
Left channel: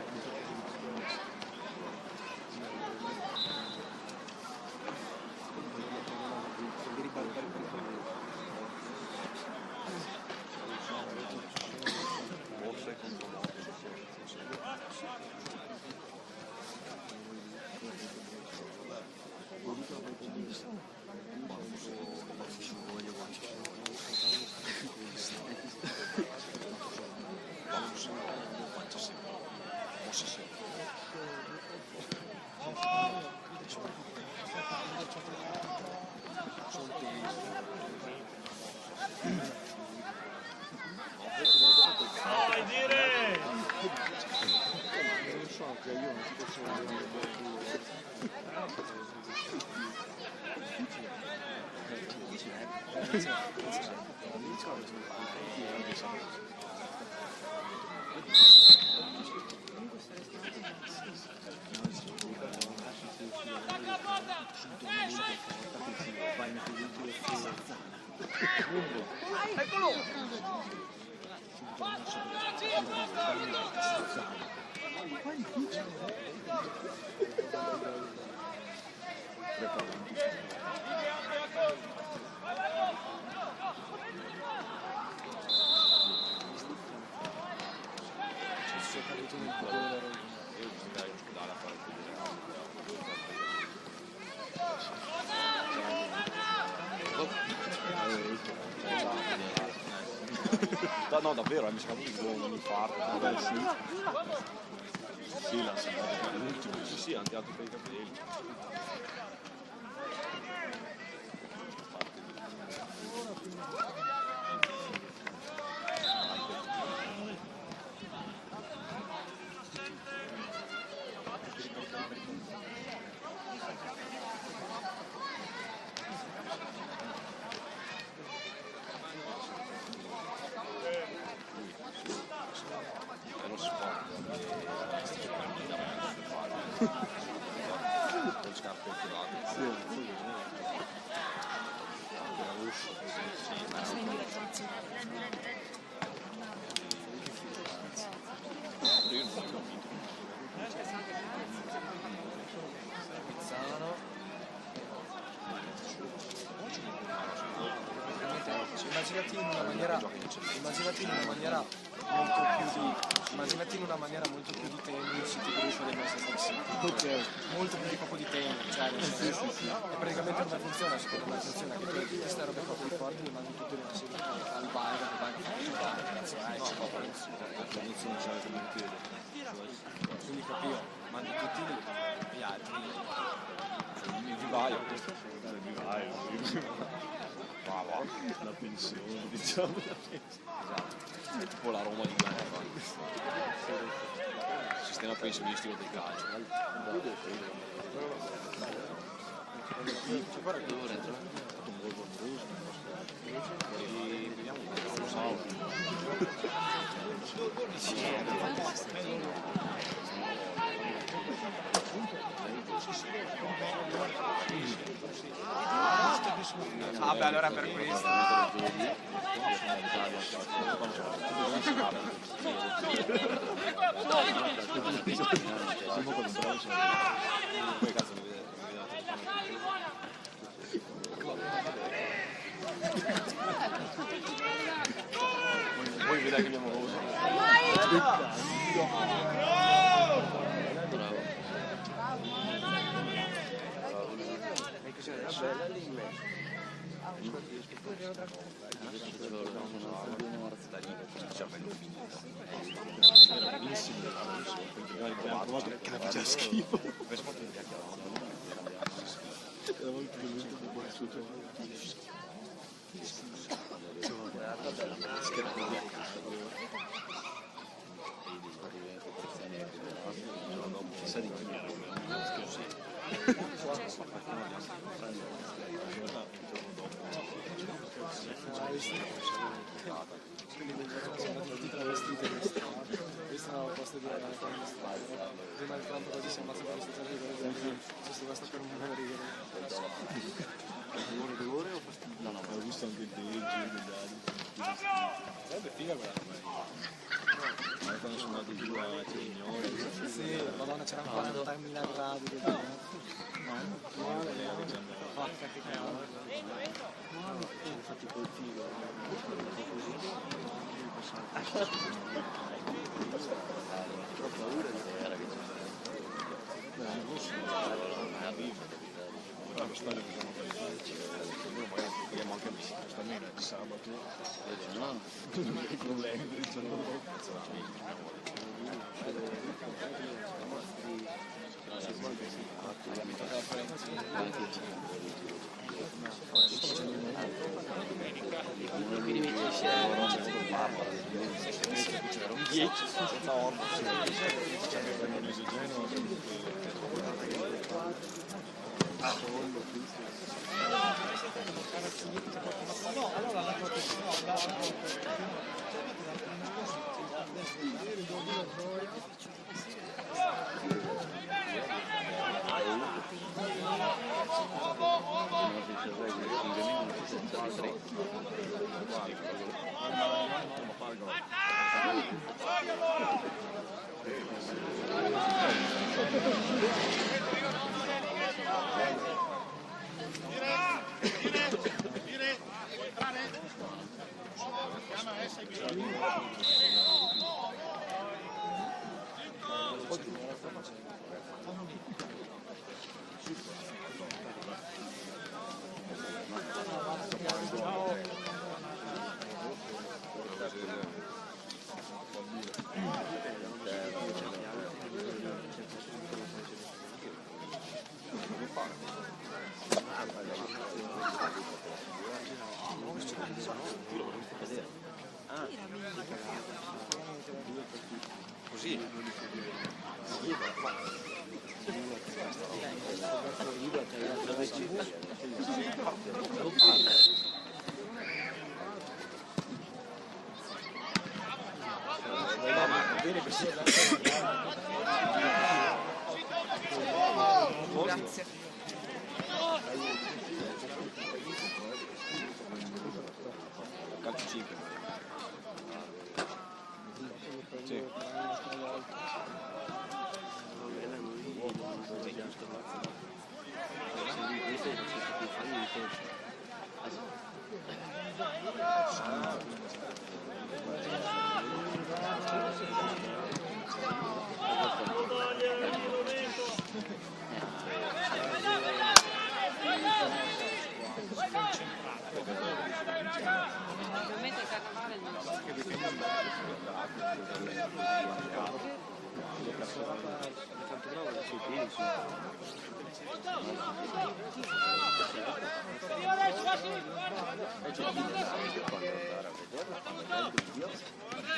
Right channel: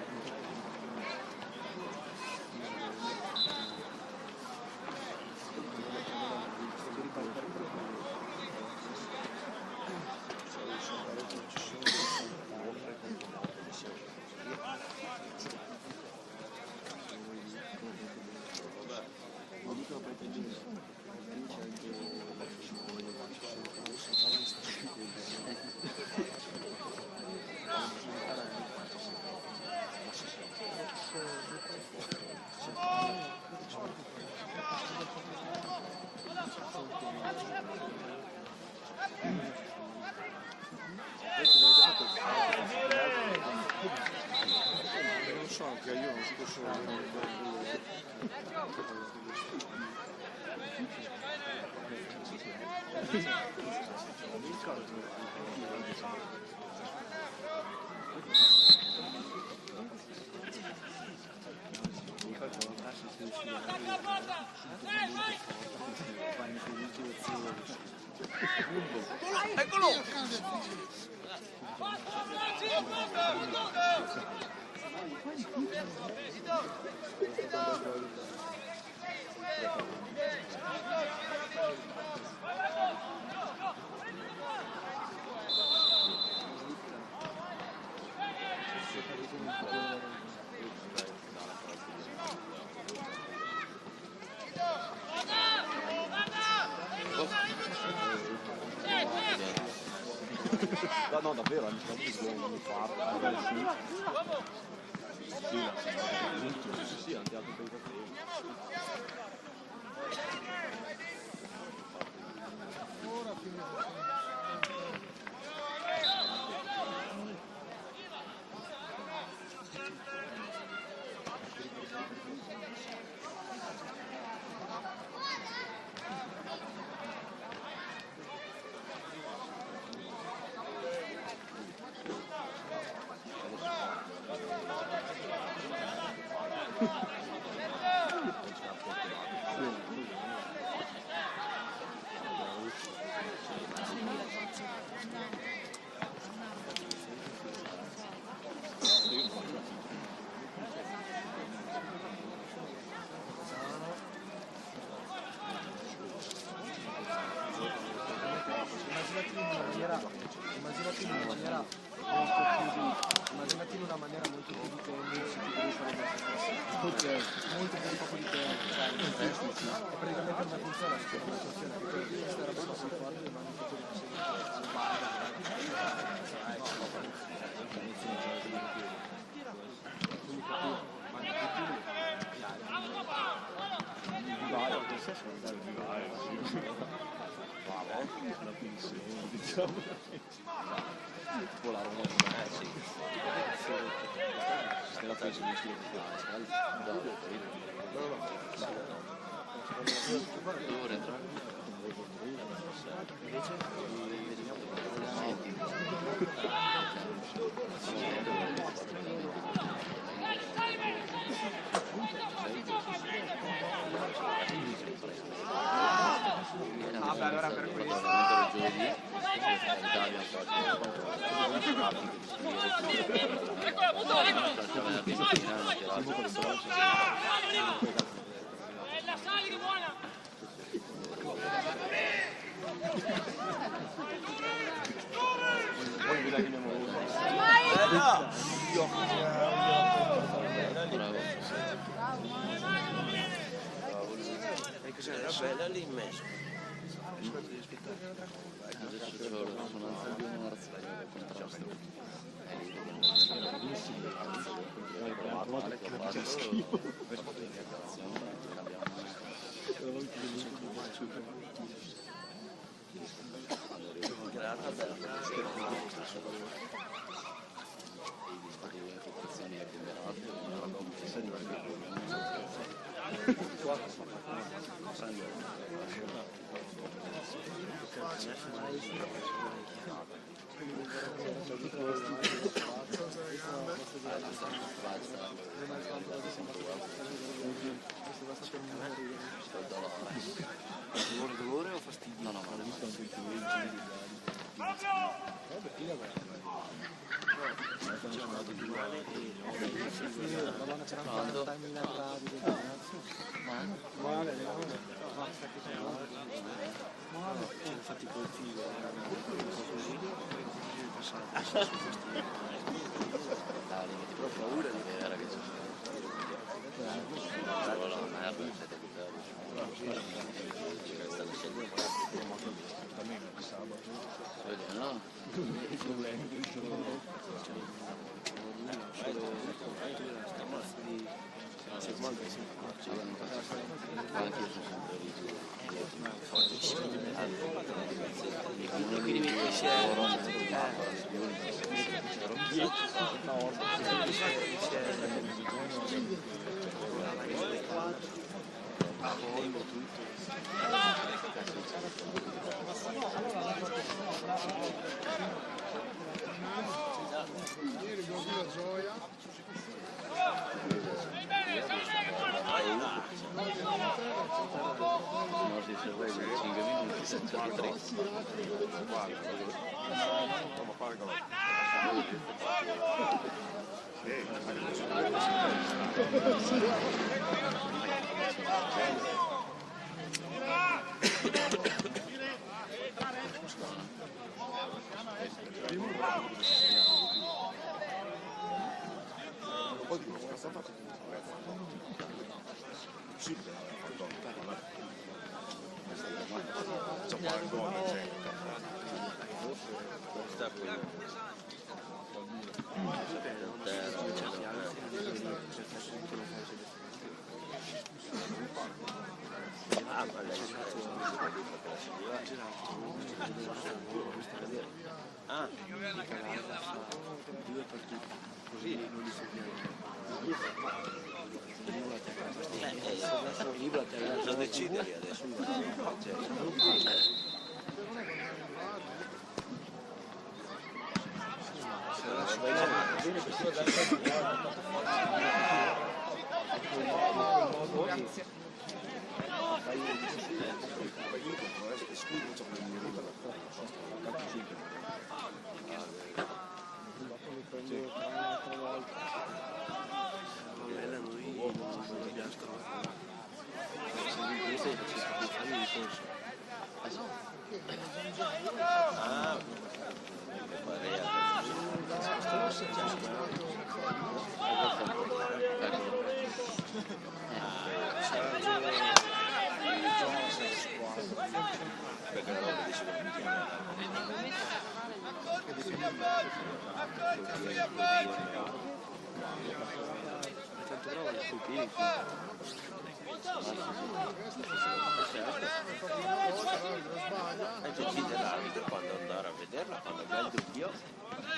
Non so, che io non si posso No, davvero, mi sembra che non mi parla. Vabbè, sì. Sì, la l'ultimo, sì, è andato per i capelli. immaginateli in una maniera molto più di tennis, tipo sulle messe stesse. Molto più di campo di tennis, cioè, è praticamente una funzione, una funzione che per questa roba qua più forte ma non tutto una serie di bar, quindi capire, ma non tutti gli altri. Il vivaio, questo è soltanto il vivaio. La pensione, diciamo. Tipo la Roma di sistema pensionistico del calcio. Vabbè, allora per questo Bravo. bella lì in mezzo. Adesso c'è la risonanza di una Che faccia schifo. Dolore o fastidio? No, Ho visto anche il giro degli altri. Sarebbe figa quella. Quando sono andati giù a Trignone. Sì, Madonna, c'era anche 40.000 gradi. Male, Infatti quel figo Ho paura di vedere che la merda. speriamo anche stamane di sabato. Vedi, no? Problemi per il giorno dopo.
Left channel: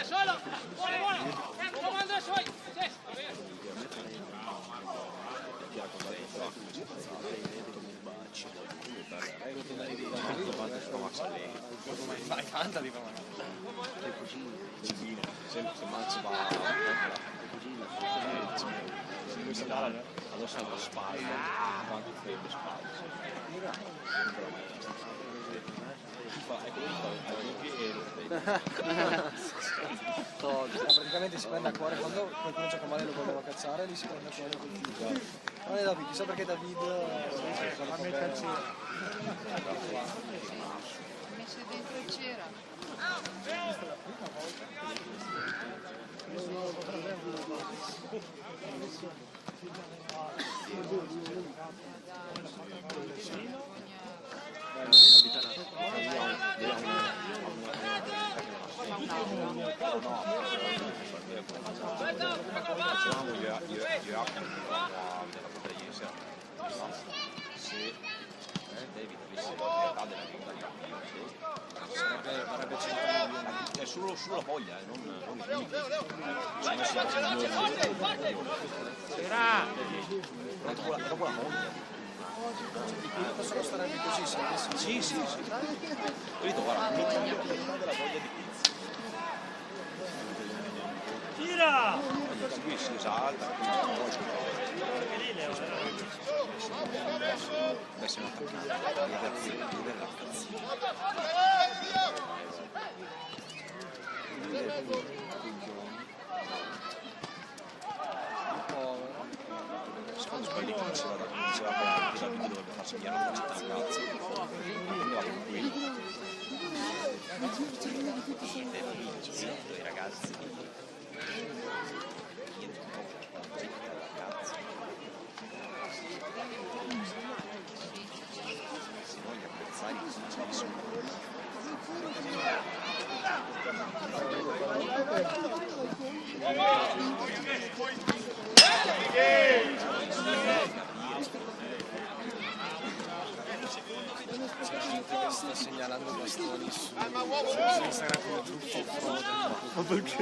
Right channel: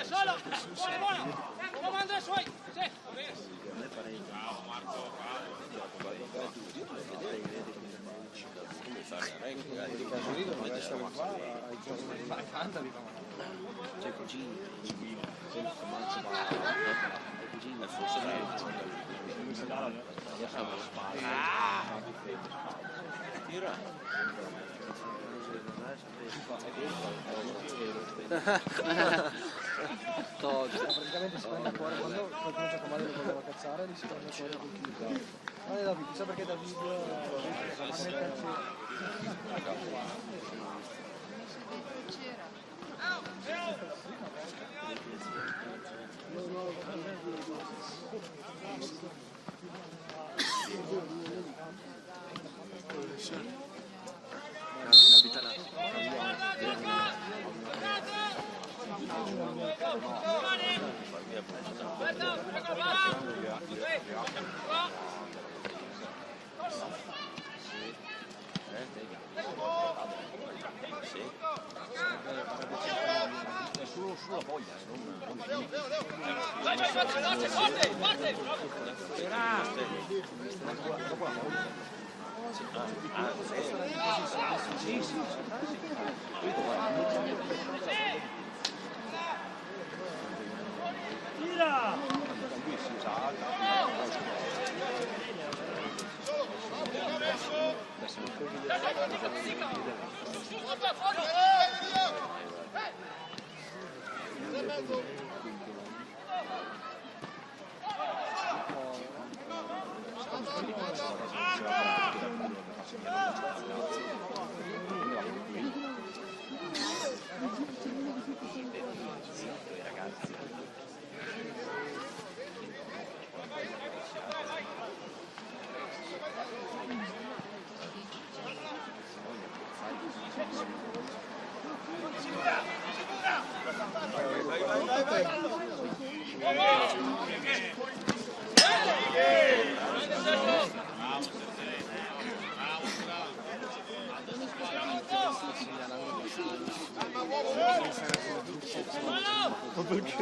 Solo! Buono, buono! Comando i suoi! Sì, va bene! Praticamente si prende il cuore poi comincia a chiamare, lo vogliono cazzare, lì si prende il cuore col figlio. Non è David, chissà perché David a me calci. Messo dentro c'era. È solo sulla voglia, Sì, sì, sì. Capito, guarda, tira! sì, esatto. Adesso non puoi vedere la sta segnalando bastoni su Instagram come trucco. Ma perché?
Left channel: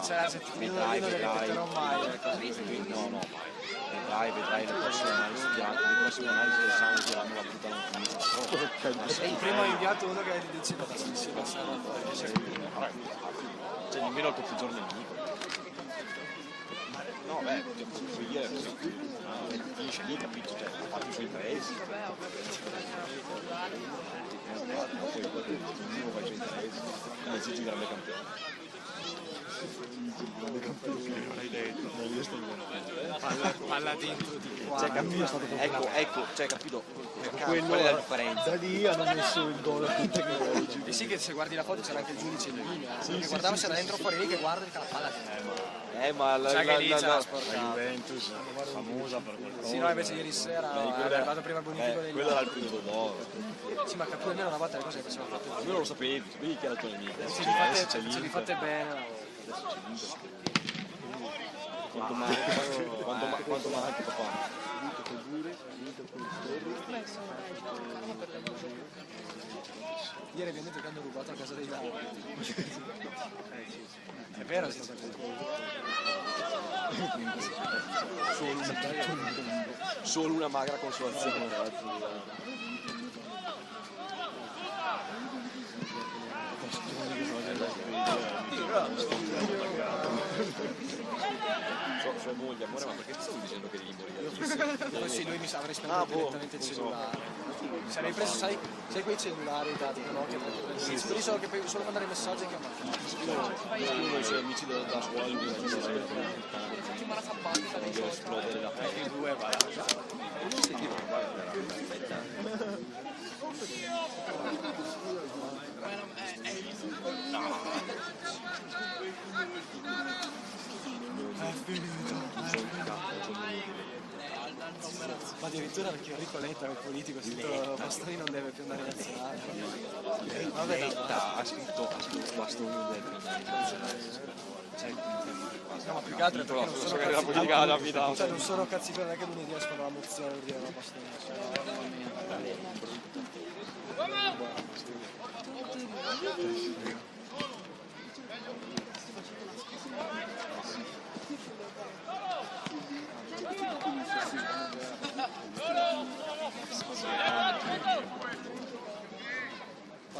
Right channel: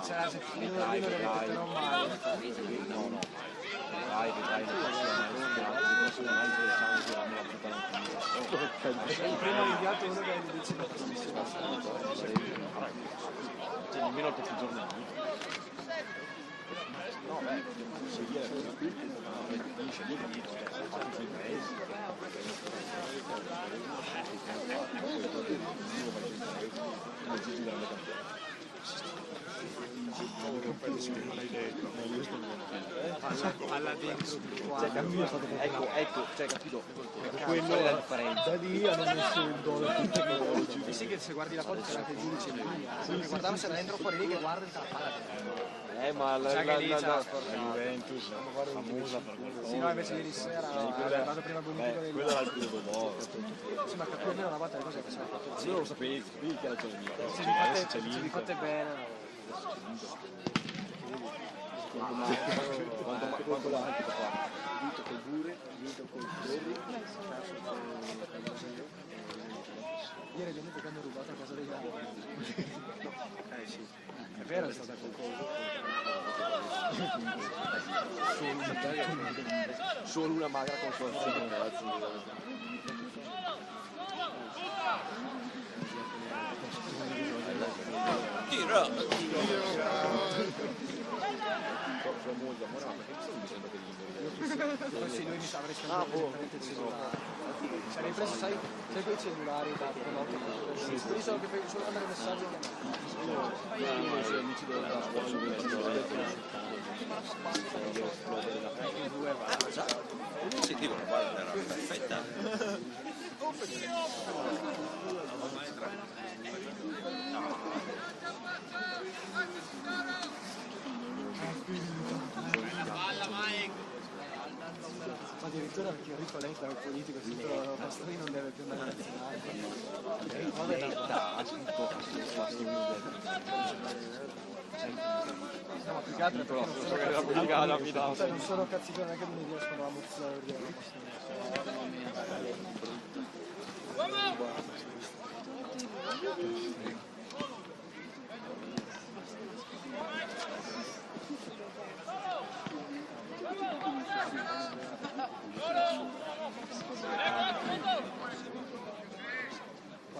C'era se io non lo ripeterò mai. No, no. Vedrai, la prossima anno siamo la puttana. Il primo inviato è uno che dice che facessimo Cioè nemmeno per tutti i giorni. No, puoi dire cosa qui, finisce lì, capito? Cioè, fatti i suoi paesi. Come Gigi grande campione. palla dentro di qua. Cioè, capito? Ecco, cioè, capito? Quello Qual è la differenza? da lì hanno messo il gol più tecnologico. E sì che se guardi la foto c'era anche il giudice in linea. Guardavo se da dentro fuori lì che guarda il calcare. Ma la Juventus famosa per qualcosa. Sì, no, invece ieri sera è arrivato prima bonifico del quello era il periodo d'oro. Sì, ma capivo almeno una volta le cose che faceva fatte Io non lo sapevi che era il mio. se vi fate bene. Quanto l'ha anche papà? vinto col Bure, vinto col Torri. Ieri abbiamo detto che hanno rubato a casa dei Lauri. Sì. È vero, è stata Solo una magra consolazione, ragazzi. Sua moglie, ma che stai dicendo che gli sì, lui mi sa avrei speso direttamente il cellulare. Sarei preso, sai quei cellulari da notte? Quelli sono che solo mandare messaggi che i suoi amici della scuola gli deve esplodere la i due va. non si tira perfetta. Addirittura anche Enrico Letta, il politico, si titolo Pastore non deve più andare in nazionale. Letta ha scritto Pastore non deve più No, più che altro è perché non sono cazzicone neanche lunedì escono la mozione di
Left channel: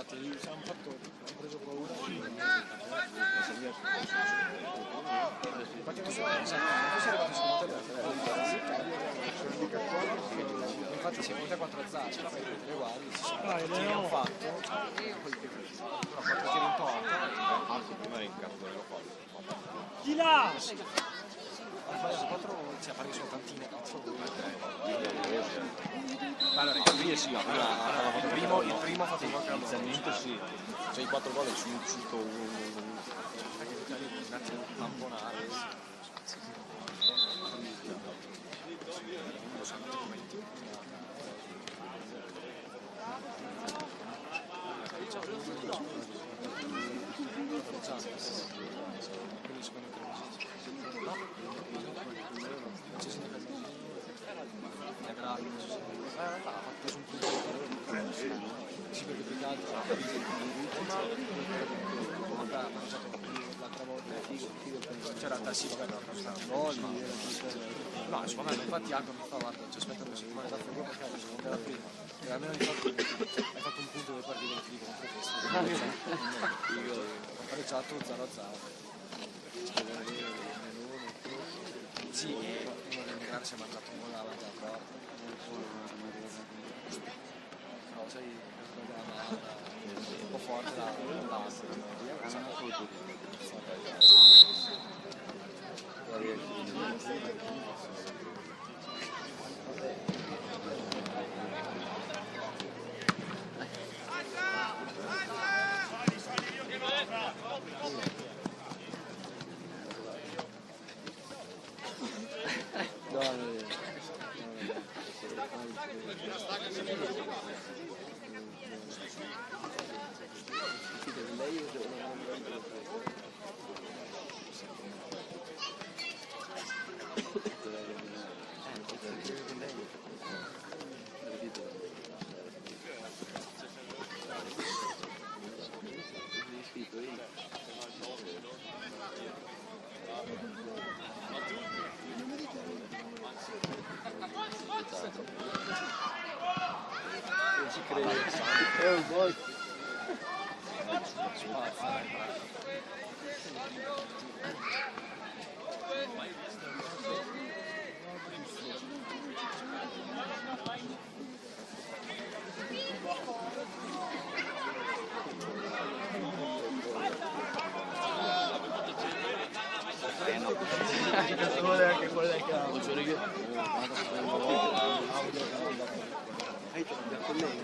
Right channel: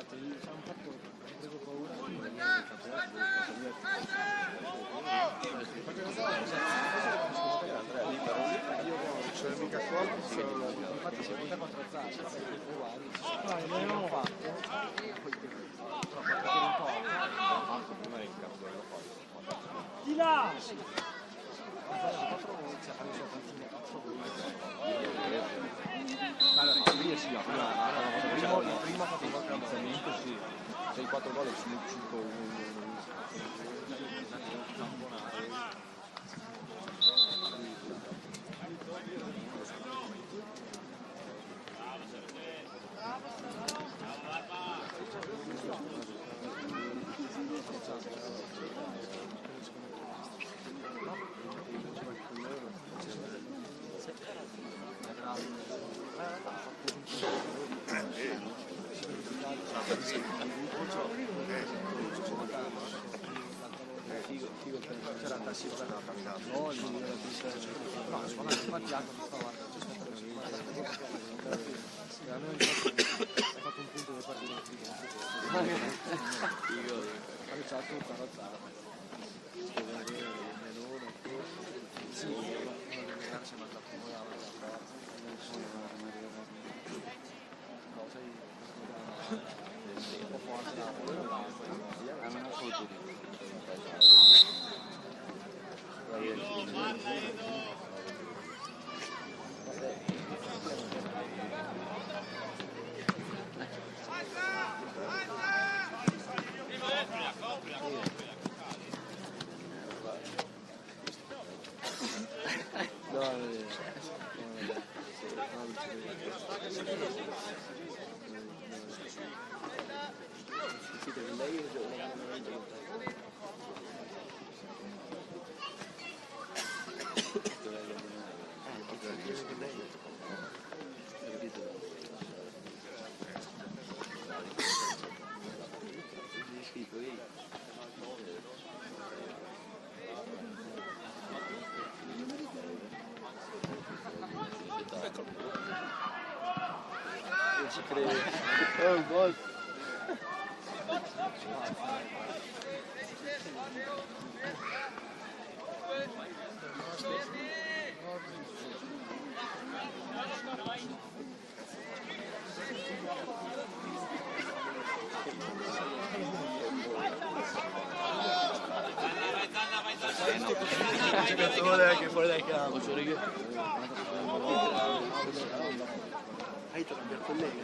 infatti hanno fatto, ci preso paura. Infatti si è venuta 4 zappe uguali. No, non ho fatto. Chi là? allora lì sì, il primo ha fatto il piazzamento sì, c'è i 4 gol su 5-1. c'era tassi per la no, secondo me infatti Iago mi fa guarda, ci aspetta la settimana e almeno hai fatto un punto per partire in frigo Magari c'ha tutto, no? Sì, non c'è mangiato nulla, no, sei un po' forte. Una foto di anche fuori dal campo. Hai trovato il collega.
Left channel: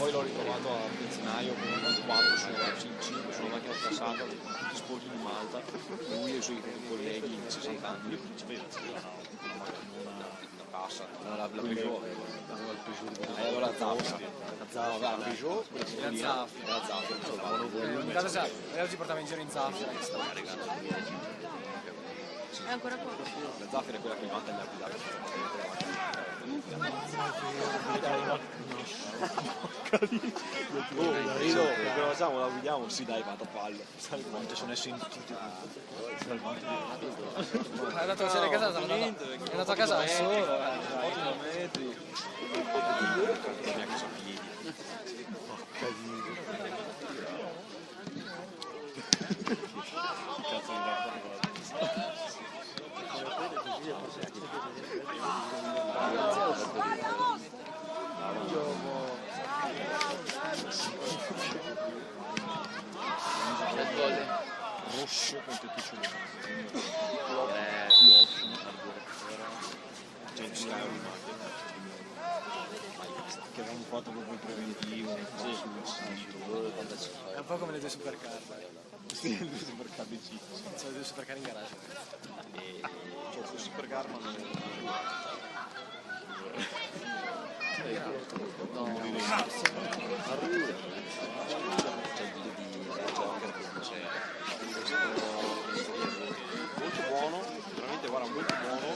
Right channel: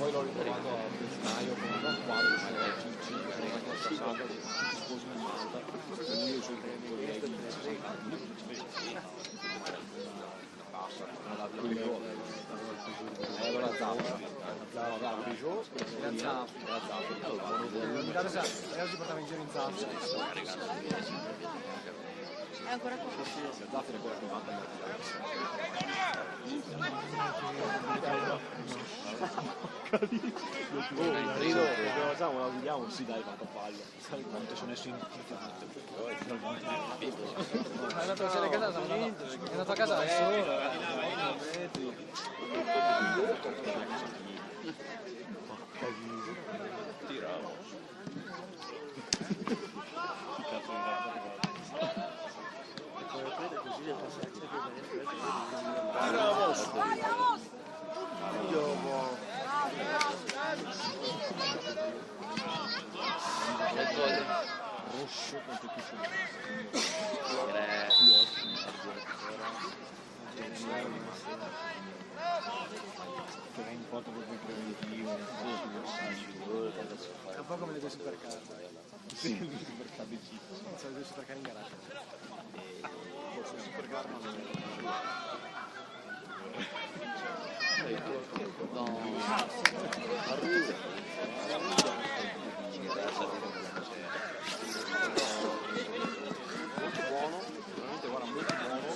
Poi l'ho ritrovato a Benzinaio con un quadro su Cincin, che è passato tutti sposi di Malta, lui e i suoi colleghi in 60 anni, passa, non la Peugeot, la Peugeot, la Zafra, si portava in giro in Zafra. È ancora qua. la Zafra è quella che fatta Rido perché lo sa, la vediamo, sì dai, vado a palle, sai quanto sono sentito. È andato a vedere a casa, è andato a casa da solo. Rosso con tutti i suoi che avevamo fatto proprio il preventivo, È un po' come le due supercar. sì, il supercar di C. C'è le due supercar in garage. Il supercar non è No, arriva. molto buono, veramente guarda, molto buono.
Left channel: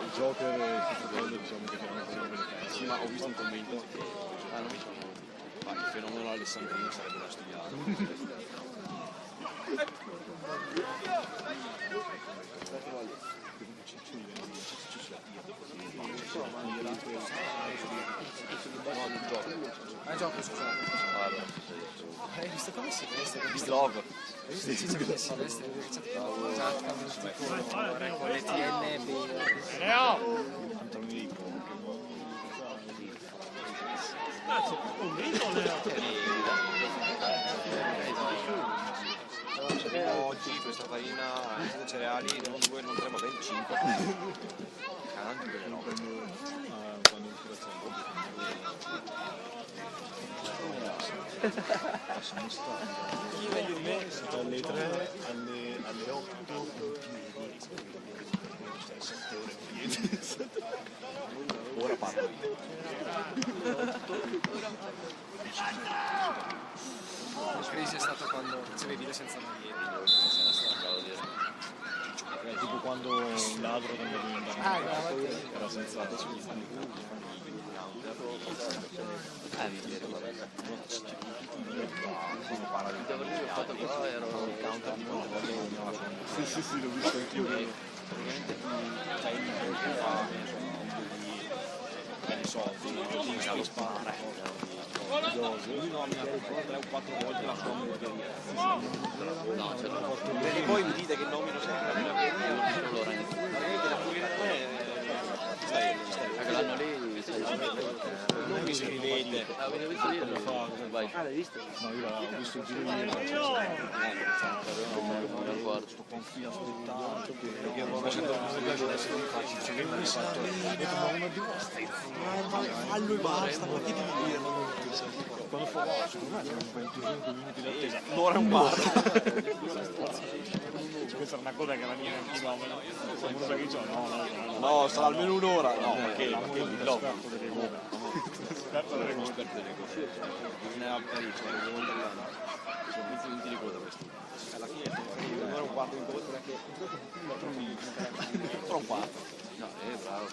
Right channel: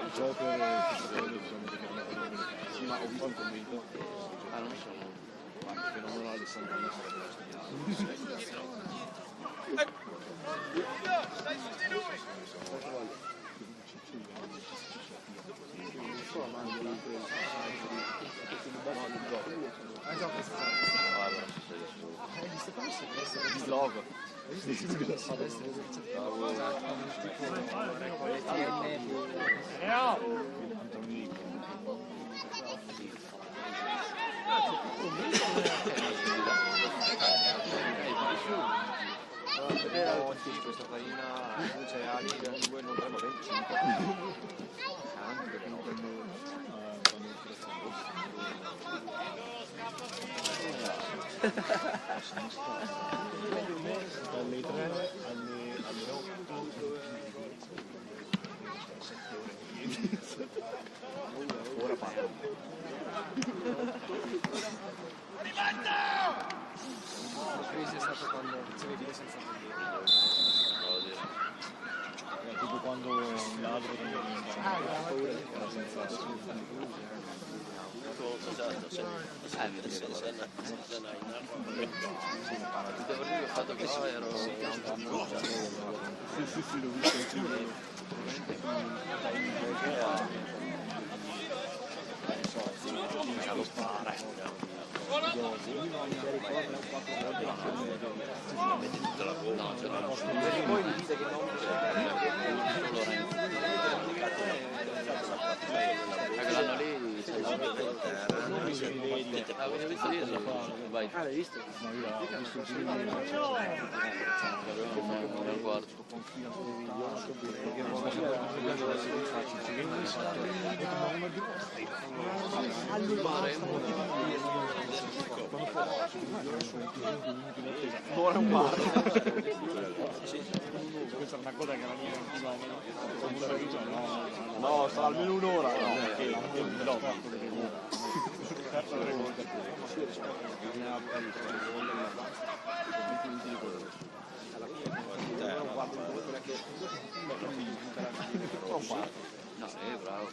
Il Joker sì, ma ho visto un commento. Ah, non sono. Il fenomeno Alessandrini sarebbe da studiare. Ah, gioco, scusa. Ah, però ci sei solo. Hai visto come si veste? Hai visto Love. Hai visto Ciccio come si veste? Con le TNB. Il pantaloni oggi questa farina cereali non 2, non 3, ma ben 5. Quando Dalle 3 alle 8. Ora parlo. La crisi è stata quando facevi video senza maglietta. Devo dire. Tipo quando un ladro andava in bagno, era senza Mi dire, guarda. Il devo dire che ho fatto qua ero... Sì, l'ho visto anche a lo spare. No, ce l'ho. Voi mi dite che non mi Solo Lorenzo. Quell'anno lì c'è mi si rivede. l'avevo visto ieri. Vai. Ah, l'hai visto? No, io l'ho visto il film di Non lo guardo. confina ascoltato perché non faccio ci vedo un sacco ma uno di vostri quando fa ora è un bar questa è una cosa che la mia non ti va no sarà almeno un'ora no anche il villotto No, bravo.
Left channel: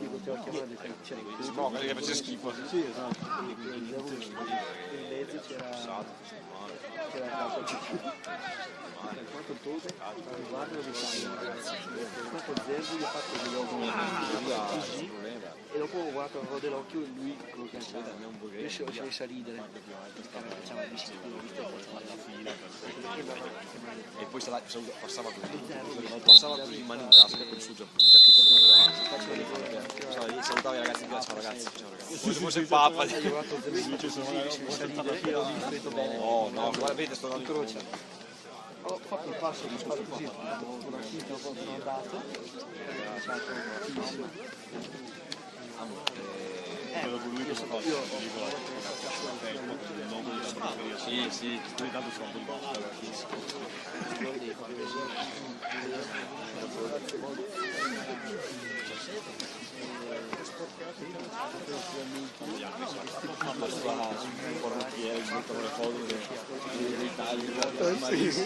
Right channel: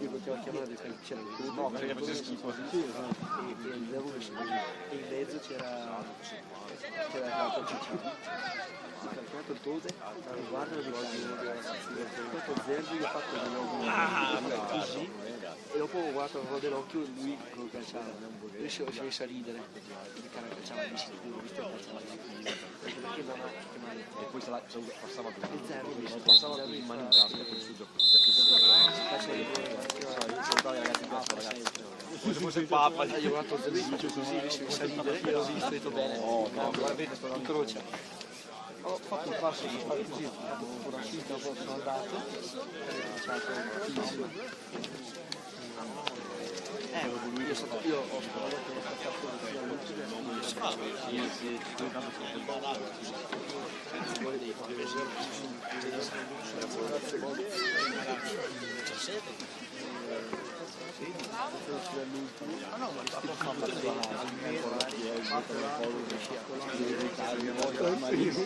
Io potevo chiamare c'era il turno, no perché faceva schifo sì, esatto, in mezzo c'era la porticina, ho caricato il Tode, guarda la Italia, ho fatto Zerbo, io ho fatto così e dopo ho guardato avevo dell'occhio e lui lo calciava, io si è messo a ridere, il cara calciava di sicuro, ho visto che calciava anche perché andava e poi passava in mano in casa casa con il suo calciava di rigore, salutava i ragazzi fosse il Papa io ho guardato Zerbo, ho fatto così, si è messo a ridere e ho visto bene, guardate sto in croce. Ho fatto il passo di fare così, ho fatto una finta, poi sono andato, ho fatto una finta. Io ho una volta che ho passato all'ultimo sì poi tanto sono fuori dei